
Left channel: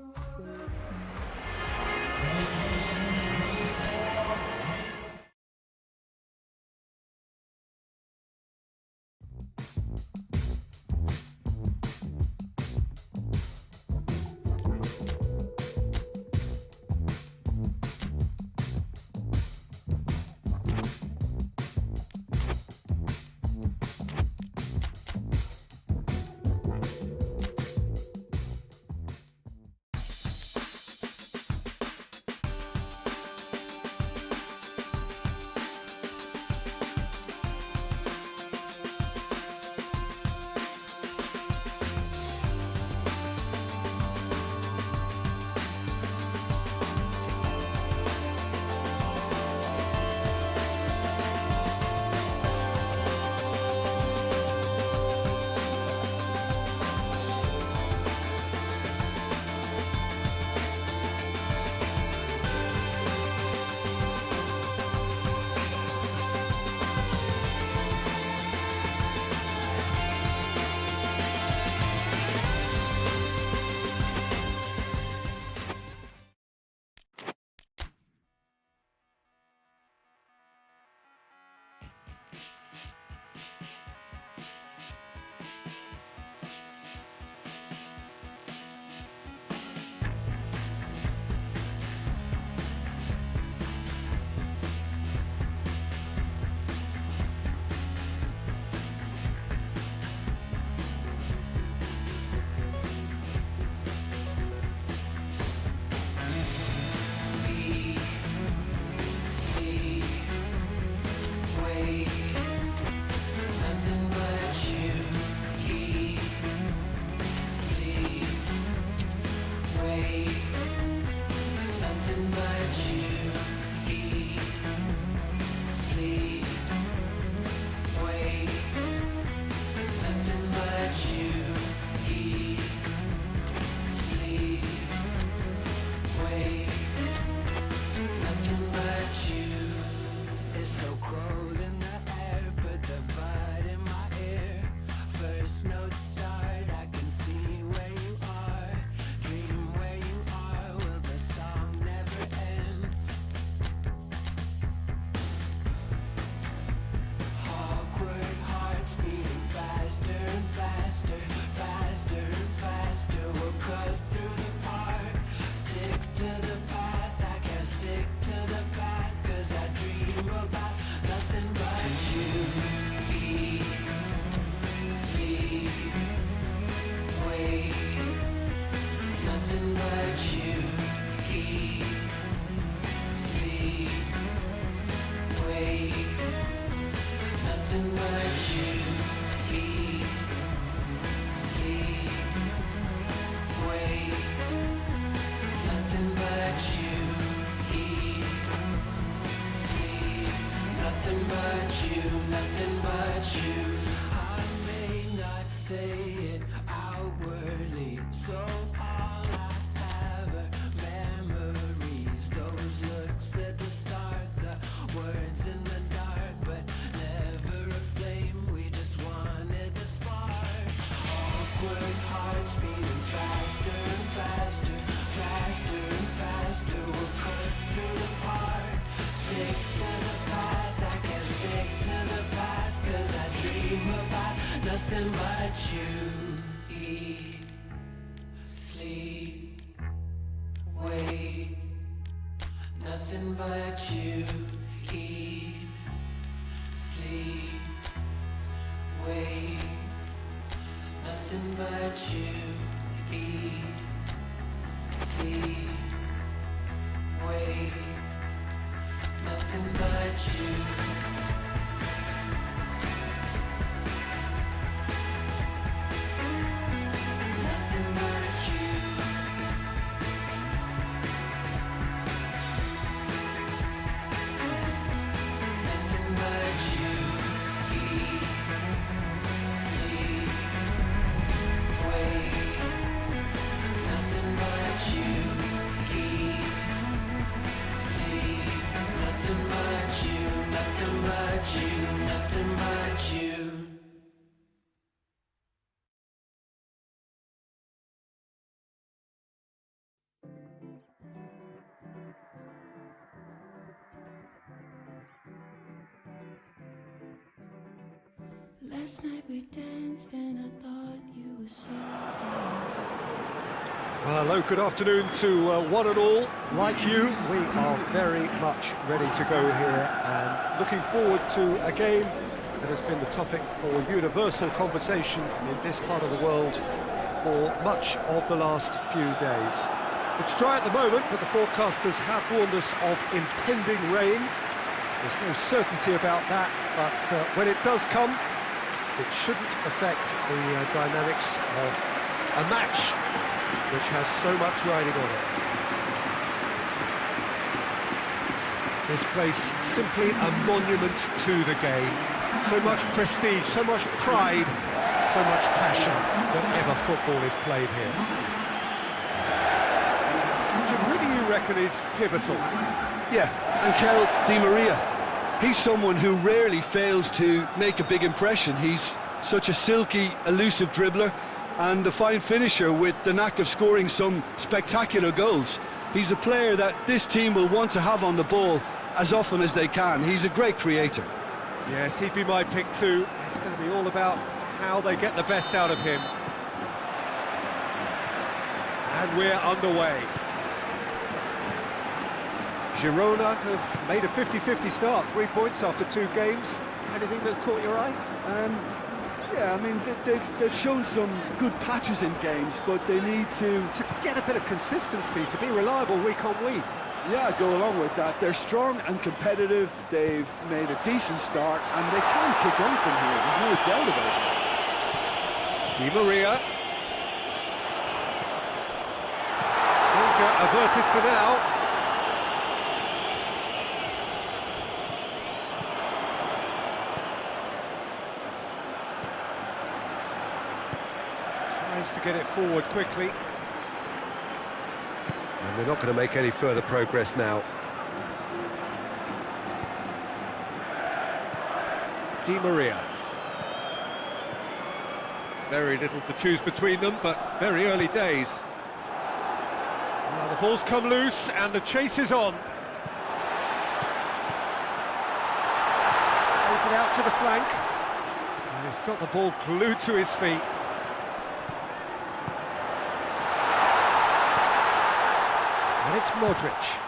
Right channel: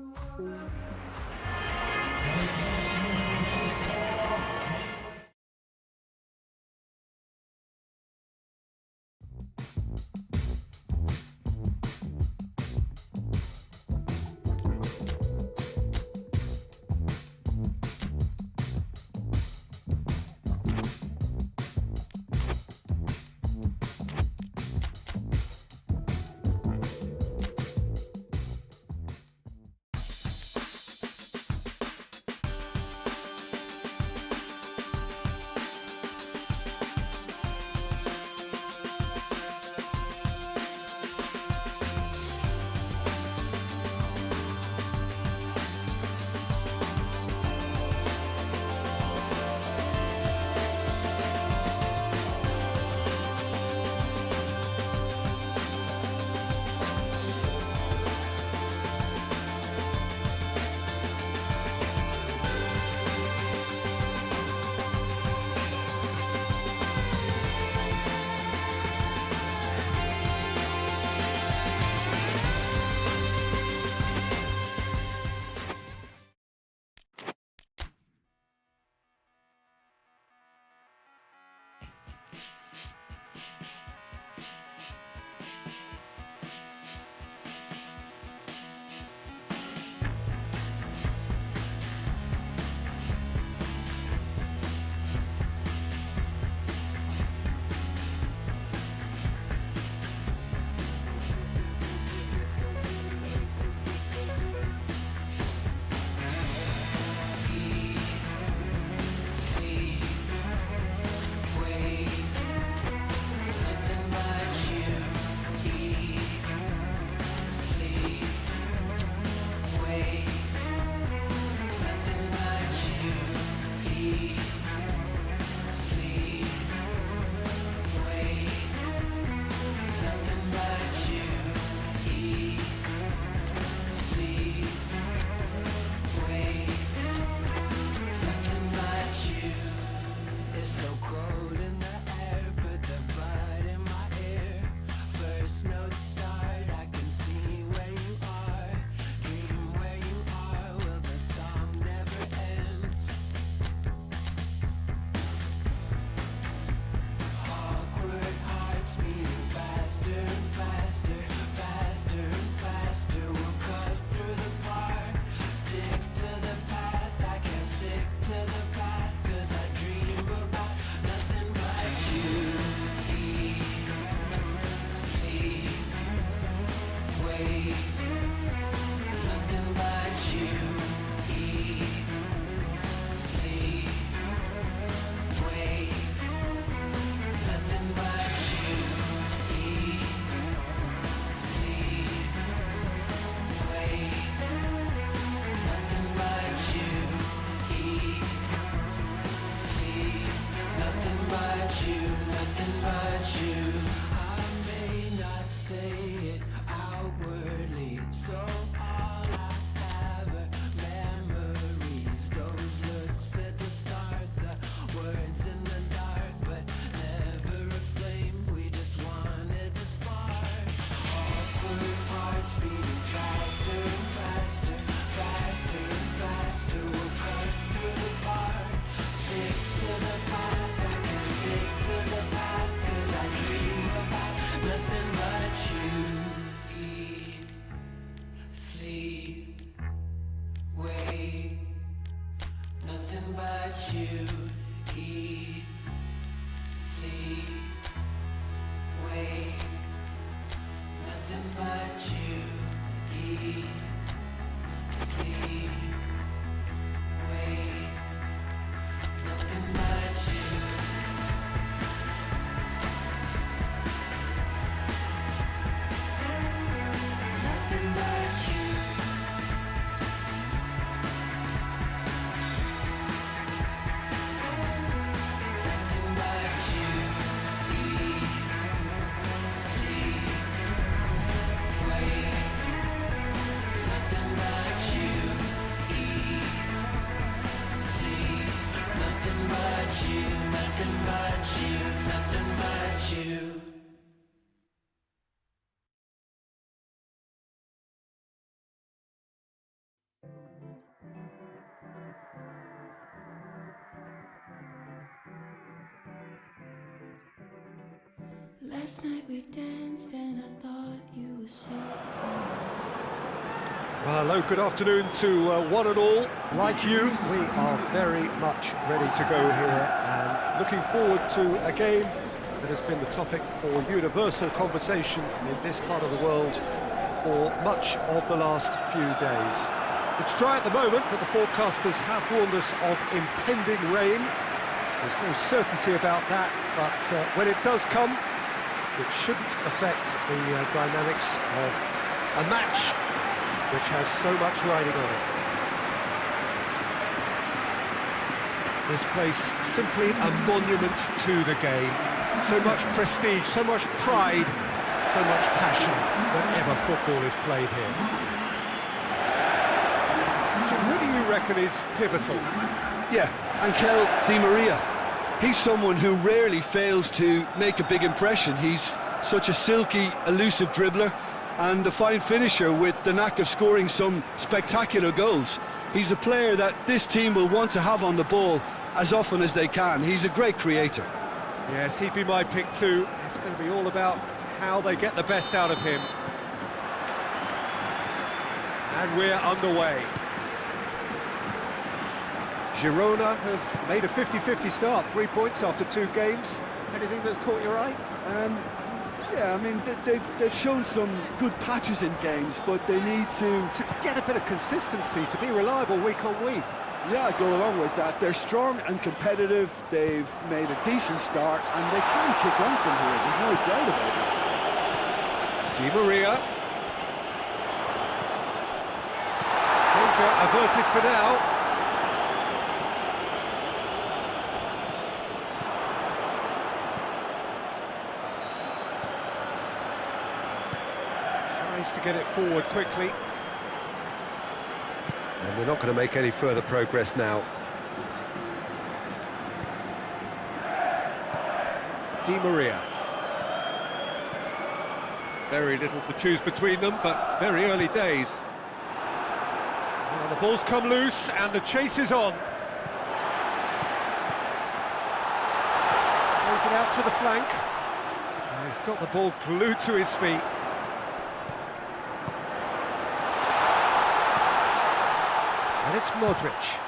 Last night we danced and I thought you were saving me. Well, hello, good afternoon to one and all. Like you, we are very much ready to go here and looking forward to a game that has been the topic for universal conversation in this part of the world for much of the last few days. It's dry at the moment, but the forecasters have warned us of impending rain. There's no certainty about that, but when it does come, it shouldn't affect the dynamics of a match which has so much riding on it. This place simply a monument to the game. So much prestige, so much pride, so much passion whenever football is played here. Jim, who do you reckon is pivotal? Yeah, Angel Di Maria. He's someone who rarely fails to make a big impression. He's such a silky, elusive dribbler and a fine finisher with the knack of scoring some spectacular goals. He's a player that this team will want to have on the ball as often as they can. He's a great creator. Yes, he'd be my pick too. It's going to be all about how they get the best out of him. And we're underway. Girona have made a 50-50 start, 3 points after 2 games. Anything that caught your eye? Yeah, I mean, they've shown some good patches in games, but they need to get a bit of consistency, to be reliable week on week. Yeah, go along with that. They're strong and competitive. They've made a decent start, and they can kick on from here. There's no doubt about it. Di Maria. Danger averted for now. Tries to get it forward quickly. And we're not going to make any further progress now. Di Maria. Very little to choose between them, but very early days. Well, the ball's come loose and the chase is on. Plays it out to the flank. And he's got the ball glued to his feet. And it's Modric.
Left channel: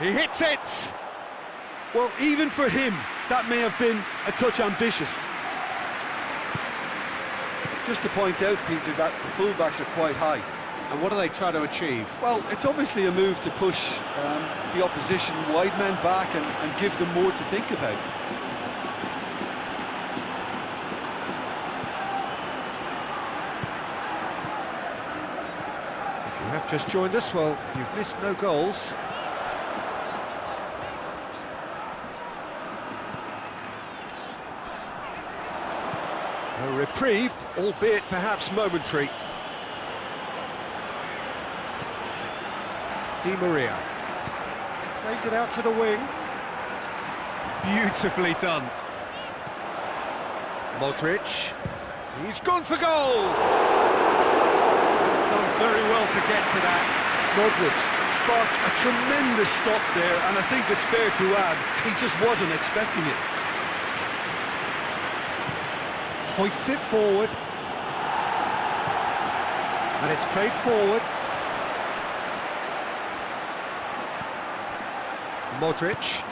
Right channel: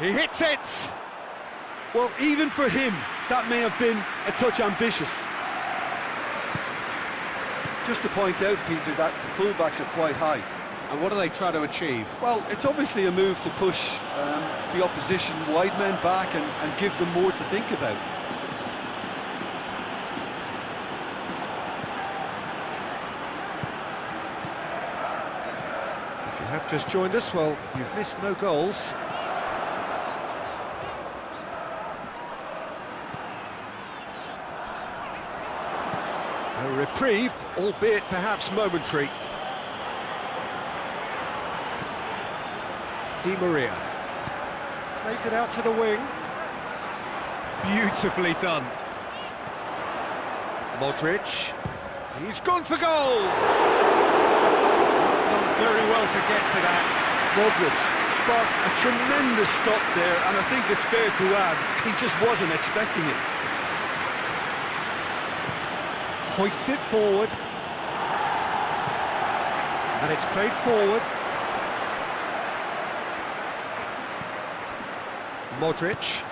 He hits it! Well, even for him, that may have been a touch ambitious. Just to point out, Peter, that the fullbacks are quite high. And what do they try to achieve? Well, it's obviously a move to push the opposition wide men back and give them more to think about. If you have just joined us, well, you've missed no goals. A reprieve, albeit perhaps momentary. Di Maria plays it out to the wing. Beautifully done. Modric. He's gone for goal! He's done very well to get to that. Modric sparked a tremendous stop there, and I think it's fair to add, he just wasn't expecting it. Hoists it forward. And it's played forward. Modric.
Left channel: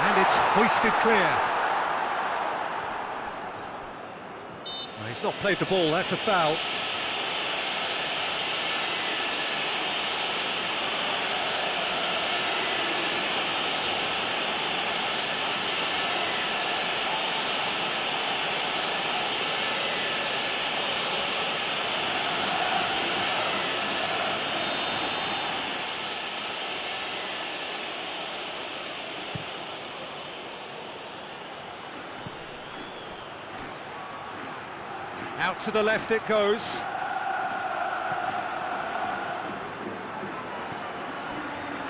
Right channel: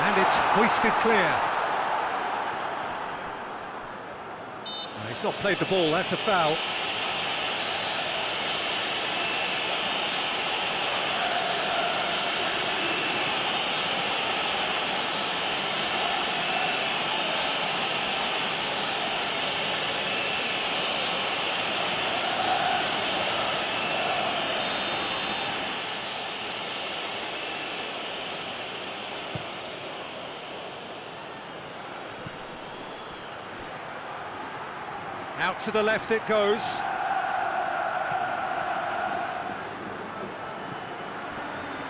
And it's hoisted clear. Well, he's not played the ball, that's a foul. Out to the left it goes.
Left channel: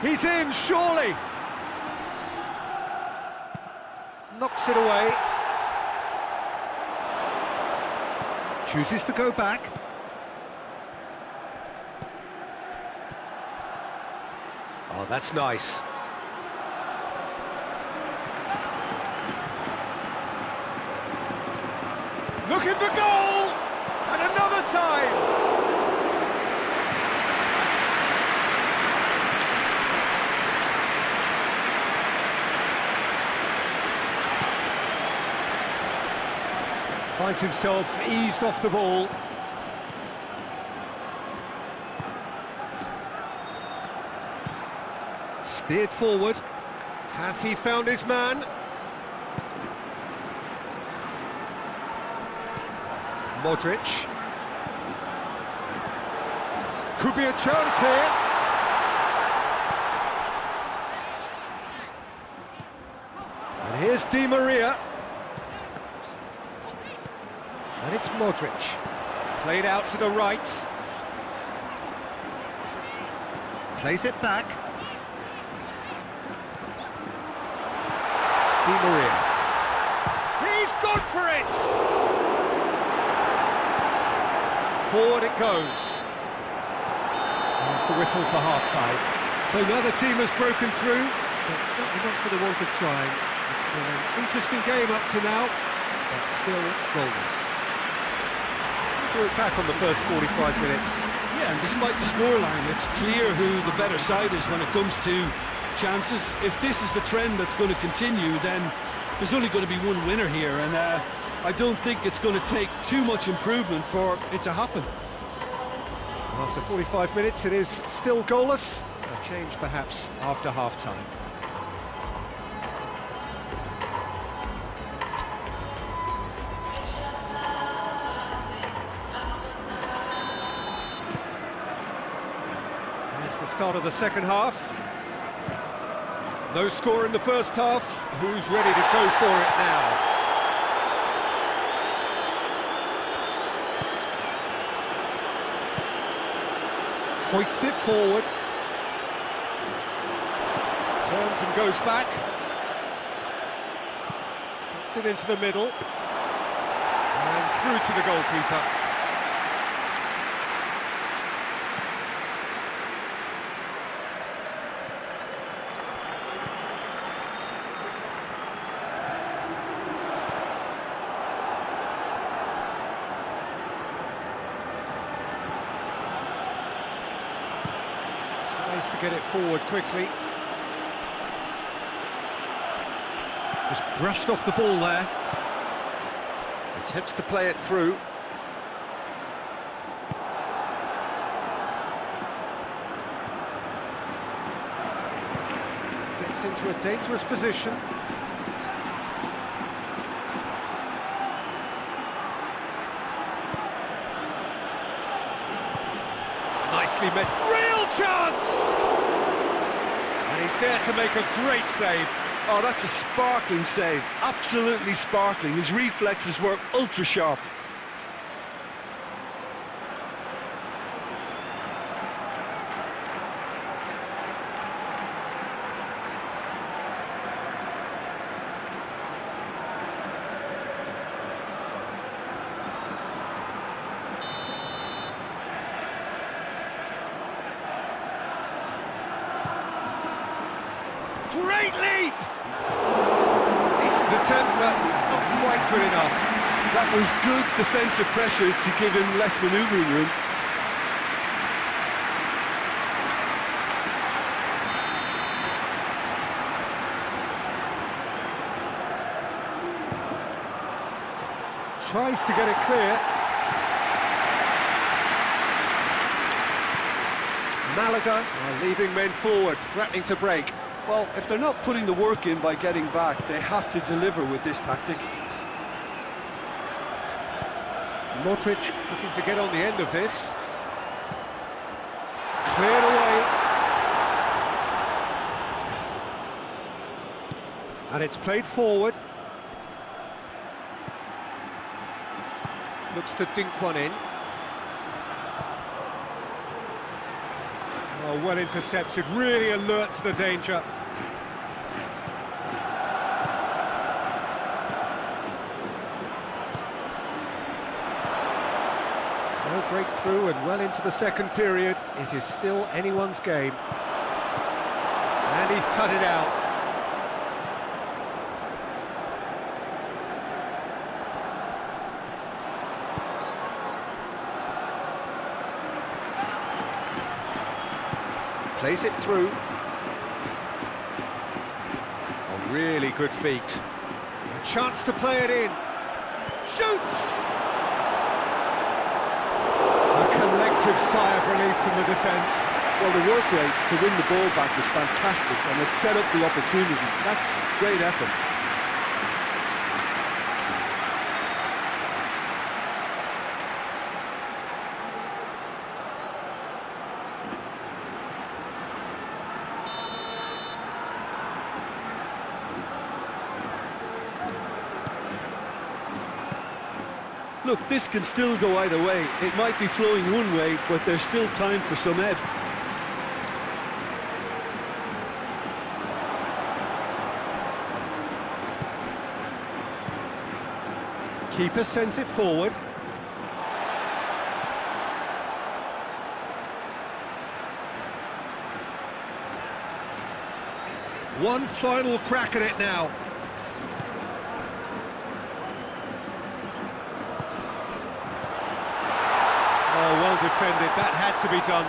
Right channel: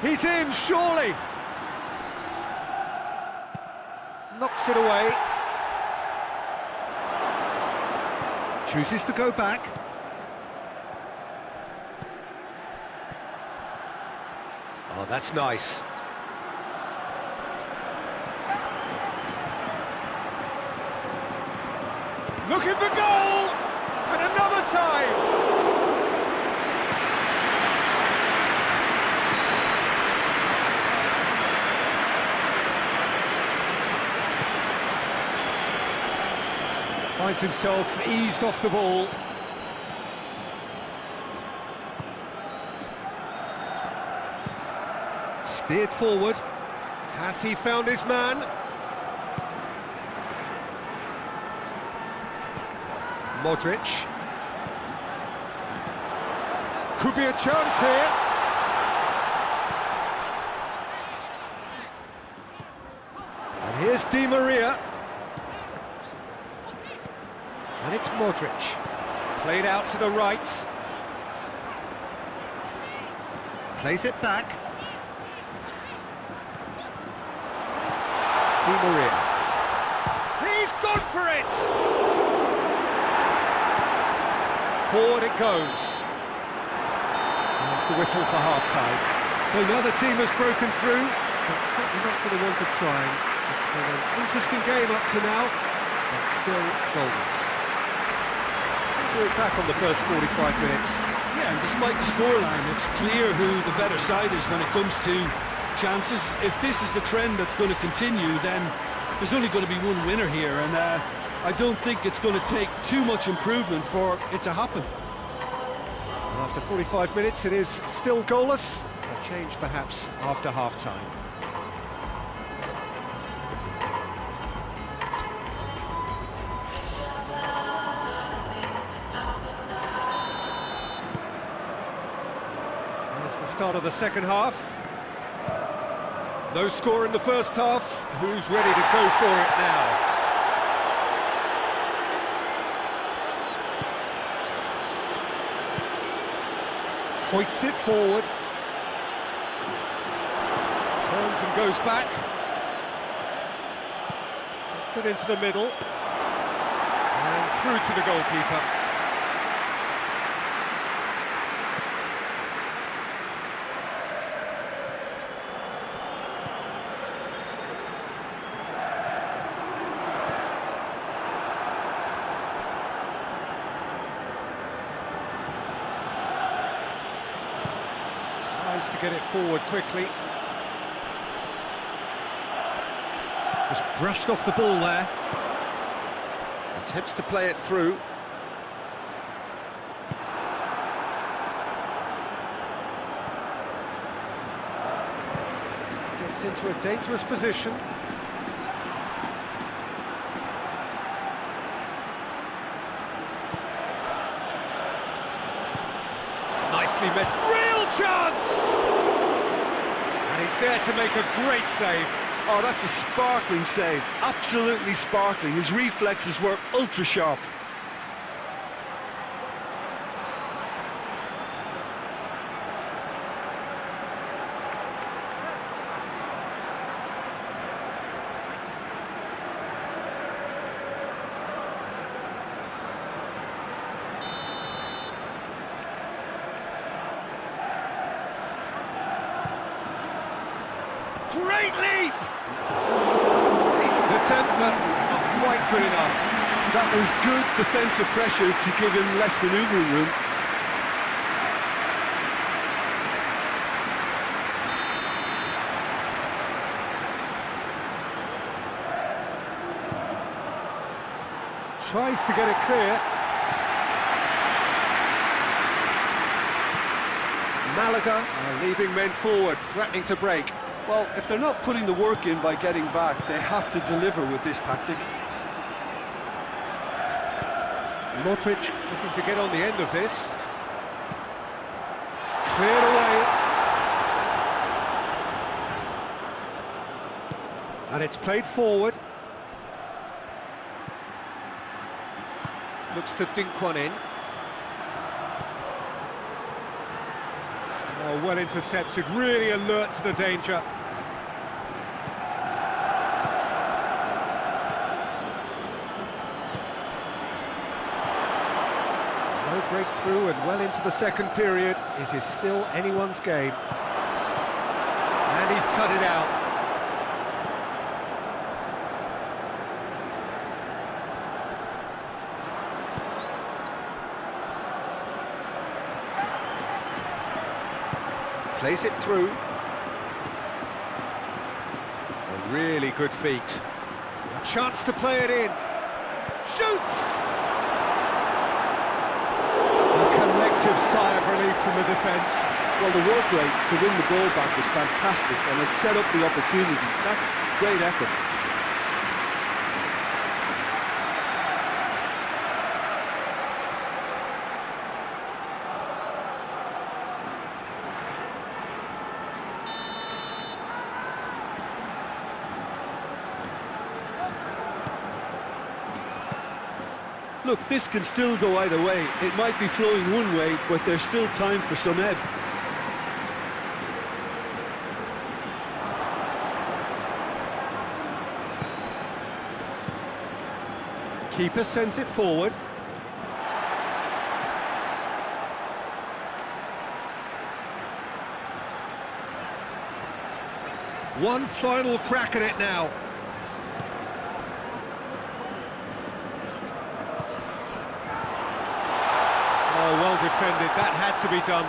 He's in, surely! Knocks it away. Chooses to go back. Oh, that's nice. Looking for goal! And another time! Finds himself eased off the ball. Steered forward. Has he found his man? Modric. Could be a chance here. And here's Di Maria. And it's Modric. Played out to the right. Plays it back. Di Maria. He's gone for it! Forward it goes. There's the whistle for half-time. So now the team has broken through, but certainly not for the want of trying. It's been an interesting game up to now, but still goalless. We'll do it back on the first 45 minutes. Yeah, and despite the scoreline, it's clear who the better side is when it comes to chances. If this is the trend that's going to continue, then there's only going to be one winner here, and I don't think it's going to take too much improvement for it to happen. Well, after 45 minutes, it is still goalless. A change perhaps after half-time. There's the start of the second half. No score in the first half. Who's ready to go for it now? Hoists it forward. Turns and goes back. Gets it into the middle. And through to the goalkeeper. Tries to get it forward quickly. Just brushed off the ball there. Attempts to play it through. Gets into a dangerous position. Nicely met. Real chance! And he's there to make a great save. Oh, that's a sparkling save. Absolutely sparkling. His reflexes were ultra sharp. Great leap! Decent attempt, but not quite good enough. That was good defensive pressure to give him less manoeuvring room. Tries to get it clear. Malaga are leaving men forward, threatening to break. Well, if they're not putting the work in by getting back, they have to deliver with this tactic. Modric looking to get on the end of this. Cleared away. And it's played forward. Looks to dink one in. Oh, well intercepted, really alert to the danger. No breakthrough and well into the second period. It is still anyone's game. And he's cut it out. Plays it through. On really good feet. A chance to play it in. Shoots! A collective sigh of relief from the defence. Well, the work rate to win the ball back was fantastic, and it set up the opportunity. That's great effort. Look, this can still go either way. It might be flowing one way, but there's still time for some ebb. Keeper sends it forward. One final crack at it now. Oh, well defended. That had to be done.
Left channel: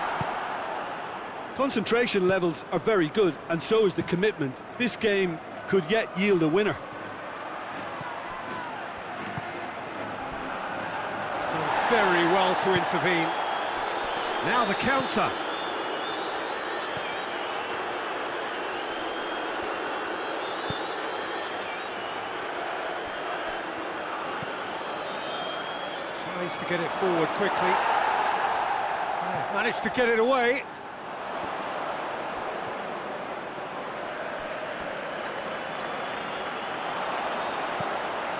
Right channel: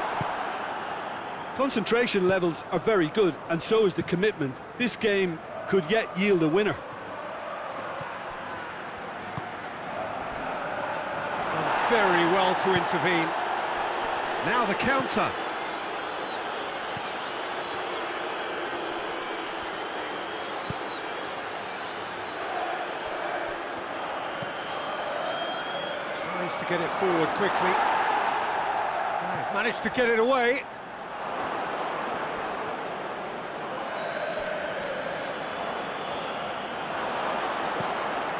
Concentration levels are very good, and so is the commitment. This game could yet yield a winner. Done very well to intervene. Now the counter. Tries to get it forward quickly. They've managed to get it away.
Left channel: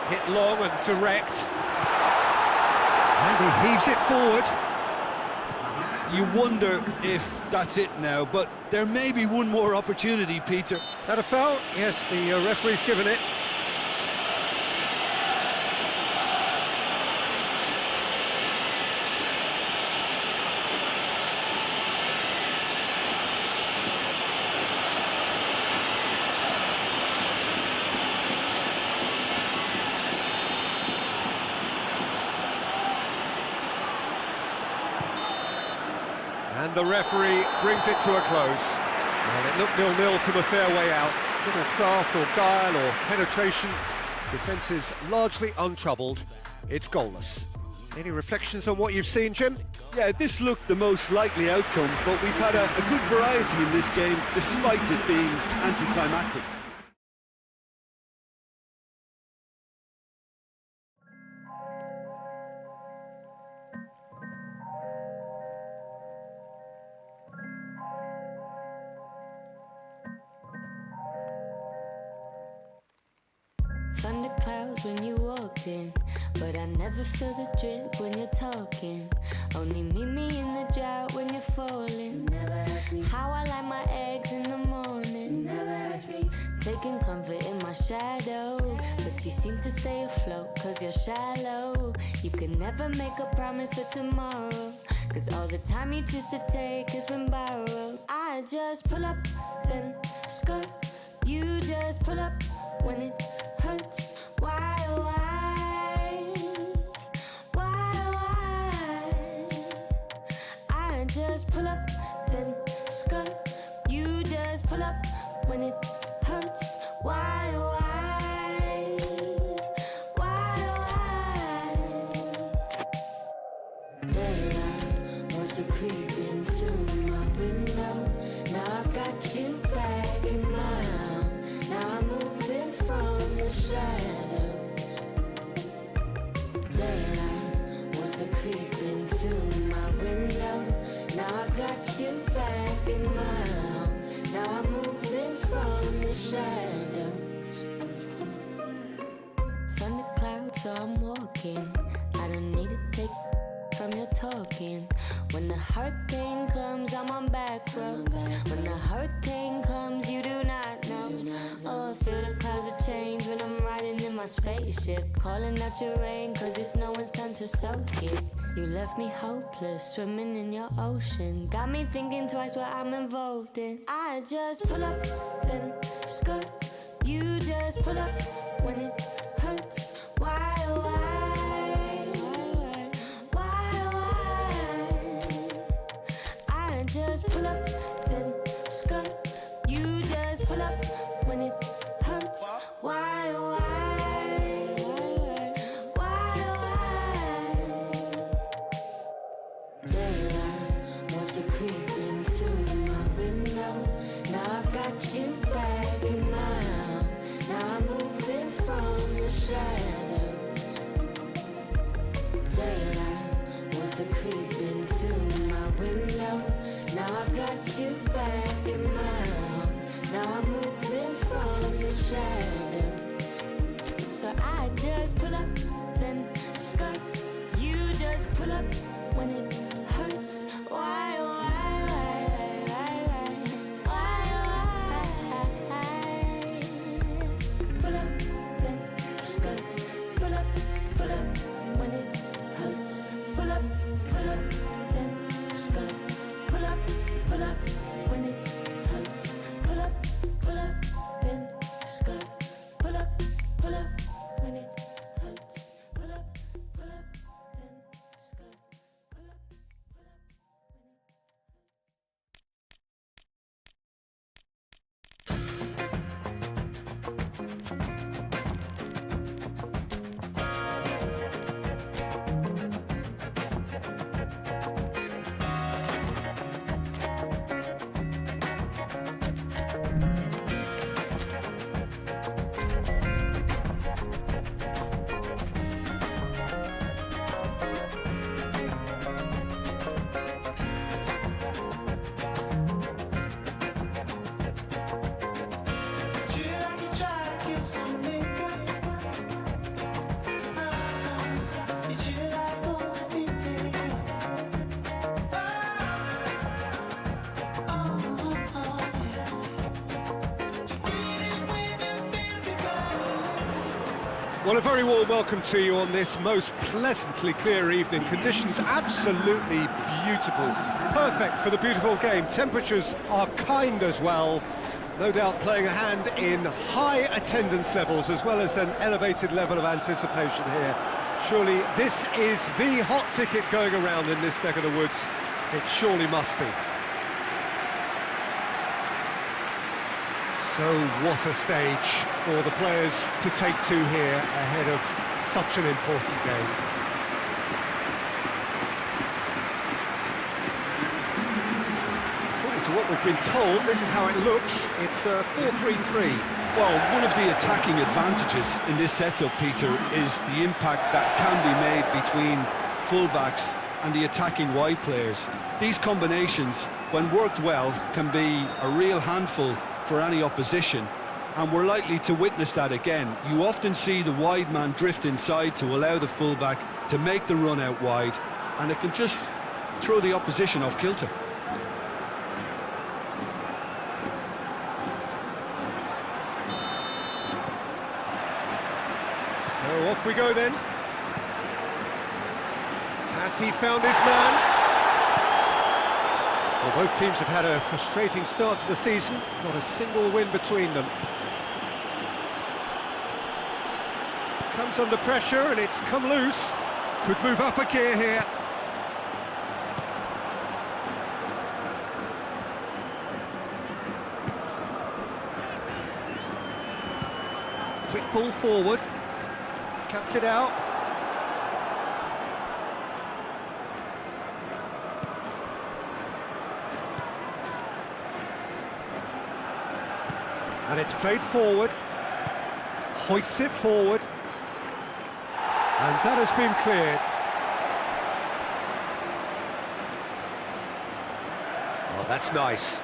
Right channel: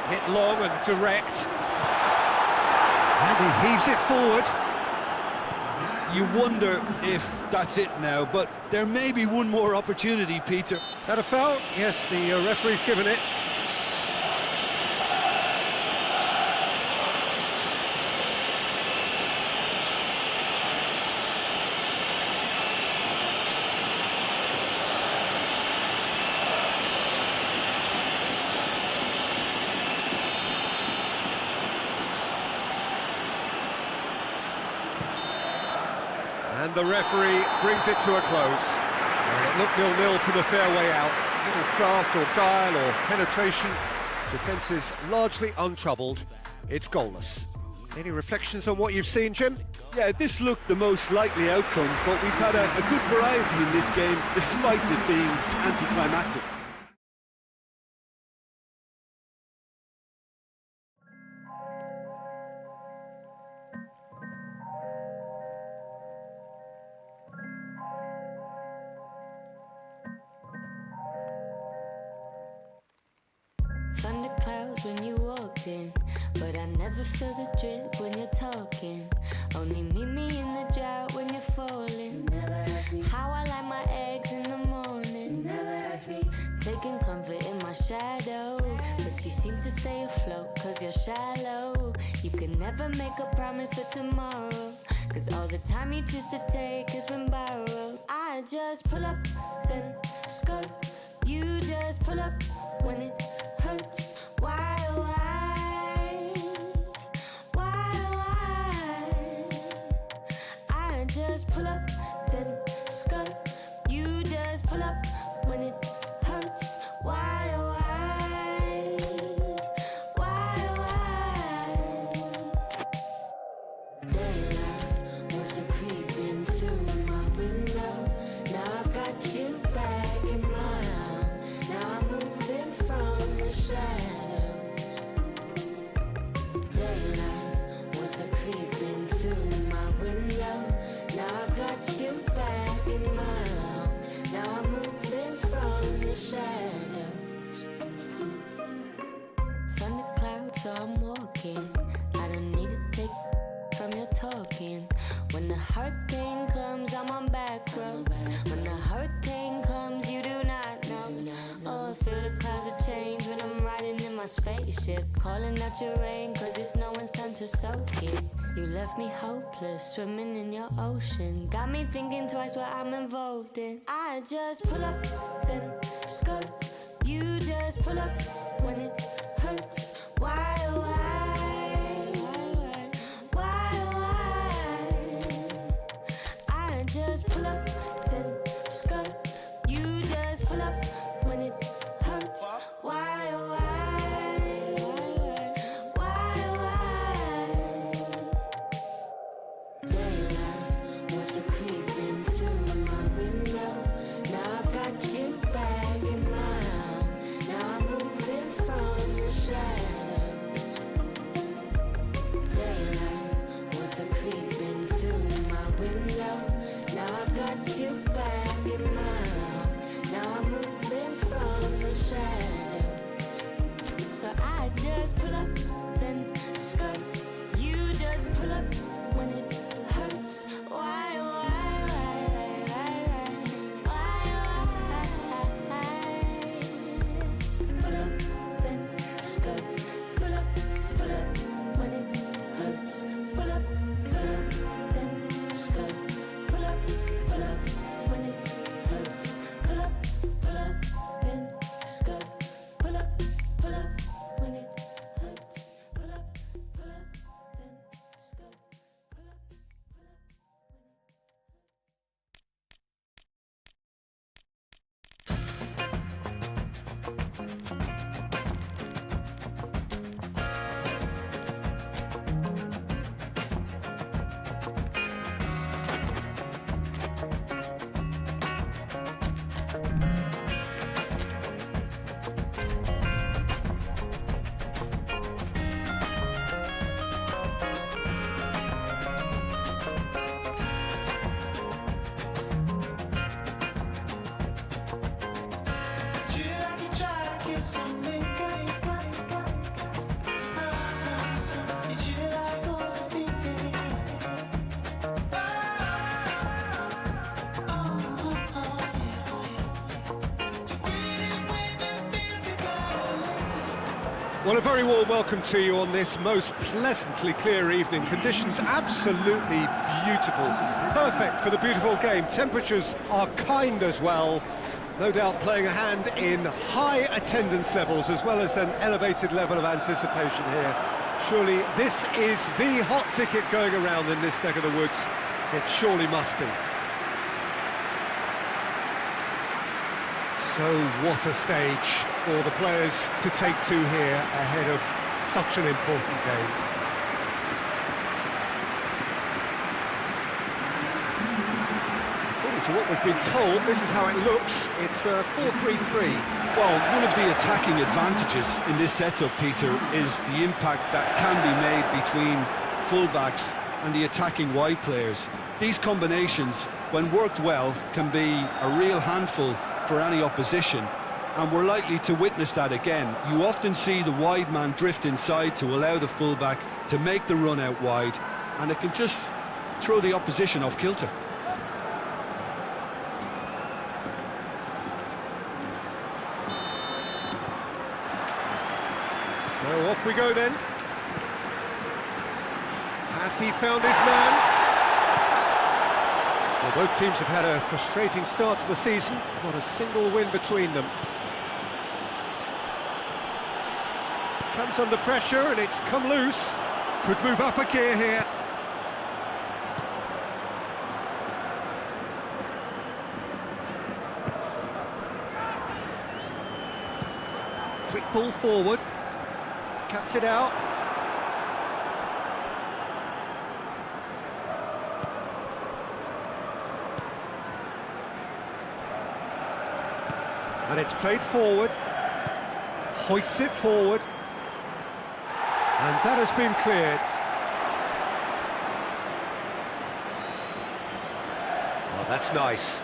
Hit long and direct. And he heaves it forward. You wonder if that's it now, but there may be one more opportunity, Peter. That a foul? Yes, the referee's given it. And the referee brings it to a close. Well, it looked 0-0 from a fair way out. Little craft or guile or penetration. Defence is largely untroubled. It's goalless. Any reflections on what you've seen, Jim? Yeah, this looked the most likely outcome, but we've had a good variety in this game, despite it being anticlimactic. Thunder clouds when you walk in, but I never feel the drip when you're talking. Only meet me in the drought when you're falling. Never ask me how I like my eggs in the morning. Never ask me taking comfort in my shadow, but you seem to stay afloat cause you're shallow. You can never make a promise for tomorrow, cause all the time you choose to take has been borrowed. I just pull up, then skirt. You just pull up when it hurts. Why, oh why? I just pull up, then skirt. You just pull up when it hurts. Why, oh why? Daylight wants to creep in through my window. Now I've got you back in my arms. Now I'm moving from the shadows. Daylight wants to creep in through my window. Now I've got you back in my arms. Now I'm moving from the shadows. Thunder clouds, so I'm walking. I don't need to take from your talking. When the hurricane comes, I'm on back roads. When the hurricane comes, you do not know. Oh, I feel the clouds of change when I'm riding in my spaceship, calling out your rain, cause it's no one's time to soak it. You left me hopeless, swimming in your ocean. Got me thinking twice what I'm involved in. I just pull up, then skirt. You just pull up when it hurts. Why, I just pull up, then skirt. You just pull up when it hurts. Why? Daylight wants to creeping through my window. Now I've got you back in my arms. Now I'm moving from the shadows. Daylight wants to creeping through my window. Now I've got you back in my arms. Now I'm moving from the shadows. So I just pull up, then skirt. You just pull up when it hurts. Why? Pull up, then skirt. Pull up when it hurts. Pull up, then skirt. Pull up when it hurts. Pull up, then skirt. Pull up when it hurts. Pull up, then skirt. Pull up. Well, a very warm welcome to you on this most pleasantly clear evening. Conditions absolutely beautiful, perfect for the beautiful game. Temperatures are kind as well, no doubt playing a hand in high attendance levels as well as an elevated level of anticipation here. Surely this is the hot ticket going around in this neck of the woods. It surely must be. So what a stage for the players to take to here ahead of such an important game. According to what we've been told, this is how it looks. It's a 4-3-3. Well, one of the attacking advantages in this setup, Peter, is the impact that can be made between fullbacks and the attacking wide players. These combinations, when worked well, can be a real handful for any opposition, and we're likely to witness that again. You often see the wide man drift inside to allow the fullback to make the run out wide, and it can just throw the opposition off kilter. So off we go then. Has he found his man? Well, both teams have had a frustrating start to the season, not a single win between them. Comes under pressure and it's come loose. Could move up a gear here. Quick ball forward. Cuts it out. And it's played forward, hoists it forward, and that has been cleared. Oh, that's nice.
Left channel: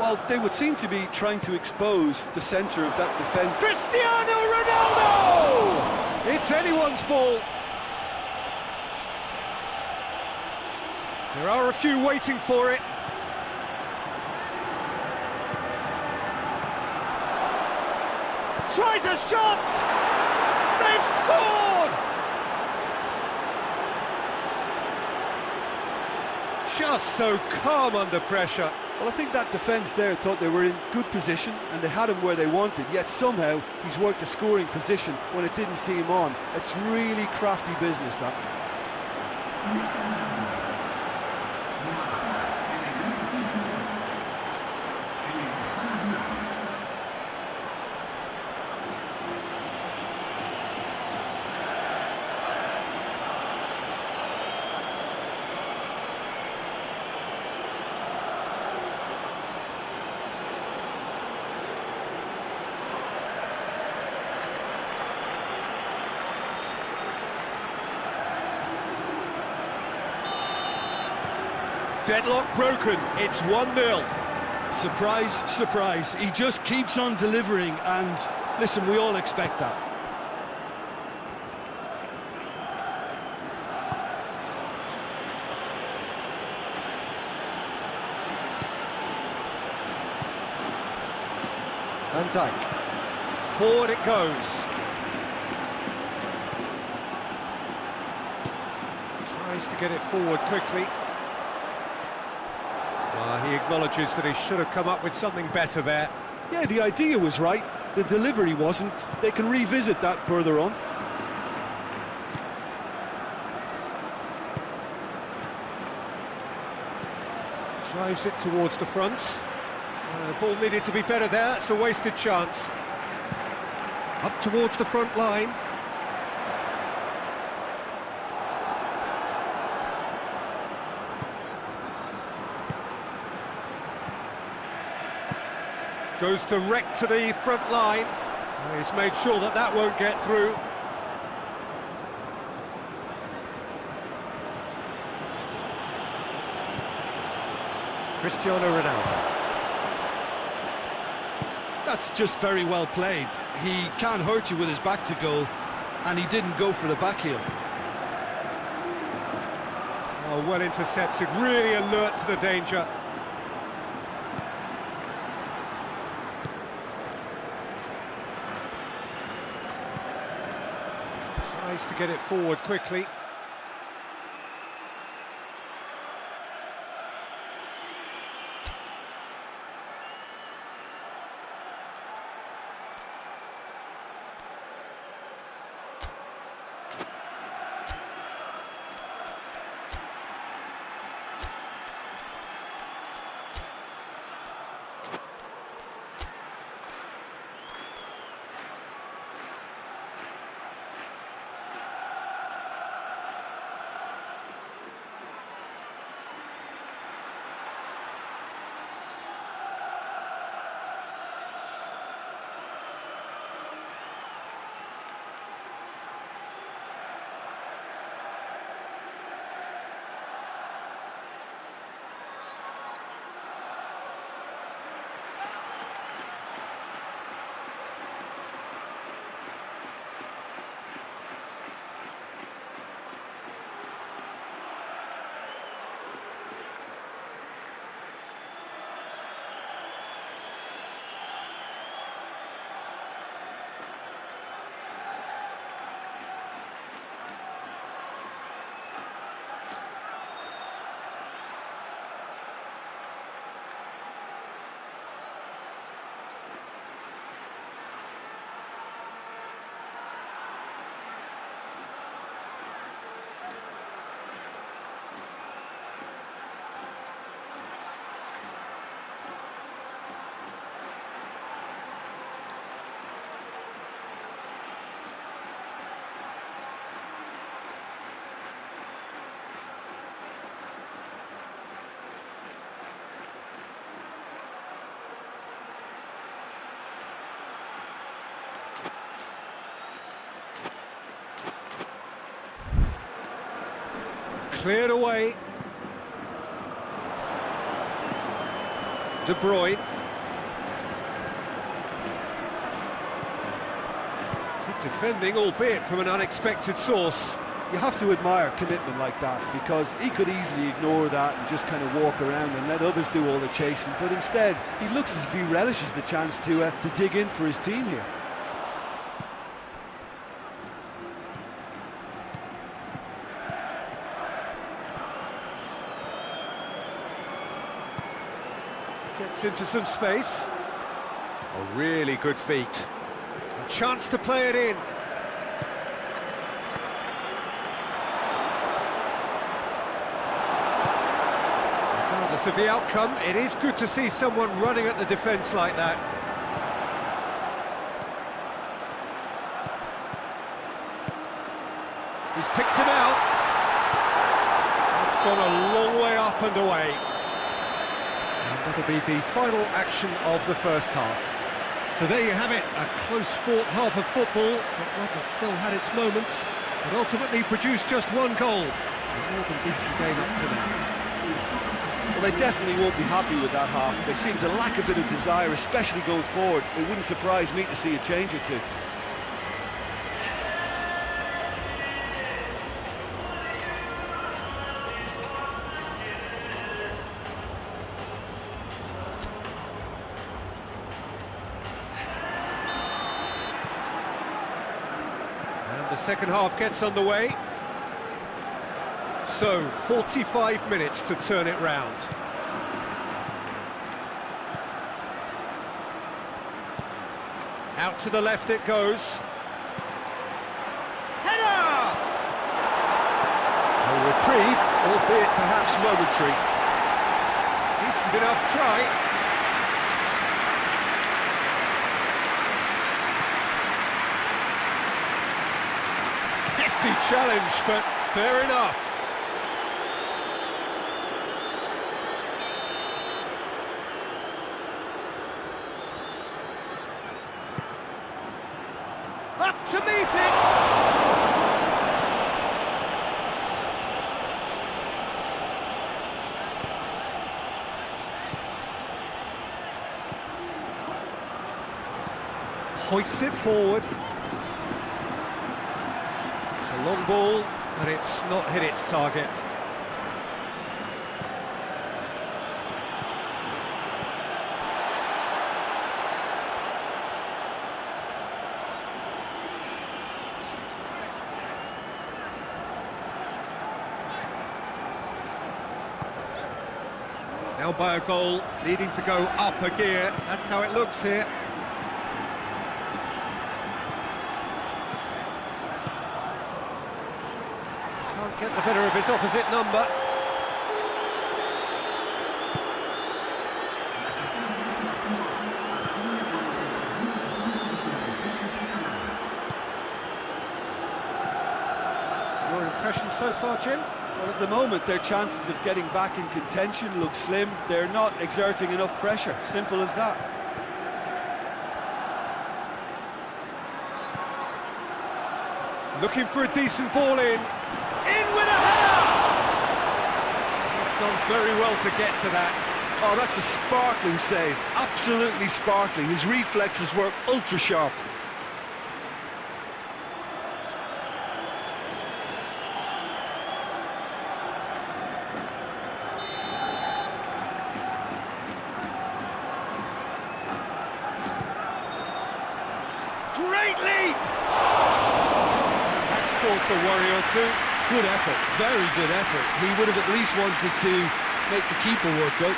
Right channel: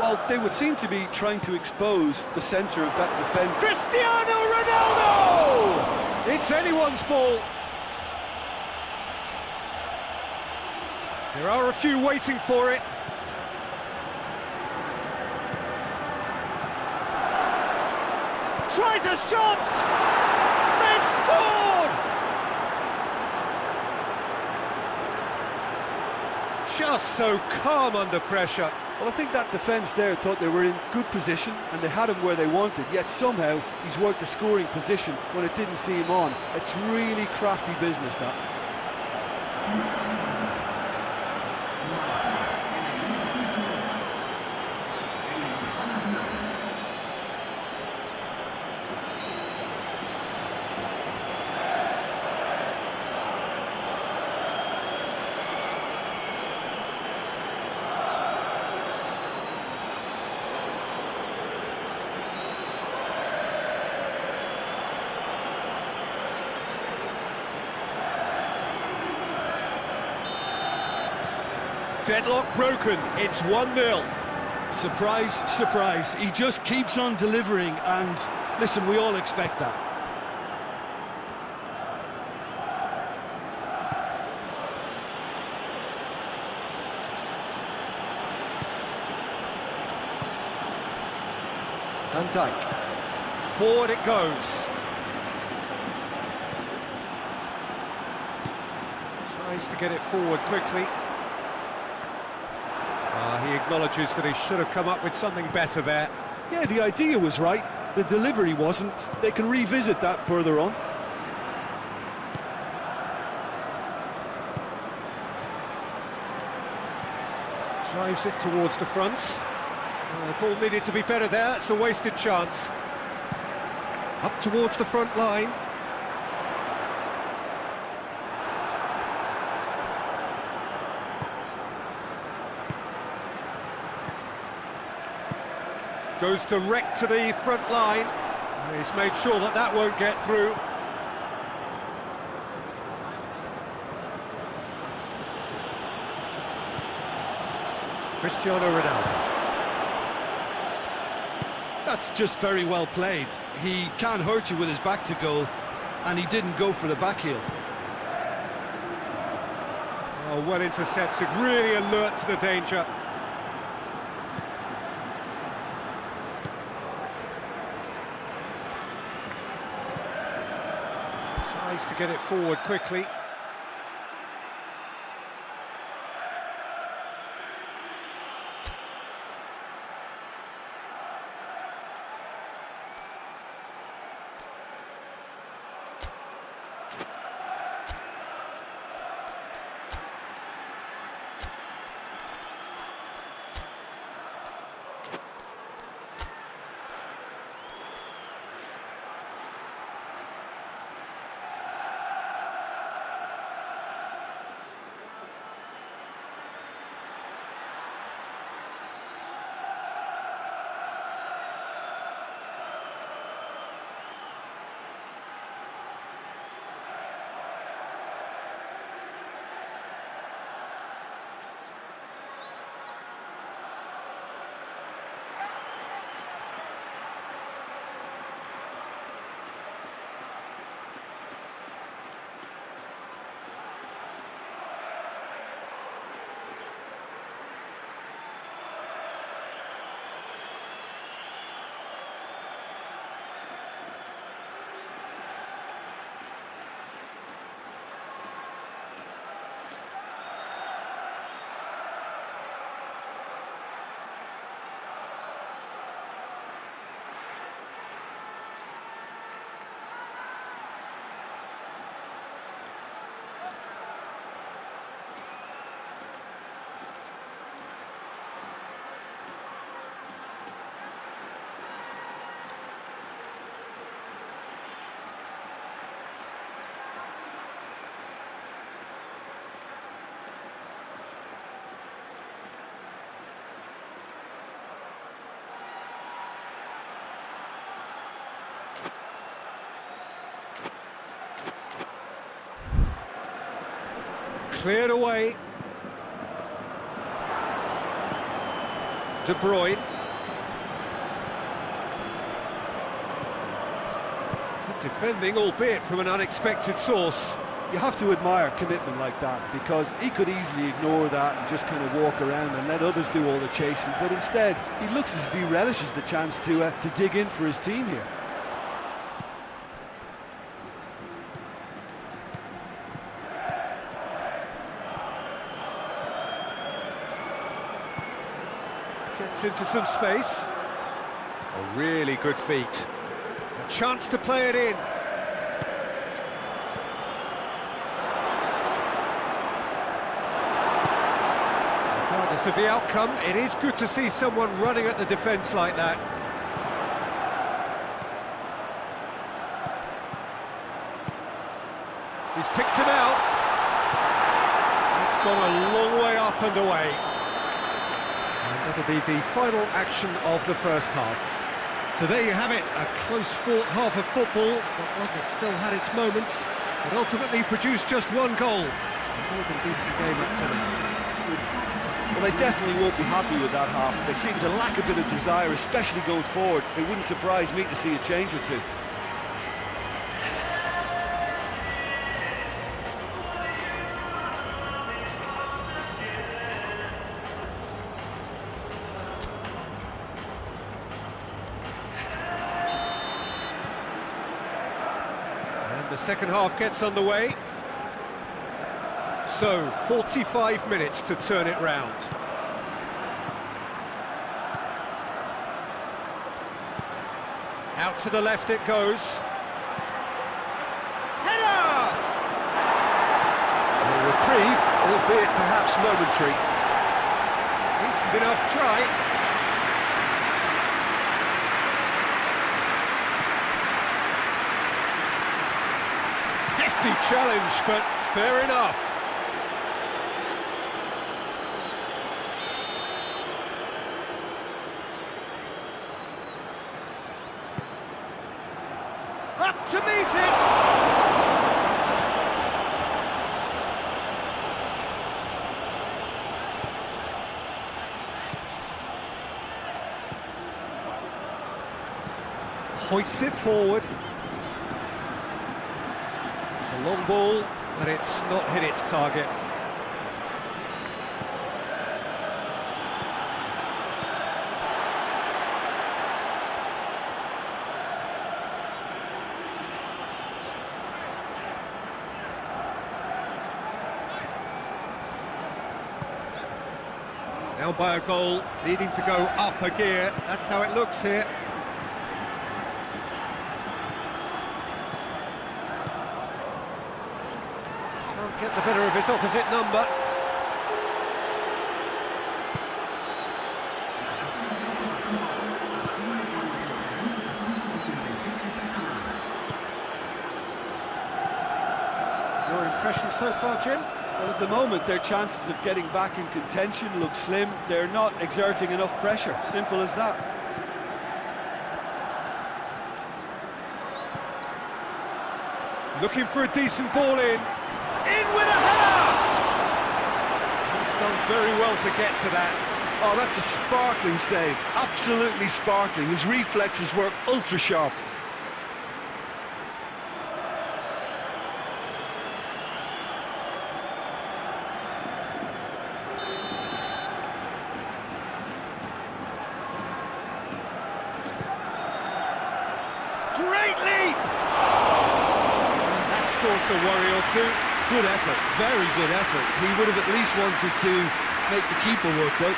Well, they would seem to be trying to expose the centre of that defence. Cristiano Ronaldo! It's anyone's ball. There are a few waiting for it. Tries a shot! they've scored! Just so calm under pressure. Well, I think that defence there thought they were in good position and they had him where they wanted, yet somehow he's worked a scoring position when it didn't see him on. It's really crafty business, that. Deadlock broken, it's 1-0. Surprise, surprise, he just keeps on delivering, and listen, we all expect that. Van Dijk, forward it goes. Tries to get it forward quickly. He acknowledges that he should have come up with something better there. Yeah, the idea was right, the delivery wasn't. They can revisit that further on. Drives it towards the front. The ball needed to be better there, it's a wasted chance. Up towards the front line. Goes direct to the front line. He's made sure that that won't get through. Cristiano Ronaldo. That's just very well played. He can't hurt you with his back to goal, and he didn't go for the back heel. Oh, well intercepted, really alert to the danger. Tries to get it forward quickly. Cleared away. De Bruyne. Good defending, albeit from an unexpected source. You have to admire commitment like that, because he could easily ignore that and just kind of walk around and let others do all the chasing, but instead he looks as if he relishes the chance to dig in for his team here. Gets into some space. Oh, really good feet. A chance to play it in. Regardless of the outcome, it is good to see someone running at the defence like that. He's picked him out. It's gone a long way up and away. And that'll be the final action of the first half. So there you have it, a close-fought half of football, but one that still had its moments, but ultimately produced just one goal. A more than decent game up to now. Well, they definitely won't be happy with that half. They seem to lack a bit of desire, especially going forward. It wouldn't surprise me to see a change or two. And the second half gets underway. So, 45 minutes to turn it round. Out to the left it goes. Header! A reprieve, albeit perhaps momentary. Decent enough try. Hefty challenge, but fair enough. Up to meet it! Hoists it forward. It's a long ball, but it's not hit its target. Now by a goal, needing to go up a gear. That's how it looks here. Can't get the better of his opposite number. Your impression so far, Jim? Well, at the moment, their chances of getting back in contention look slim. They're not exerting enough pressure. Simple as that. Looking for a decent ball in. In with a header! He's done very well to get to that. Oh, that's a sparkling save. Absolutely sparkling. His reflexes work ultra sharp. Great leap! And that's caused a worry or two. Good effort, very good effort. He would have at least wanted to make the keeper work, though.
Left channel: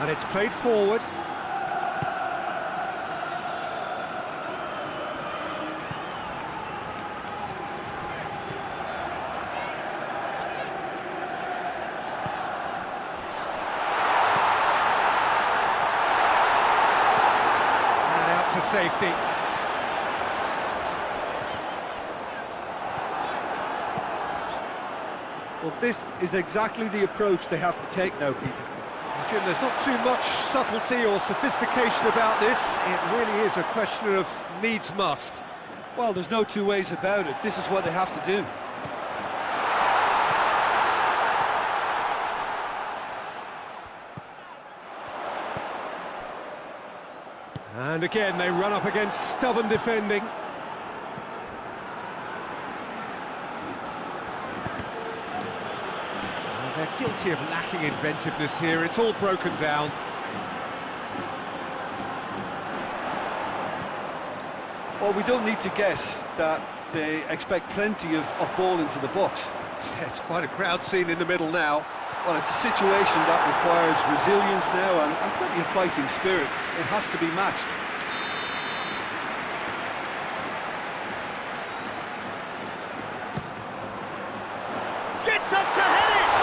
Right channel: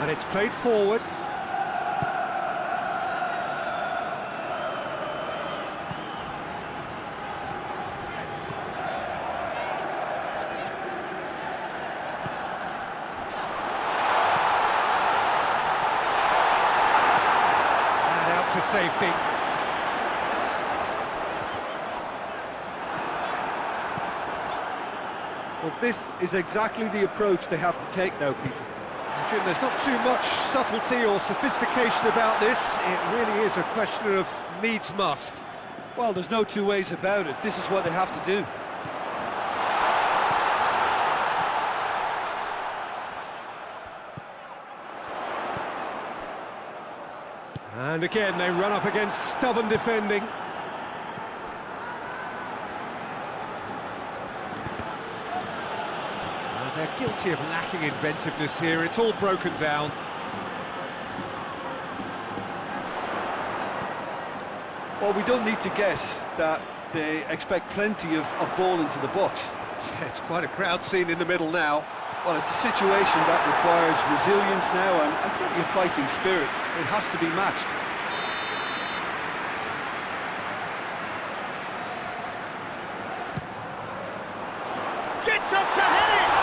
And it's played forward. To safety. Well, this is exactly the approach they have to take now, Peter. Jim, there's not too much subtlety or sophistication about this. It really is a question of needs must. Well, there's no two ways about it. This is what they have to do. And again, they run up against stubborn defending. They're guilty of lacking inventiveness here. It's all broken down. Well, we don't need to guess that they expect plenty of ball into the box. Yeah, it's quite a crowd scene in the middle now. Well, it's a situation that requires resilience now and plenty of fighting spirit. It has to be matched. Gets up to head it!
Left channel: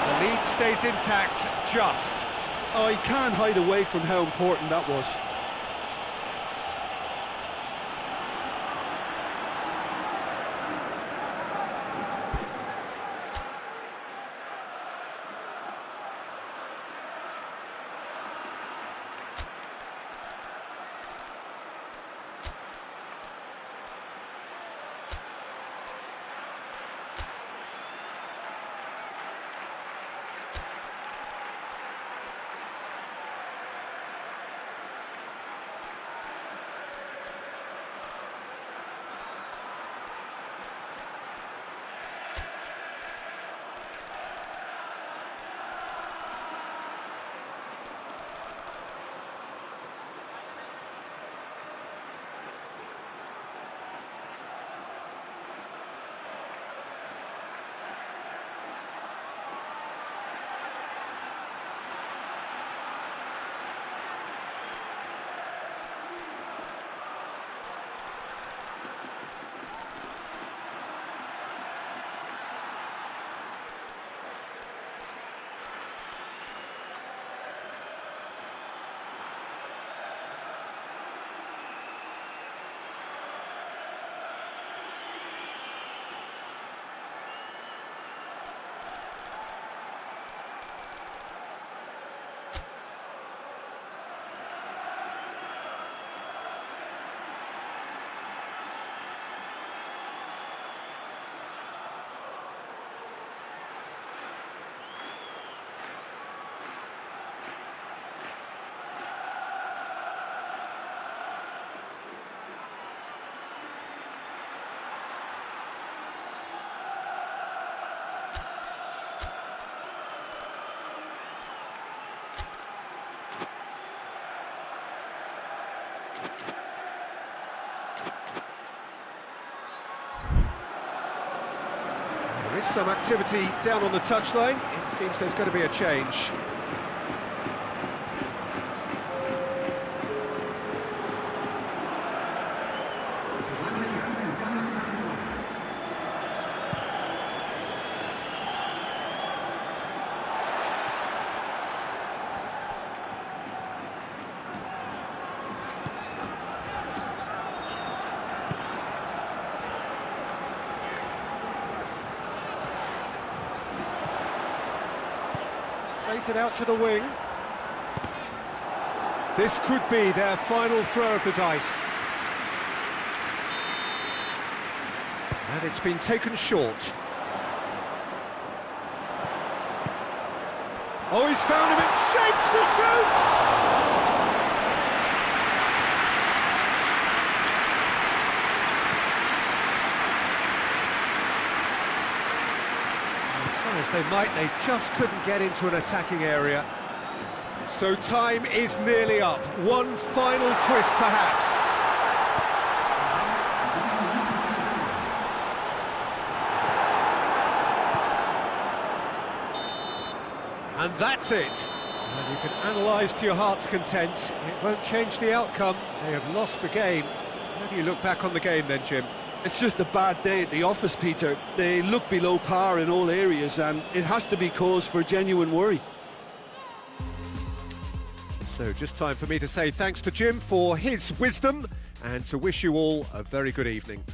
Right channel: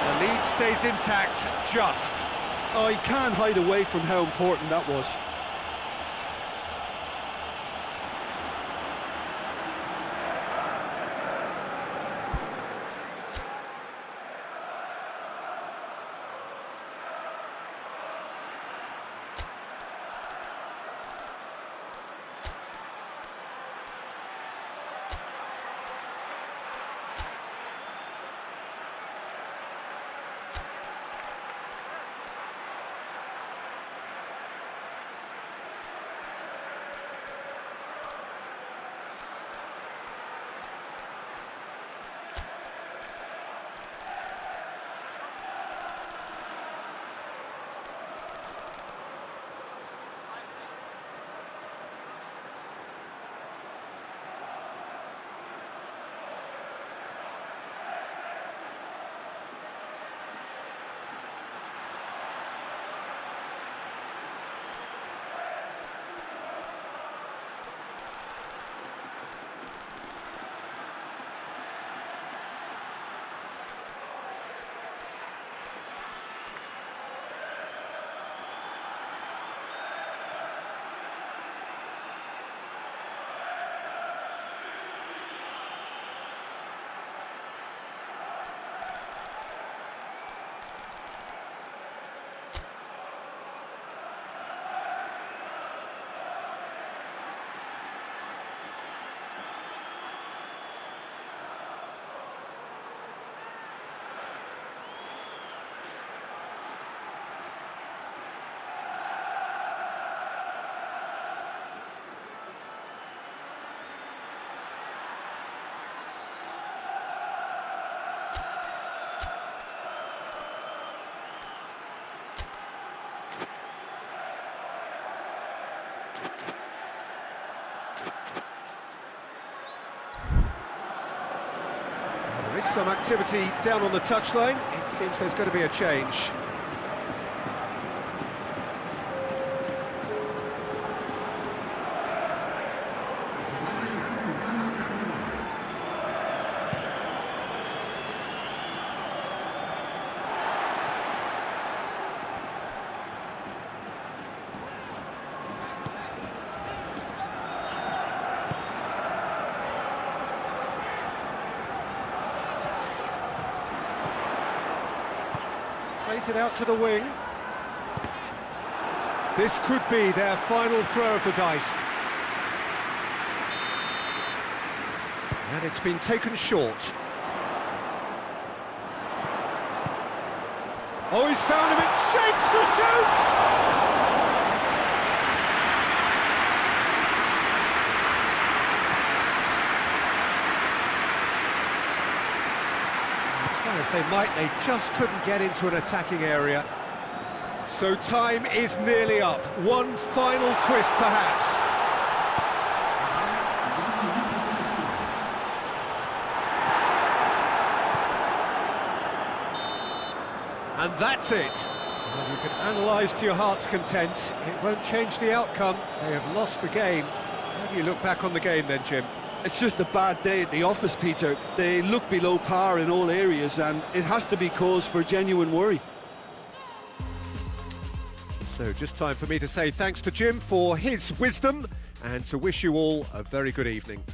And the lead stays intact, just. Oh, he can't hide away from how important that was. There is some activity down on the touchline. It seems there's going to be a change. Plays it out to the wing. This could be their final throw of the dice. And it's been taken short. Oh, he's found him in shapes to shoot! Try as they might, they just couldn't get into an attacking area. So time is nearly up. One final twist, perhaps. And that's it. Well, you can analyse to your heart's content. It won't change the outcome. They have lost the game. How do you look back on the game then, Jim? It's just a bad day at the office, Peter. They look below par in all areas, and it has to be cause for genuine worry. So just time for me to say thanks to Jim for his wisdom and to wish you all a very good evening.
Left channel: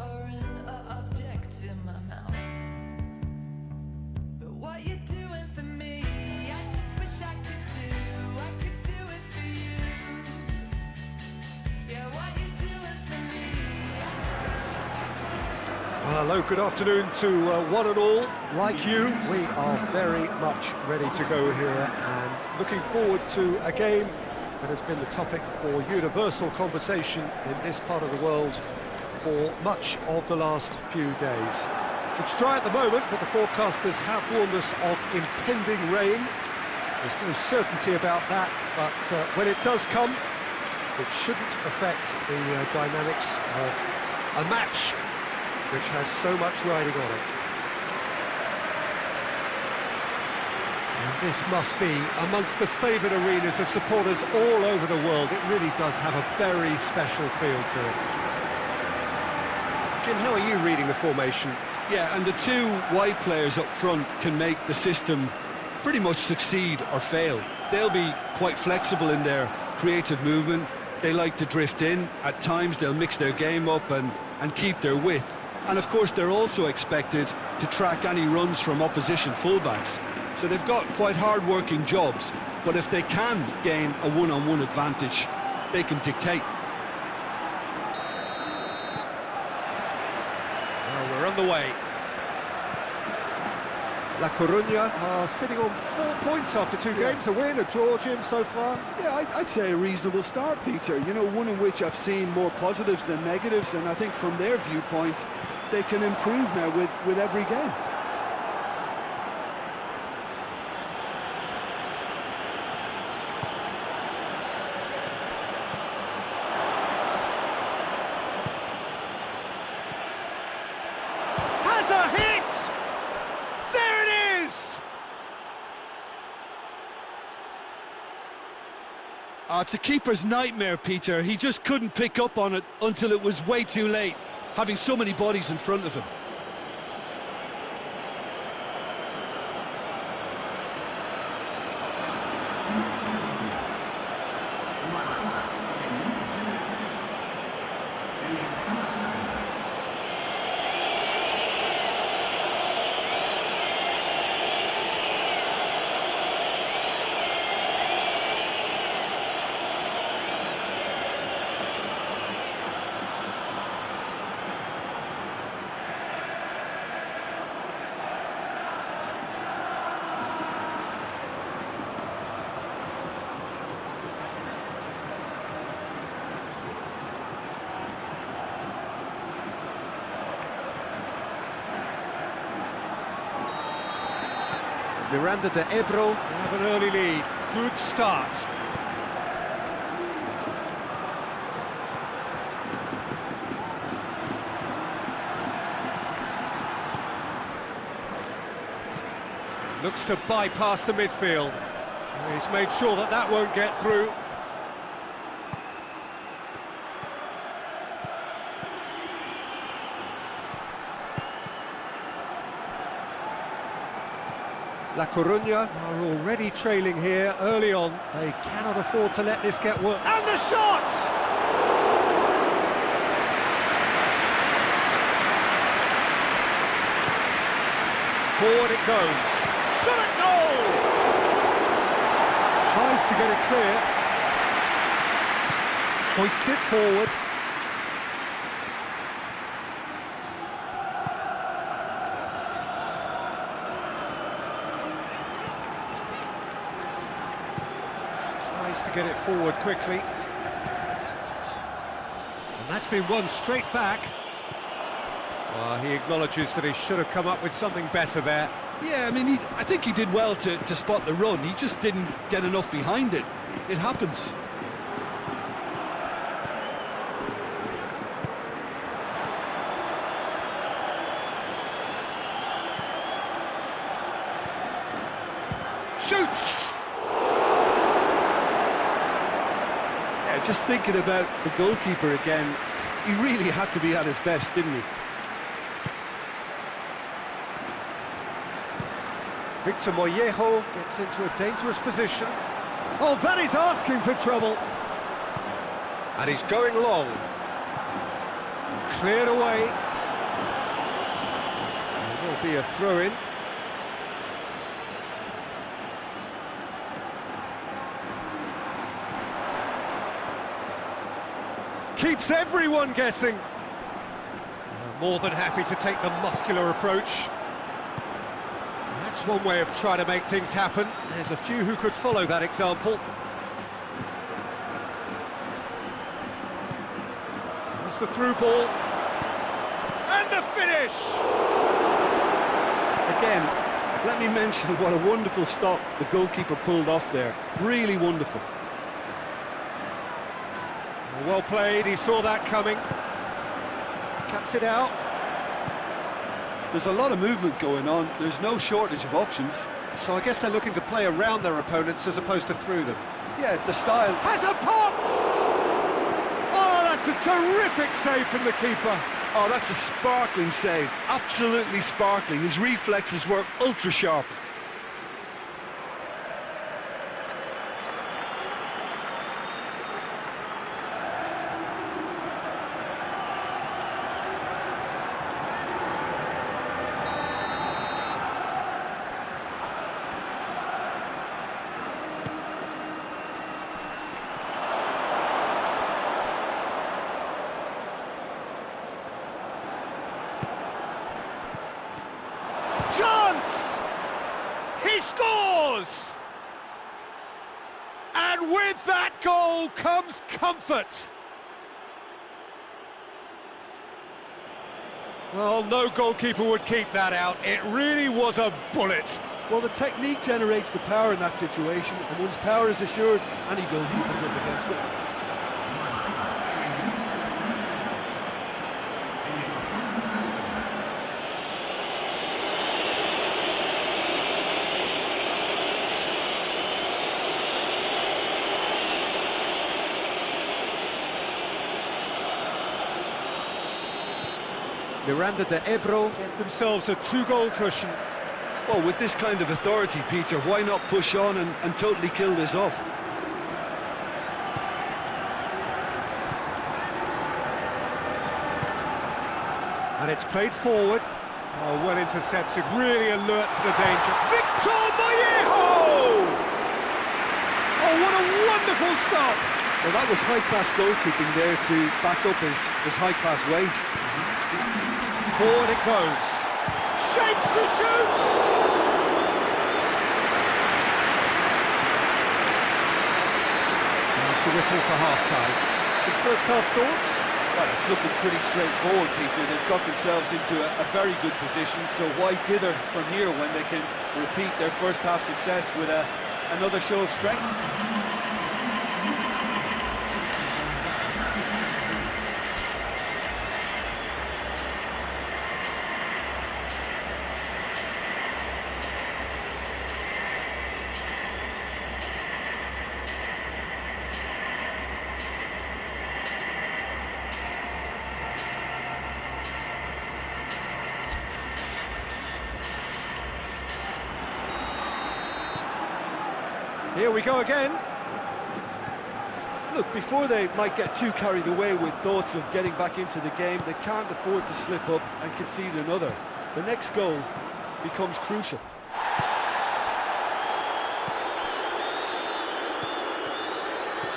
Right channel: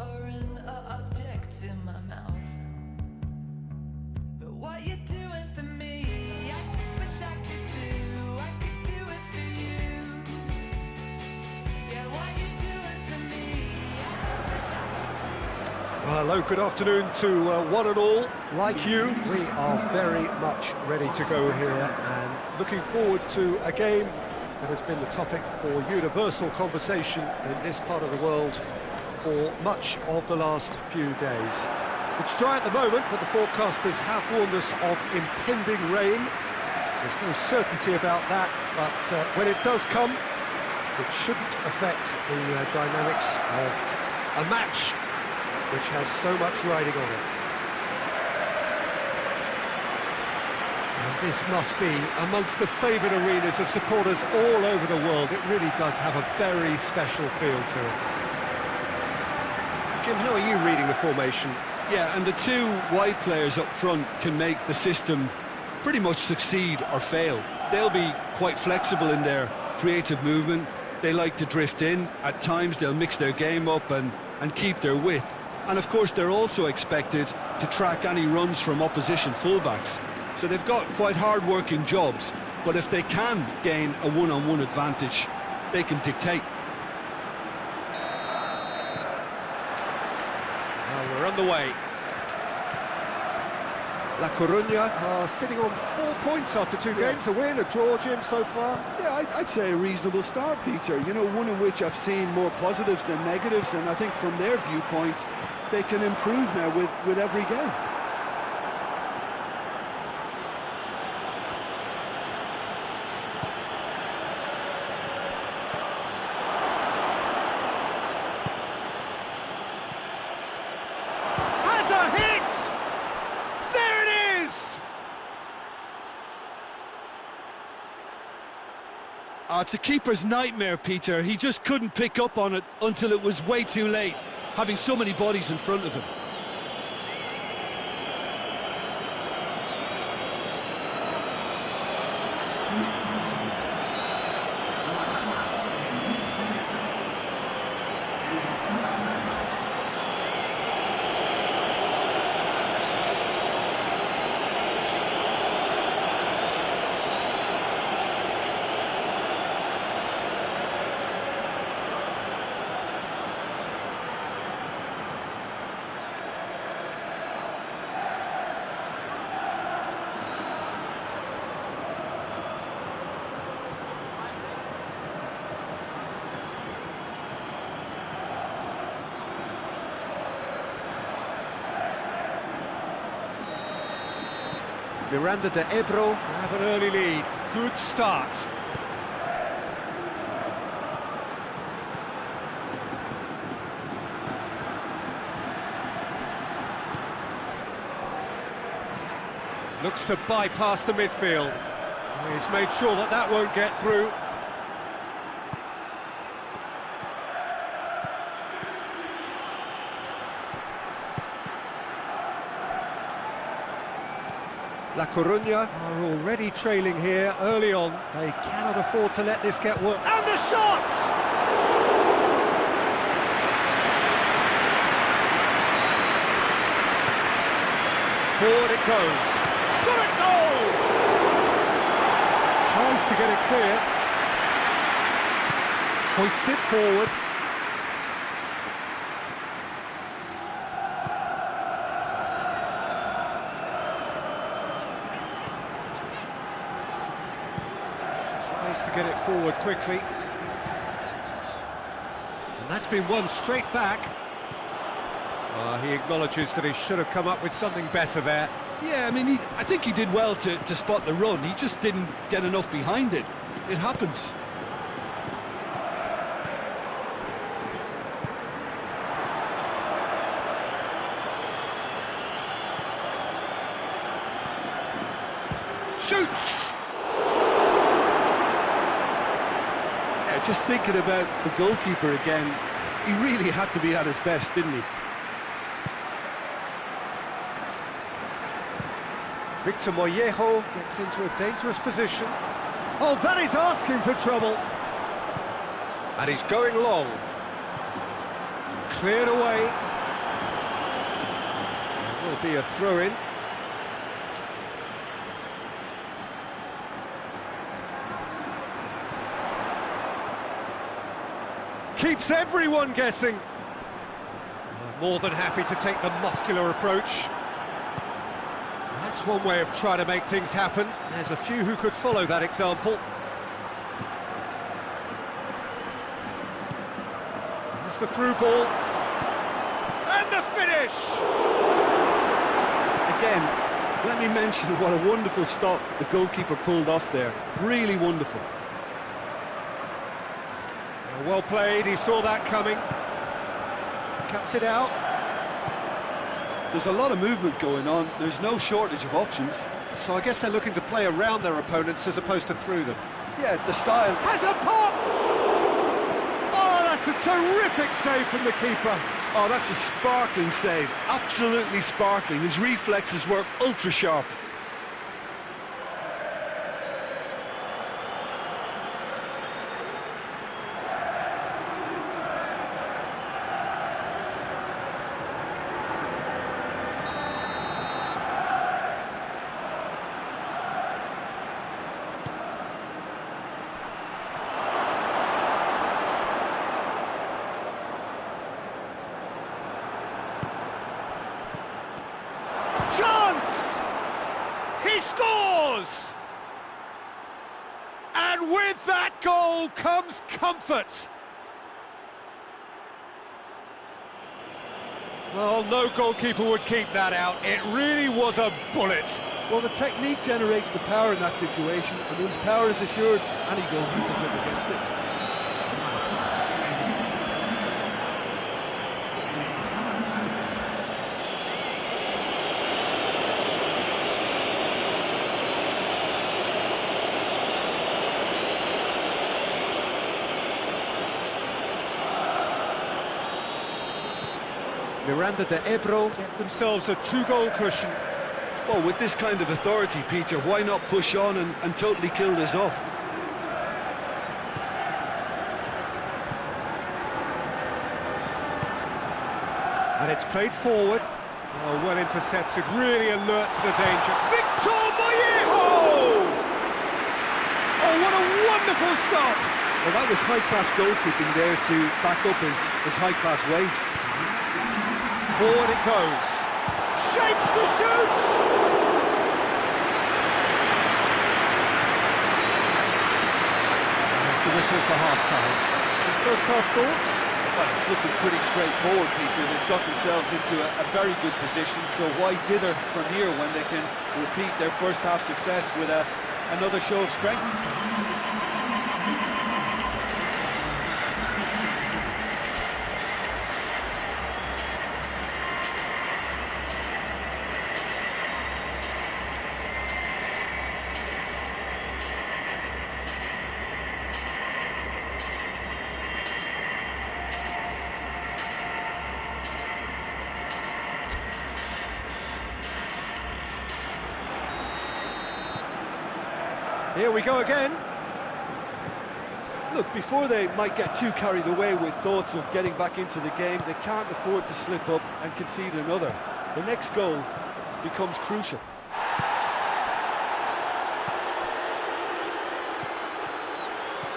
foreign object in my mouth. But what you doing for me? I just wish I could do it for you. Yeah, what you doing for me? I just wish I could do. Well, hello, good afternoon to one and all. Like you, we are very much ready to go here and looking forward to a game that has been the topic for universal conversation in this part of the world for much of the last few days. It's dry at the moment, but the forecasters have warned us of impending rain. There's no certainty about that, but when it does come, it shouldn't affect the dynamics of a match which has so much riding on it. And this must be amongst the favoured arenas of supporters all over the world. It really does have a very special feel to it. Jim, how are you reading the formation? Yeah, and the two wide players up front can make the system pretty much succeed or fail. They'll be quite flexible in their creative movement. They like to drift in. At times they'll mix their game up and keep their width. And of course they're also expected to track any runs from opposition fullbacks. So they've got quite hard-working jobs, but if they can gain a one-on-one advantage, they can dictate. Well, we're on the way. La Coruña are sitting on 4 points after two games, a win, a draw, Jim, so far. Yeah, I'd say a reasonable start, Peter. You know, one in which I've seen more positives than negatives, and I think from their viewpoint, they can improve now with every game. Has a hit! There it is! Oh, it's a keeper's nightmare, Peter. He just couldn't pick up on it until it was way too late, having so many bodies in front of him. Miranda de Ebro have an early lead. Good start. Looks to bypass the midfield. He's made sure that that won't get through. La Coruña are already trailing here early on. They cannot afford to let this get worse. And the shot! Forward it goes. Shot at goal! Tries to get it clear. Hoists it forward. Tries to get it forward quickly. And that's been won straight back. He acknowledges that he should have come up with something better there. Yeah, I mean, I think he did well to spot the run. He just didn't get enough behind it. It happens. Shoots! Yeah, just thinking about the goalkeeper again, he really had to be at his best, didn't he? Victor Mollejo gets into a dangerous position. Oh, that is asking for trouble. And he's going long. Cleared away. Will be a throw-in. Keeps everyone guessing. More than happy to take the muscular approach. That's one way of trying to make things happen. There's a few who could follow that example. There's the through ball. And the finish! Again, let me mention what a wonderful stop the goalkeeper pulled off there. Really wonderful. Well played, he saw that coming. Cuts it out. There's a lot of movement going on. There's no shortage of options. So I guess they're looking to play around their opponents as opposed to through them. Yeah, the style. Has a pop! Oh, that's a terrific save from the keeper. Oh, that's a sparkling save. Absolutely sparkling. His reflexes were ultra sharp. Chance! He scores! And with that goal comes comfort. Well, no goalkeeper would keep that out. It really was a bullet. Well, the technique generates the power in that situation, and once power is assured, any goalkeeper's up against it. Miranda de Ebro get themselves a 2-goal cushion. Well, with this kind of authority, Peter, why not push on and totally kill this off? And it's played forward. Oh, well intercepted, really alert to the danger. Victor Mollejo! Oh, what a wonderful stop! Well, that was high-class goalkeeping there to back up his high-class wage. Forward it goes. Shapes to shoot! There's the whistle for half-time. Some first-half thoughts? Well, it's looking pretty straightforward, Peter. They've got themselves into a very good position, so why dither from here when they can repeat their first-half success with another show of strength? Here we go again. Look, before they might get too carried away with thoughts of getting back into the game, they can't afford to slip up and concede another. The next goal becomes crucial.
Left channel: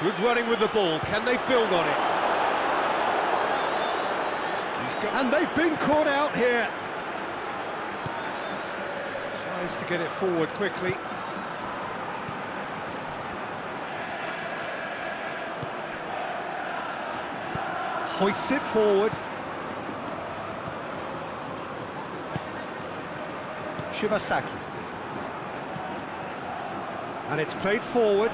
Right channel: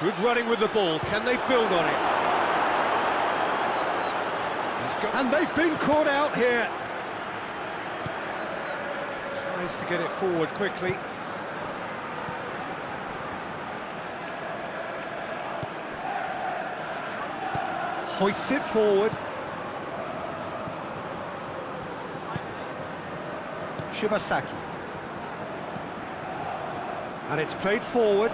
Good running with the ball. Can they build on it? And they've been caught out here. Tries to get it forward quickly. Hoists it forward. Shibasaki. And it's played forward.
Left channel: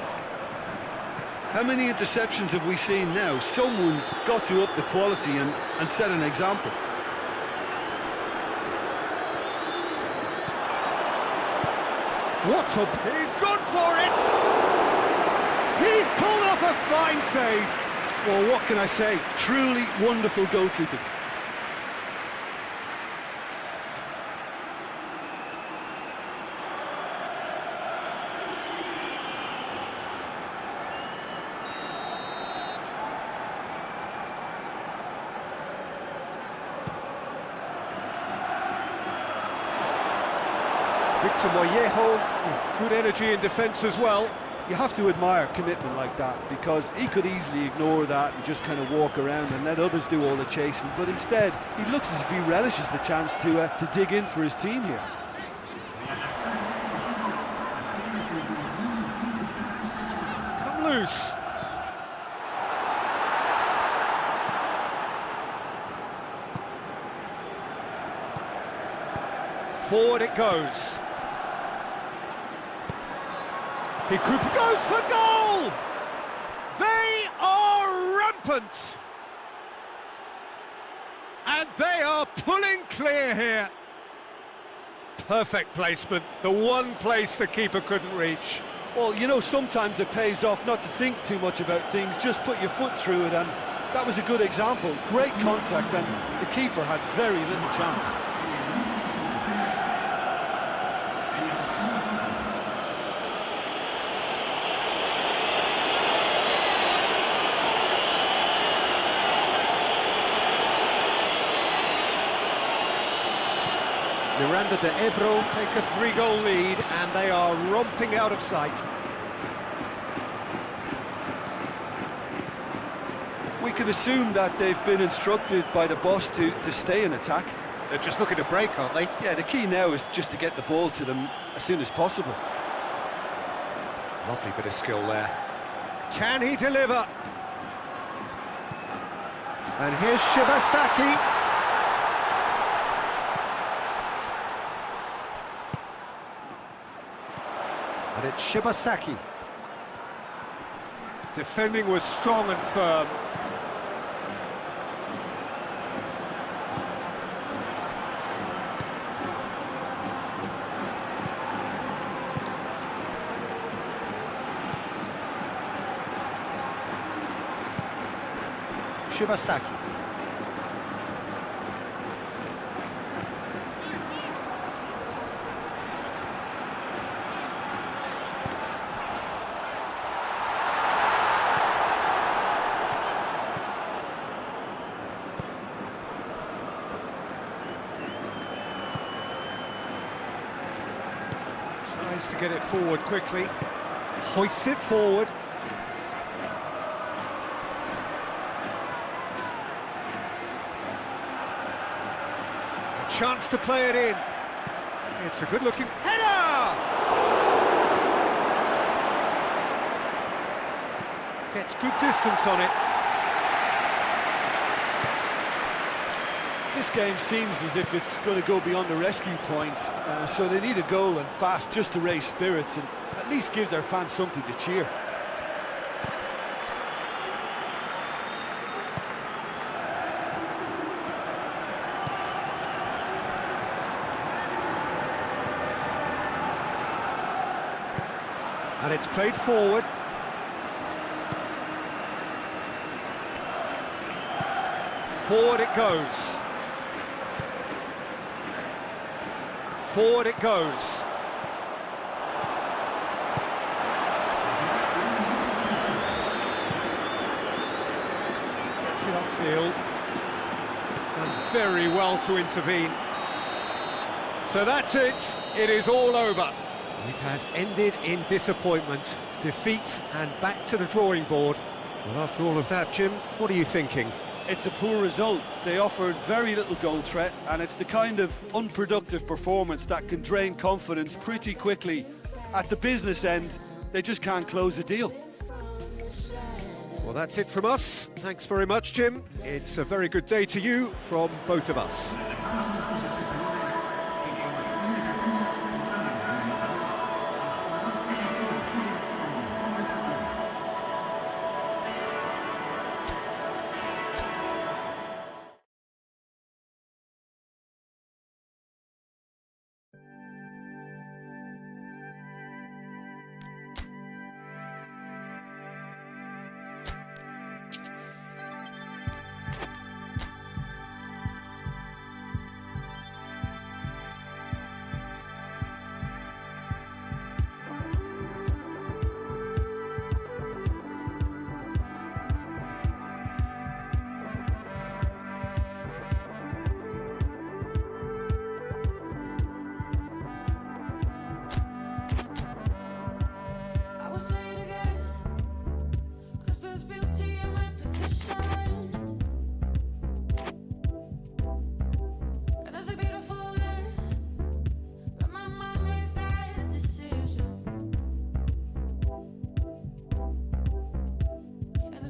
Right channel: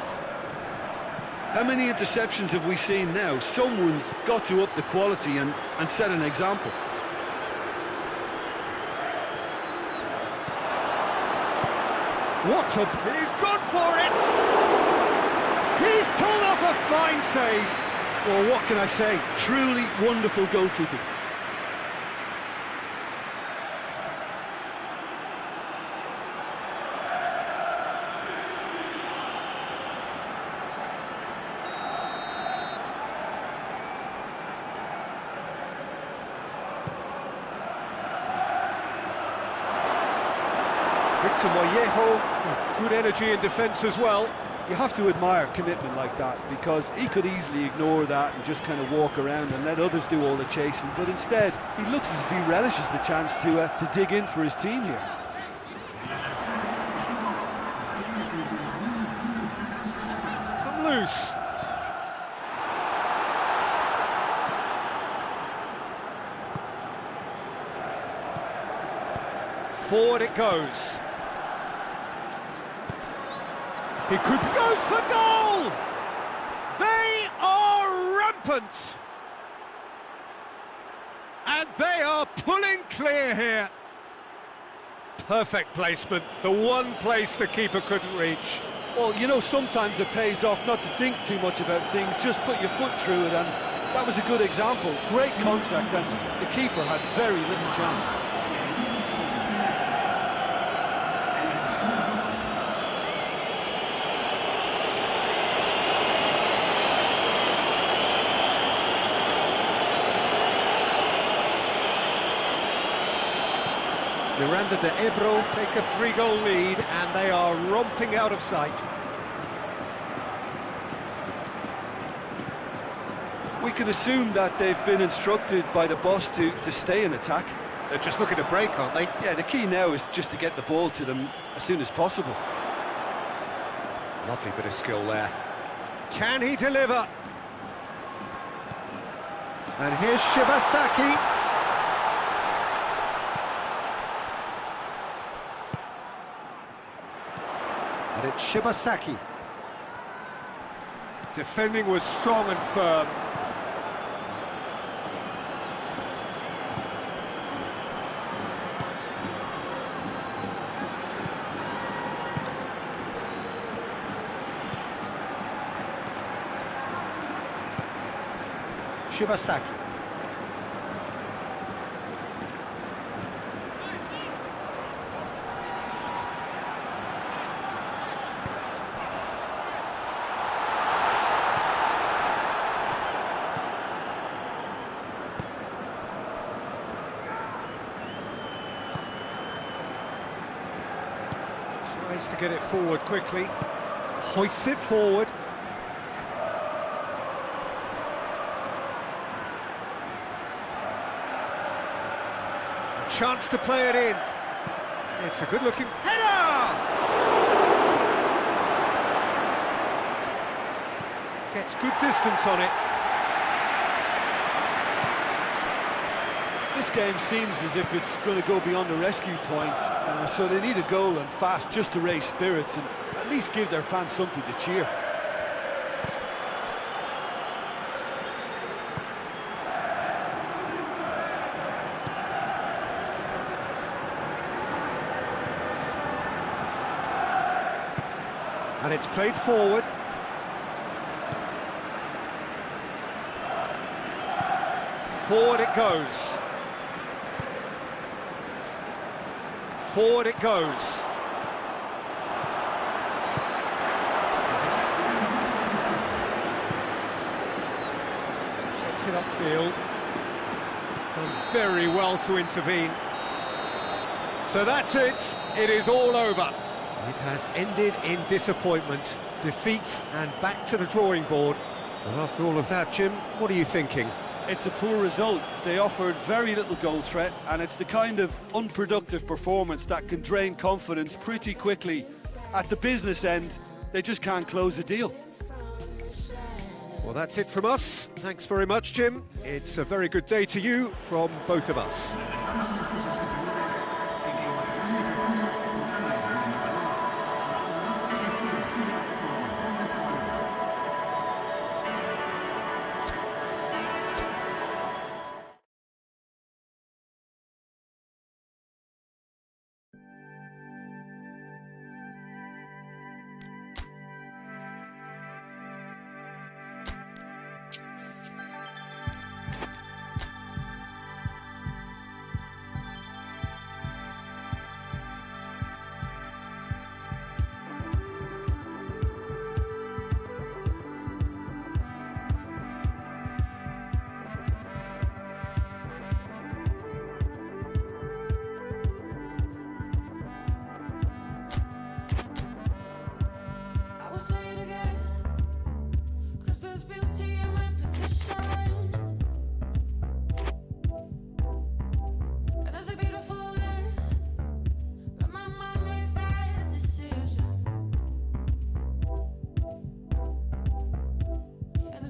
How many interceptions have we seen now? Someone's got to up the quality and set an example. What's up? He's gone for it! He's pulled off a fine save. Well, what can I say? Truly wonderful goalkeeping. to Mollejo, with good energy in defence as well. You have to admire commitment like that, because he could easily ignore that and just kind of walk around and let others do all the chasing, but instead he looks as if he relishes the chance to dig in for his team here. It's come loose. Forward it goes. He could goes for goal! They are rampant! And they are pulling clear here. Perfect placement, the one place the keeper couldn't reach. Well, you know, sometimes it pays off not to think too much about things, just put your foot through it, and that was a good example. Great contact, and the keeper had very little chance. Miranda de Ebro take a 3-goal lead, and they are romping out of sight. We can assume that they've been instructed by the boss to stay in attack. They're just looking to break, aren't they? Yeah, the key now is just to get the ball to them as soon as possible. Lovely bit of skill there. Can he deliver? And here's Shibasaki. And it's Shibasaki. Defending was strong and firm. Shibasaki. Tries to get it forward quickly. Hoists it forward. A chance to play it in. It's a good-looking header! Gets good distance on it. This game seems as if it's going to go beyond the rescue point, so they need a goal and fast just to raise spirits and at least give their fans something to cheer. And it's played forward. Forward it goes. Forward it goes. Gets it upfield. Done very well to intervene. So that's it. It is all over. It has ended in disappointment, defeat, and back to the drawing board. Well, after all of that, Jim, what are you thinking? It's a poor result. They offered very little goal threat, and it's the kind of unproductive performance that can drain confidence pretty quickly. At the business end, they just can't close a deal. Well, that's it from us. Thanks very much, Jim. It's a very good day to you from both of us.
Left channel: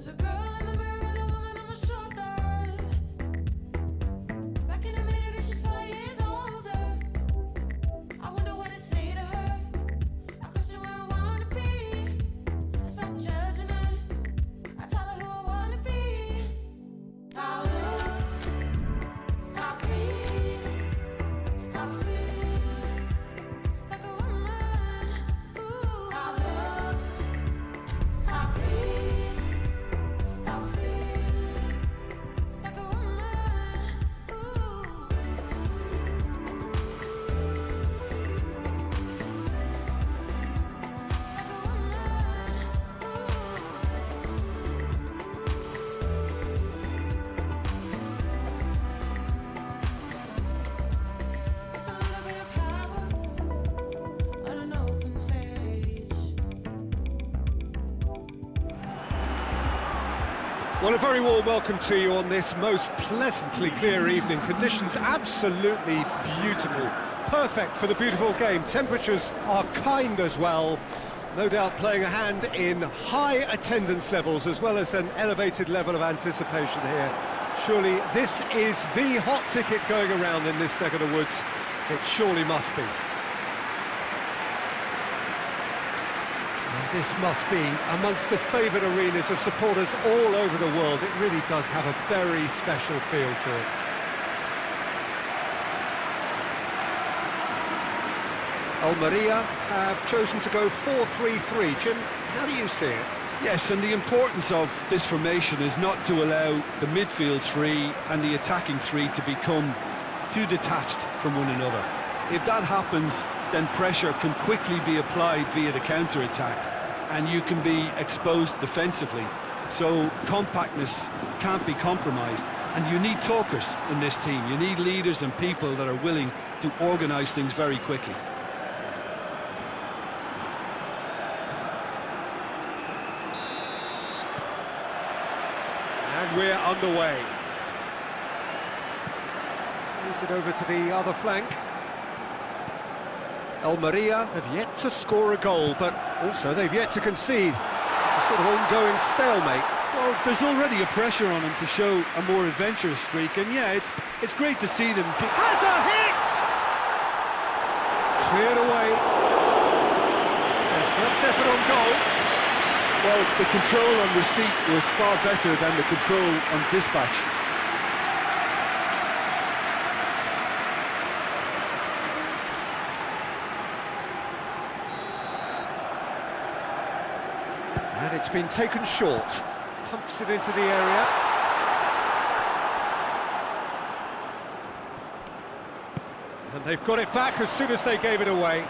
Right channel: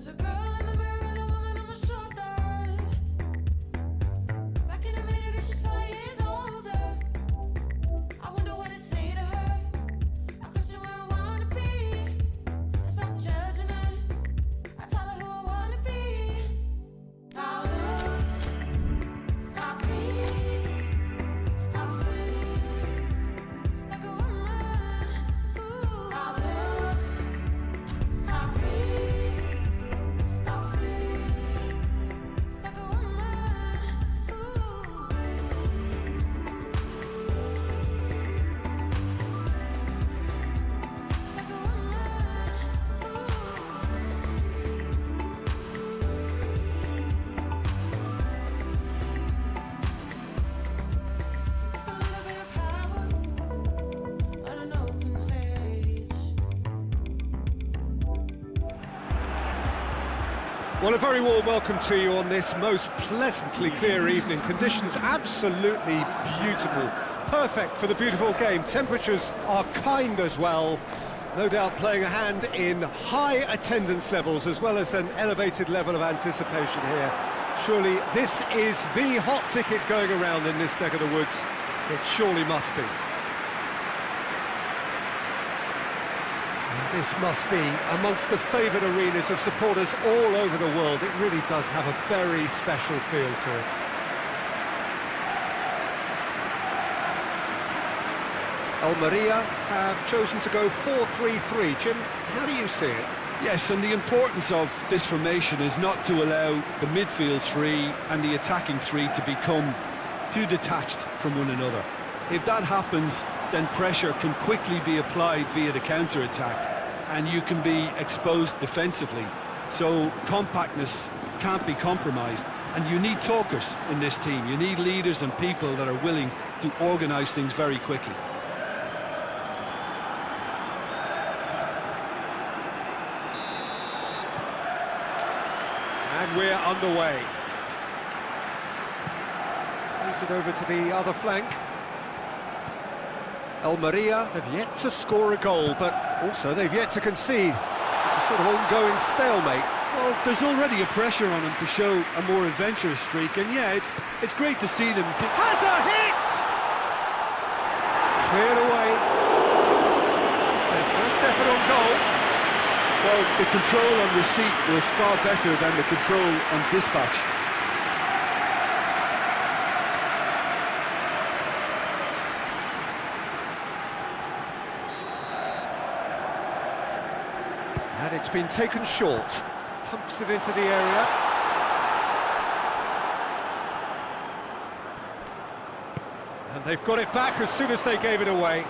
There's a girl in the mirror and a woman on my shoulder. Back in a minute and she's 5 years older. I wonder what to say to her. I question where I wanna be. I stop judging her. I tell her who I wanna be. I look, I breathe, I feel like a woman. Ooh, I look, I breathe, I feel like a woman. Ooh. Like a woman, just a little bit of power on an open stage. Well, a very warm welcome to you on this most pleasantly clear evening. Conditions absolutely beautiful, perfect for the beautiful game. Temperatures are kind as well, no doubt playing a hand in high attendance levels as well as an elevated level of anticipation here. Surely this is the hot ticket going around in this neck of the woods. It surely must be. This must be amongst the favoured arenas of supporters all over the world. It really does have a very special feel to it. Almeria have chosen to go 4-3-3. Jim, how do you see it? Yes, and the importance of this formation is not to allow the midfield three and the attacking three to become too detached from one another. If that happens, then pressure can quickly be applied via the counter-attack and you can be exposed defensively. So compactness can't be compromised, and you need talkers in this team. You need leaders and people that are willing to organise things very quickly. And we're underway. Plays it over to the other flank. Almeria have yet to score a goal, but also they've yet to concede. It's a sort of ongoing stalemate. Well, there's already a pressure on them to show a more adventurous streak, and yeah, it's great to see them. Has a hit! Cleared away. It's their first effort on goal. Well, the control on receipt was far better than the control on dispatch. And it's been taken short. Pumps it into the area. And they've got it back as soon as they gave it away.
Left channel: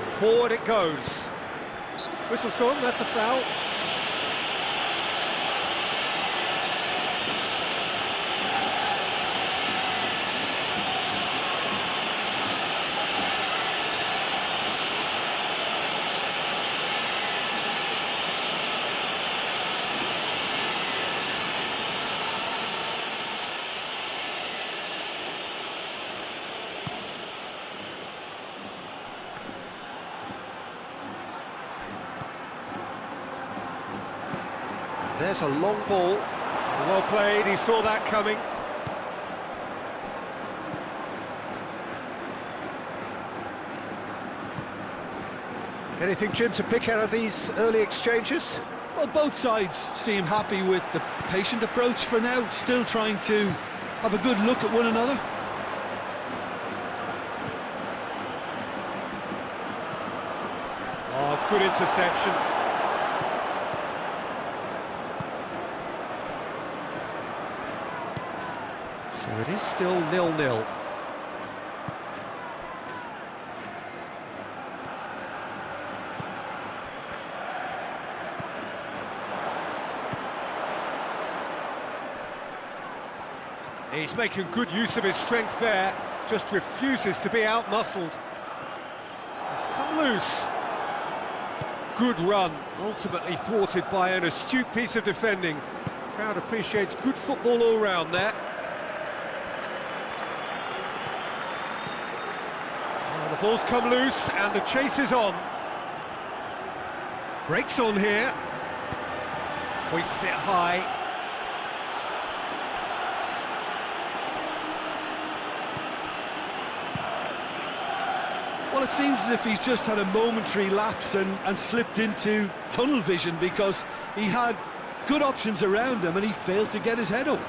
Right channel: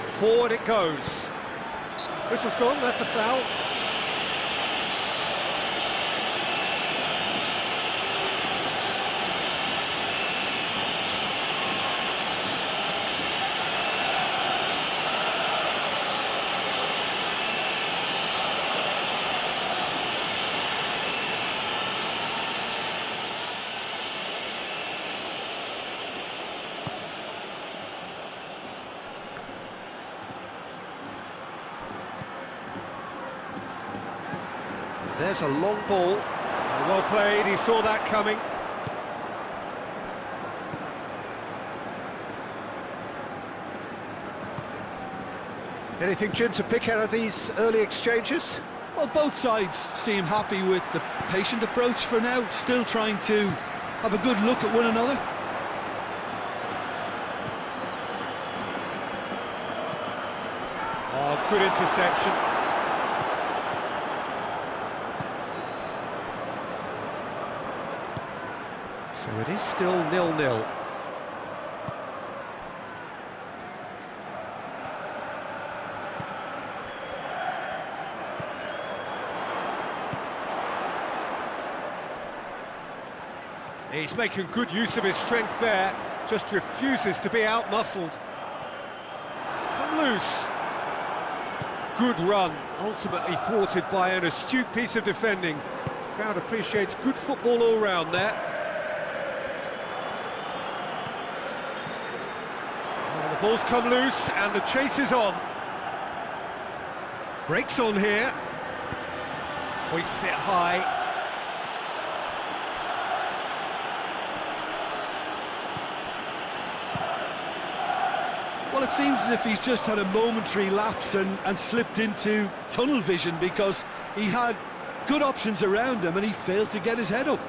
Forward it goes. Whistle's gone, that's a foul. There's a long ball. Well played, he saw that coming. Anything, Jim, to pick out of these early exchanges? Well, both sides seem happy with the patient approach for now, still trying to have a good look at one another. Oh, good interception. So it is still 0-0. He's making good use of his strength there, just refuses to be out-muscled. He's come loose. Good run, ultimately thwarted by an astute piece of defending. Crowd appreciates good football all round there. Well, the ball's come loose and the chase is on. Breaks on here. Hoists it high. Well, it seems as if he's just had a momentary lapse and slipped into tunnel vision, because he had good options around him and he failed to get his head up.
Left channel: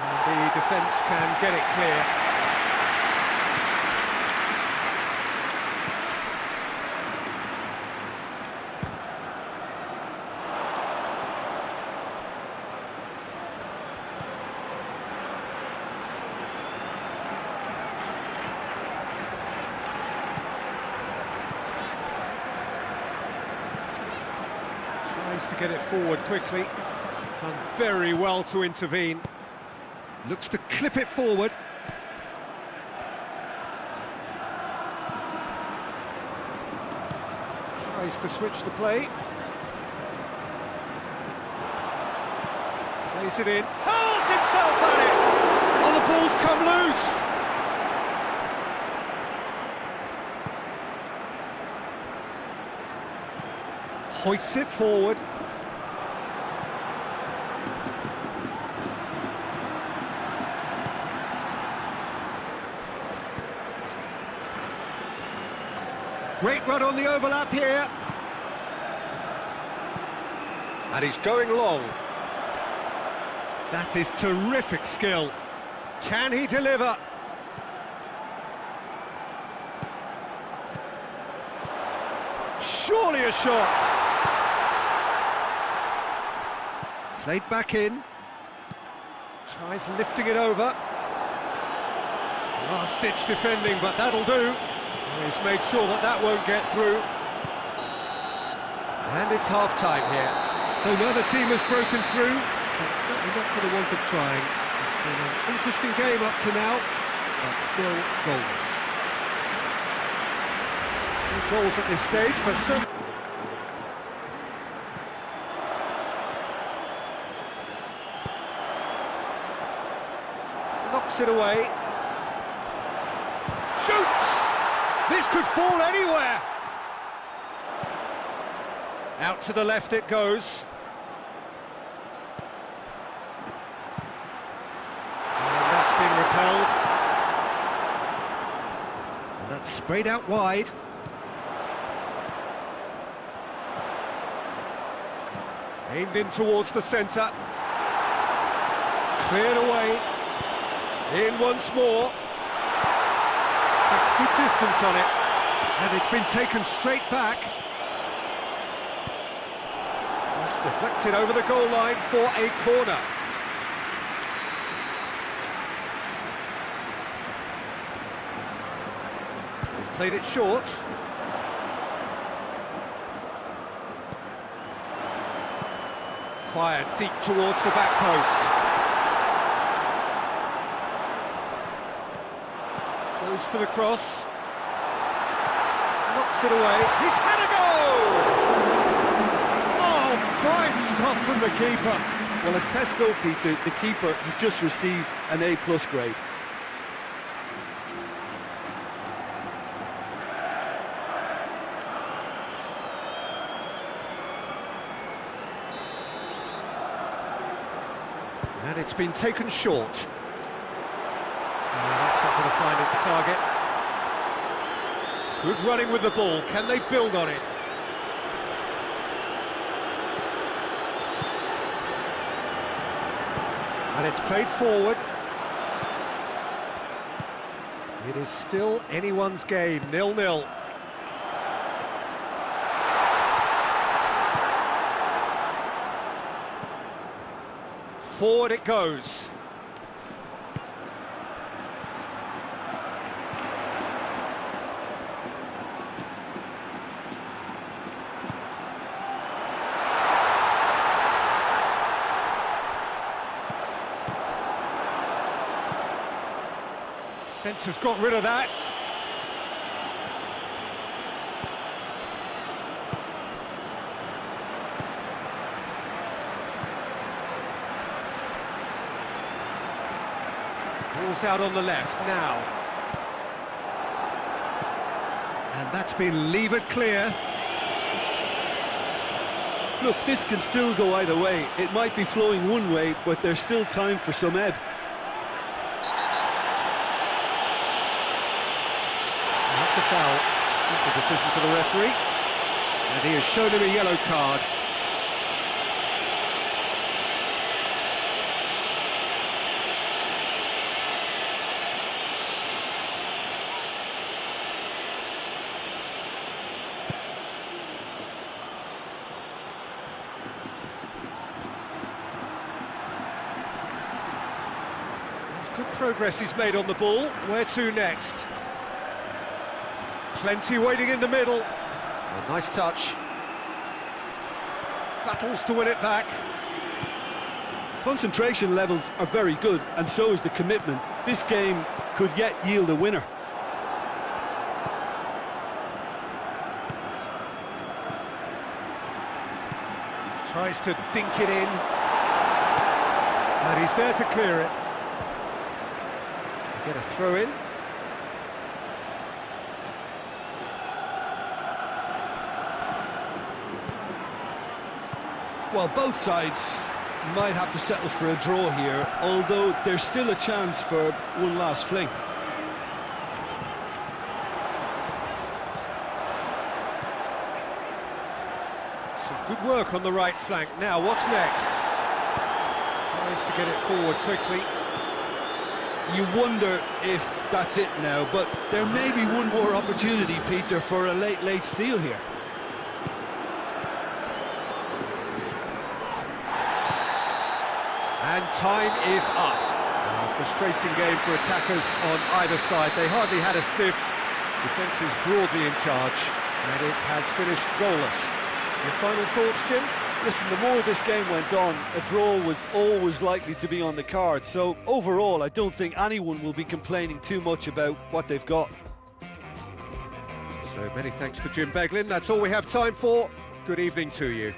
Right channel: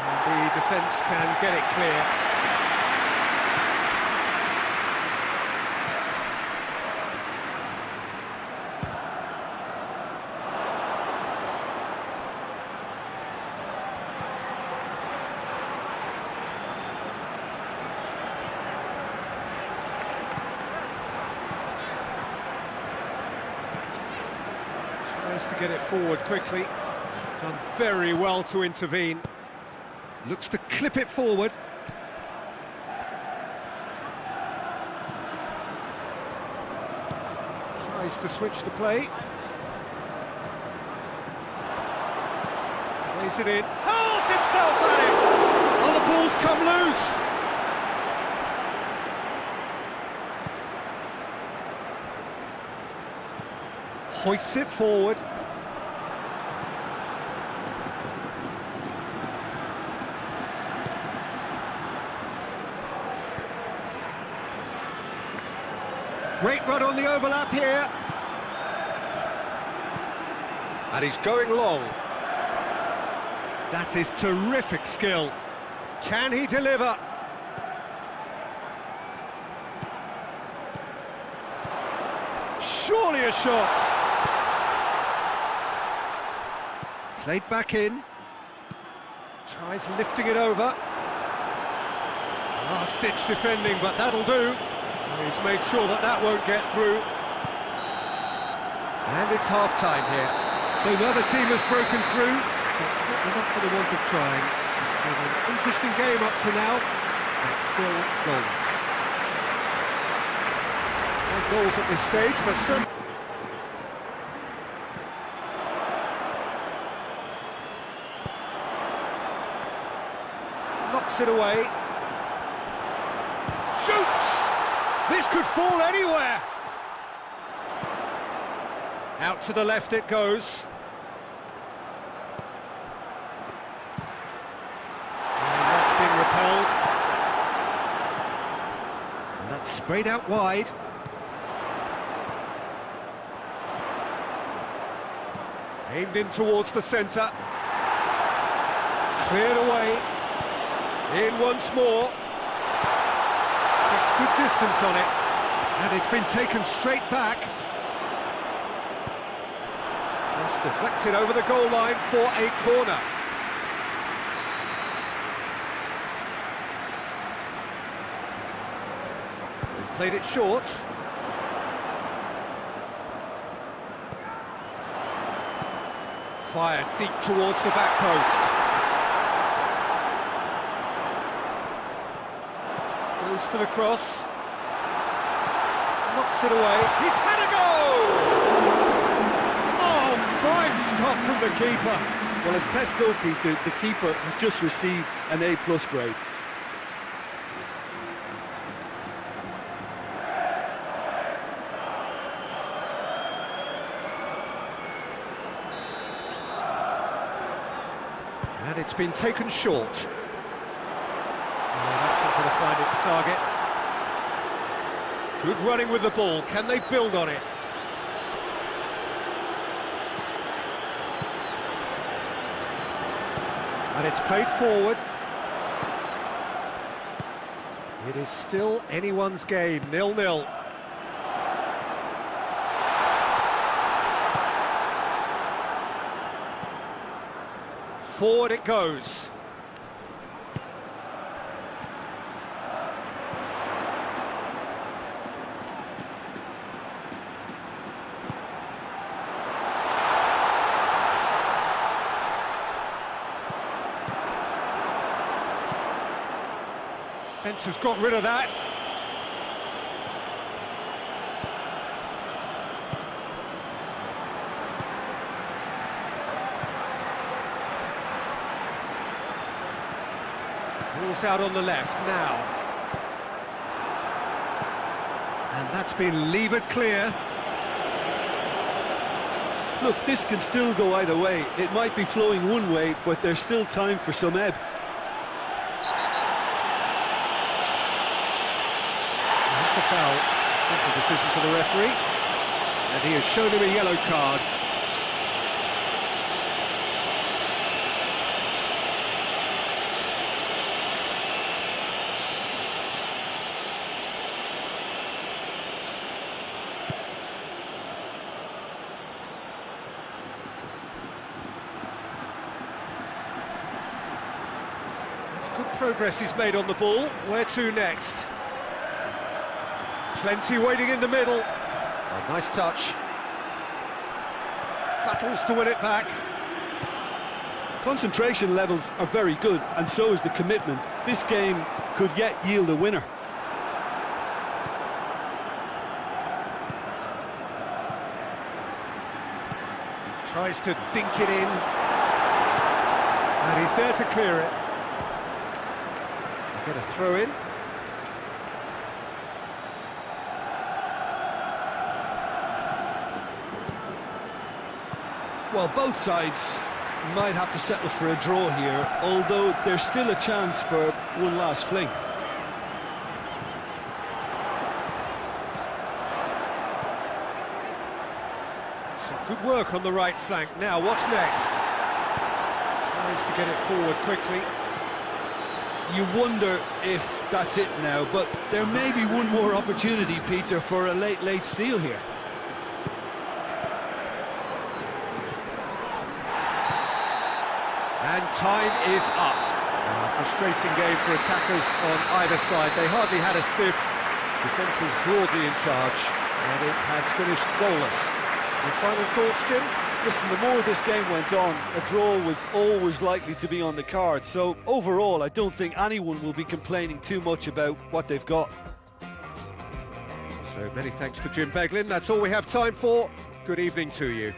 And the defence can get it clear. Tries to get it forward quickly. Done very well to intervene. Looks to clip it forward. Tries to switch the play. Plays it in. Hurls himself at it! Oh, the ball's come loose! Hoists it forward. Great run on the overlap here. And he's going long. That is terrific skill. Can he deliver? Surely a shot. Played back in. Tries lifting it over. Last-ditch defending, but that'll do. He's made sure that that won't get through. And it's half-time here. So neither team has broken through, but certainly not for the want of trying. It's been an interesting game up to now, but still goals. No goals at this stage, but some... Knocks it away. Shoots! This could fall anywhere! Out to the left it goes. And that's been repelled. And that's sprayed out wide. Aimed in towards the centre. Cleared away. In once more. Gets good distance on it. And it's been taken straight back. Cross deflected over the goal line for a corner. They've played it short. Fired deep towards the back post. Goes for the cross. Knocks it away. He's had a go! Oh, fine stop from the keeper. Well, as test goalkeeper, the keeper has just received an A+ grade. And it's been taken short. That's not going to find its target. Good running with the ball. Can they build on it? And it's played forward. It is still anyone's game, 0-0. Forward it goes. Defence has got rid of that. Ball's out on the left now. And that's been levered clear. Look, this can still go either way. It might be flowing one way, but there's still time for some ebb. That's a foul. Simple decision for the referee. And he has shown him a yellow card. That's good progress he's made on the ball. Where to next? Plenty waiting in the middle. Oh, nice touch. Battles to win it back. Concentration levels are very good, and so is the commitment. This game could yet yield a winner. Tries to dink it in. And he's there to clear it. Get a throw in. Well, both sides might have to settle for a draw here, although there's still a chance for one last fling. Some good work on the right flank. Now, what's next? Tries to get it forward quickly. You wonder if that's it now, but there may be one more opportunity, Peter, for a late steal here. And time is up. A frustrating game for attackers on either side. They hardly had a sniff. Defence is broadly in charge, and it has finished goalless. Your final thoughts, Jim? Listen, the more this game went on, a draw was always likely to be on the card. So overall, I don't think anyone will be complaining too much about what they've got. So many thanks to Jim Beglin. That's all we have time for. Good evening to you.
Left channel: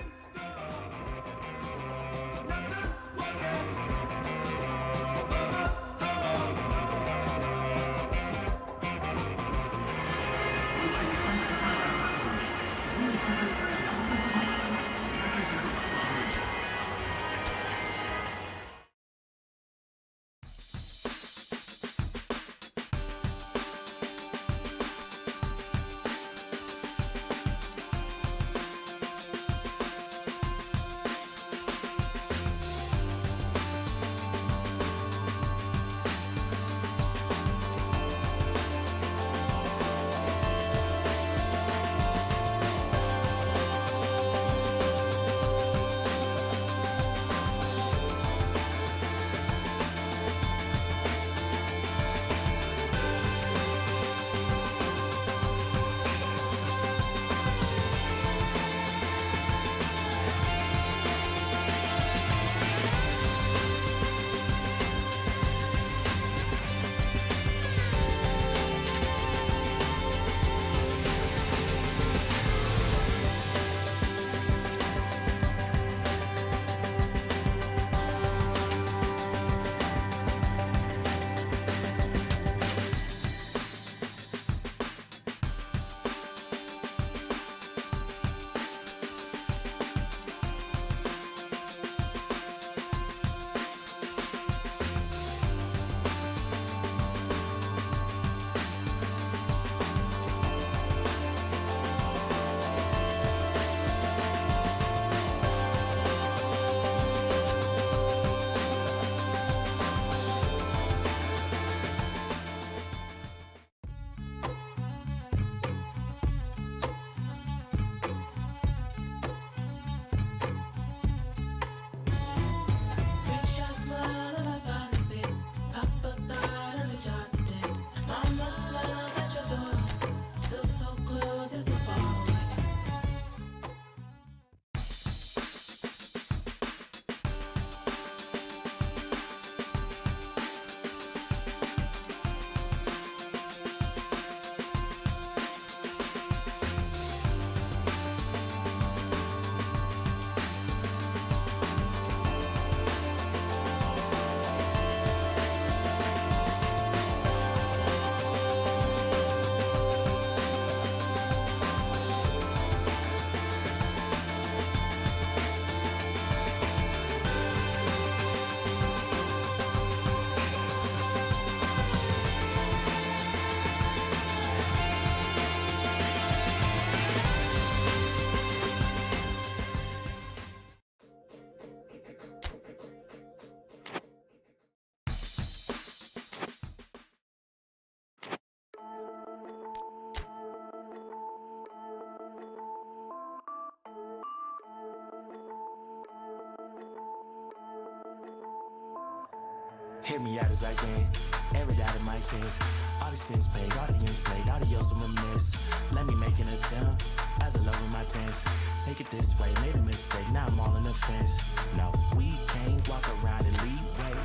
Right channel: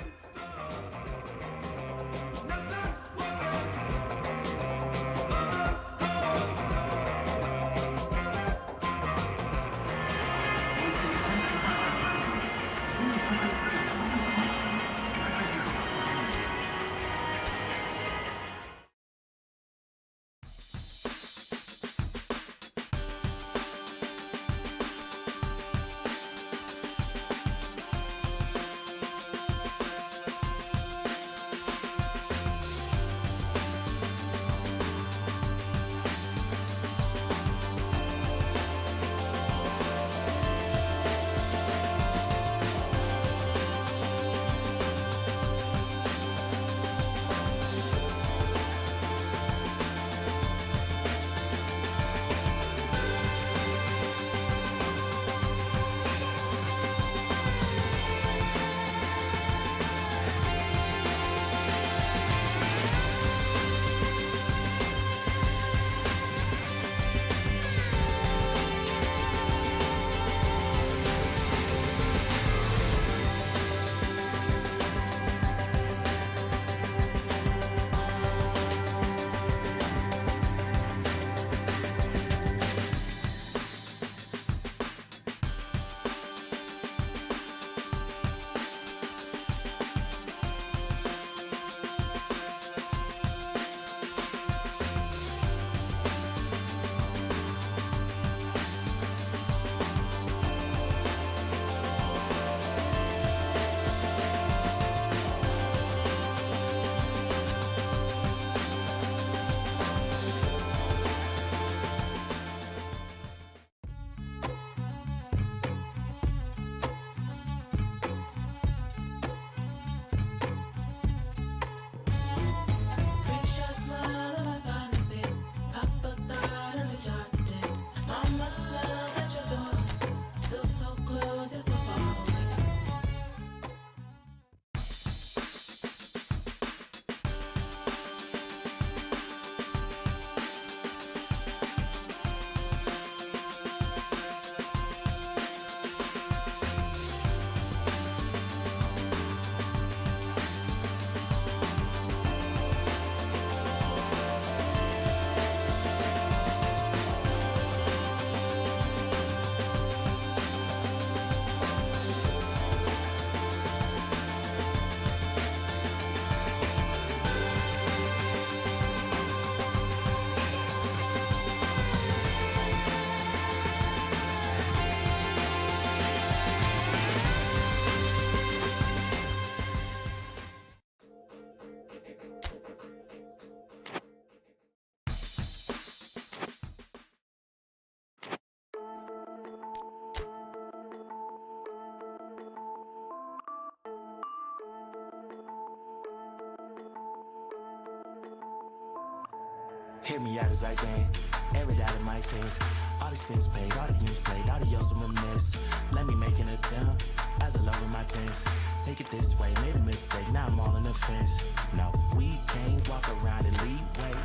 Hear me out as I can. Every doubt in my sense. All the spins paid, all the games played, adios and remiss. Let me make an attempt as I love in my tense. Take it this way, made a mistake, now I'm all in the fence. No, we can't walk around and lead way.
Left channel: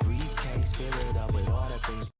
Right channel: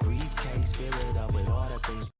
Briefcase, fill it up with all the things.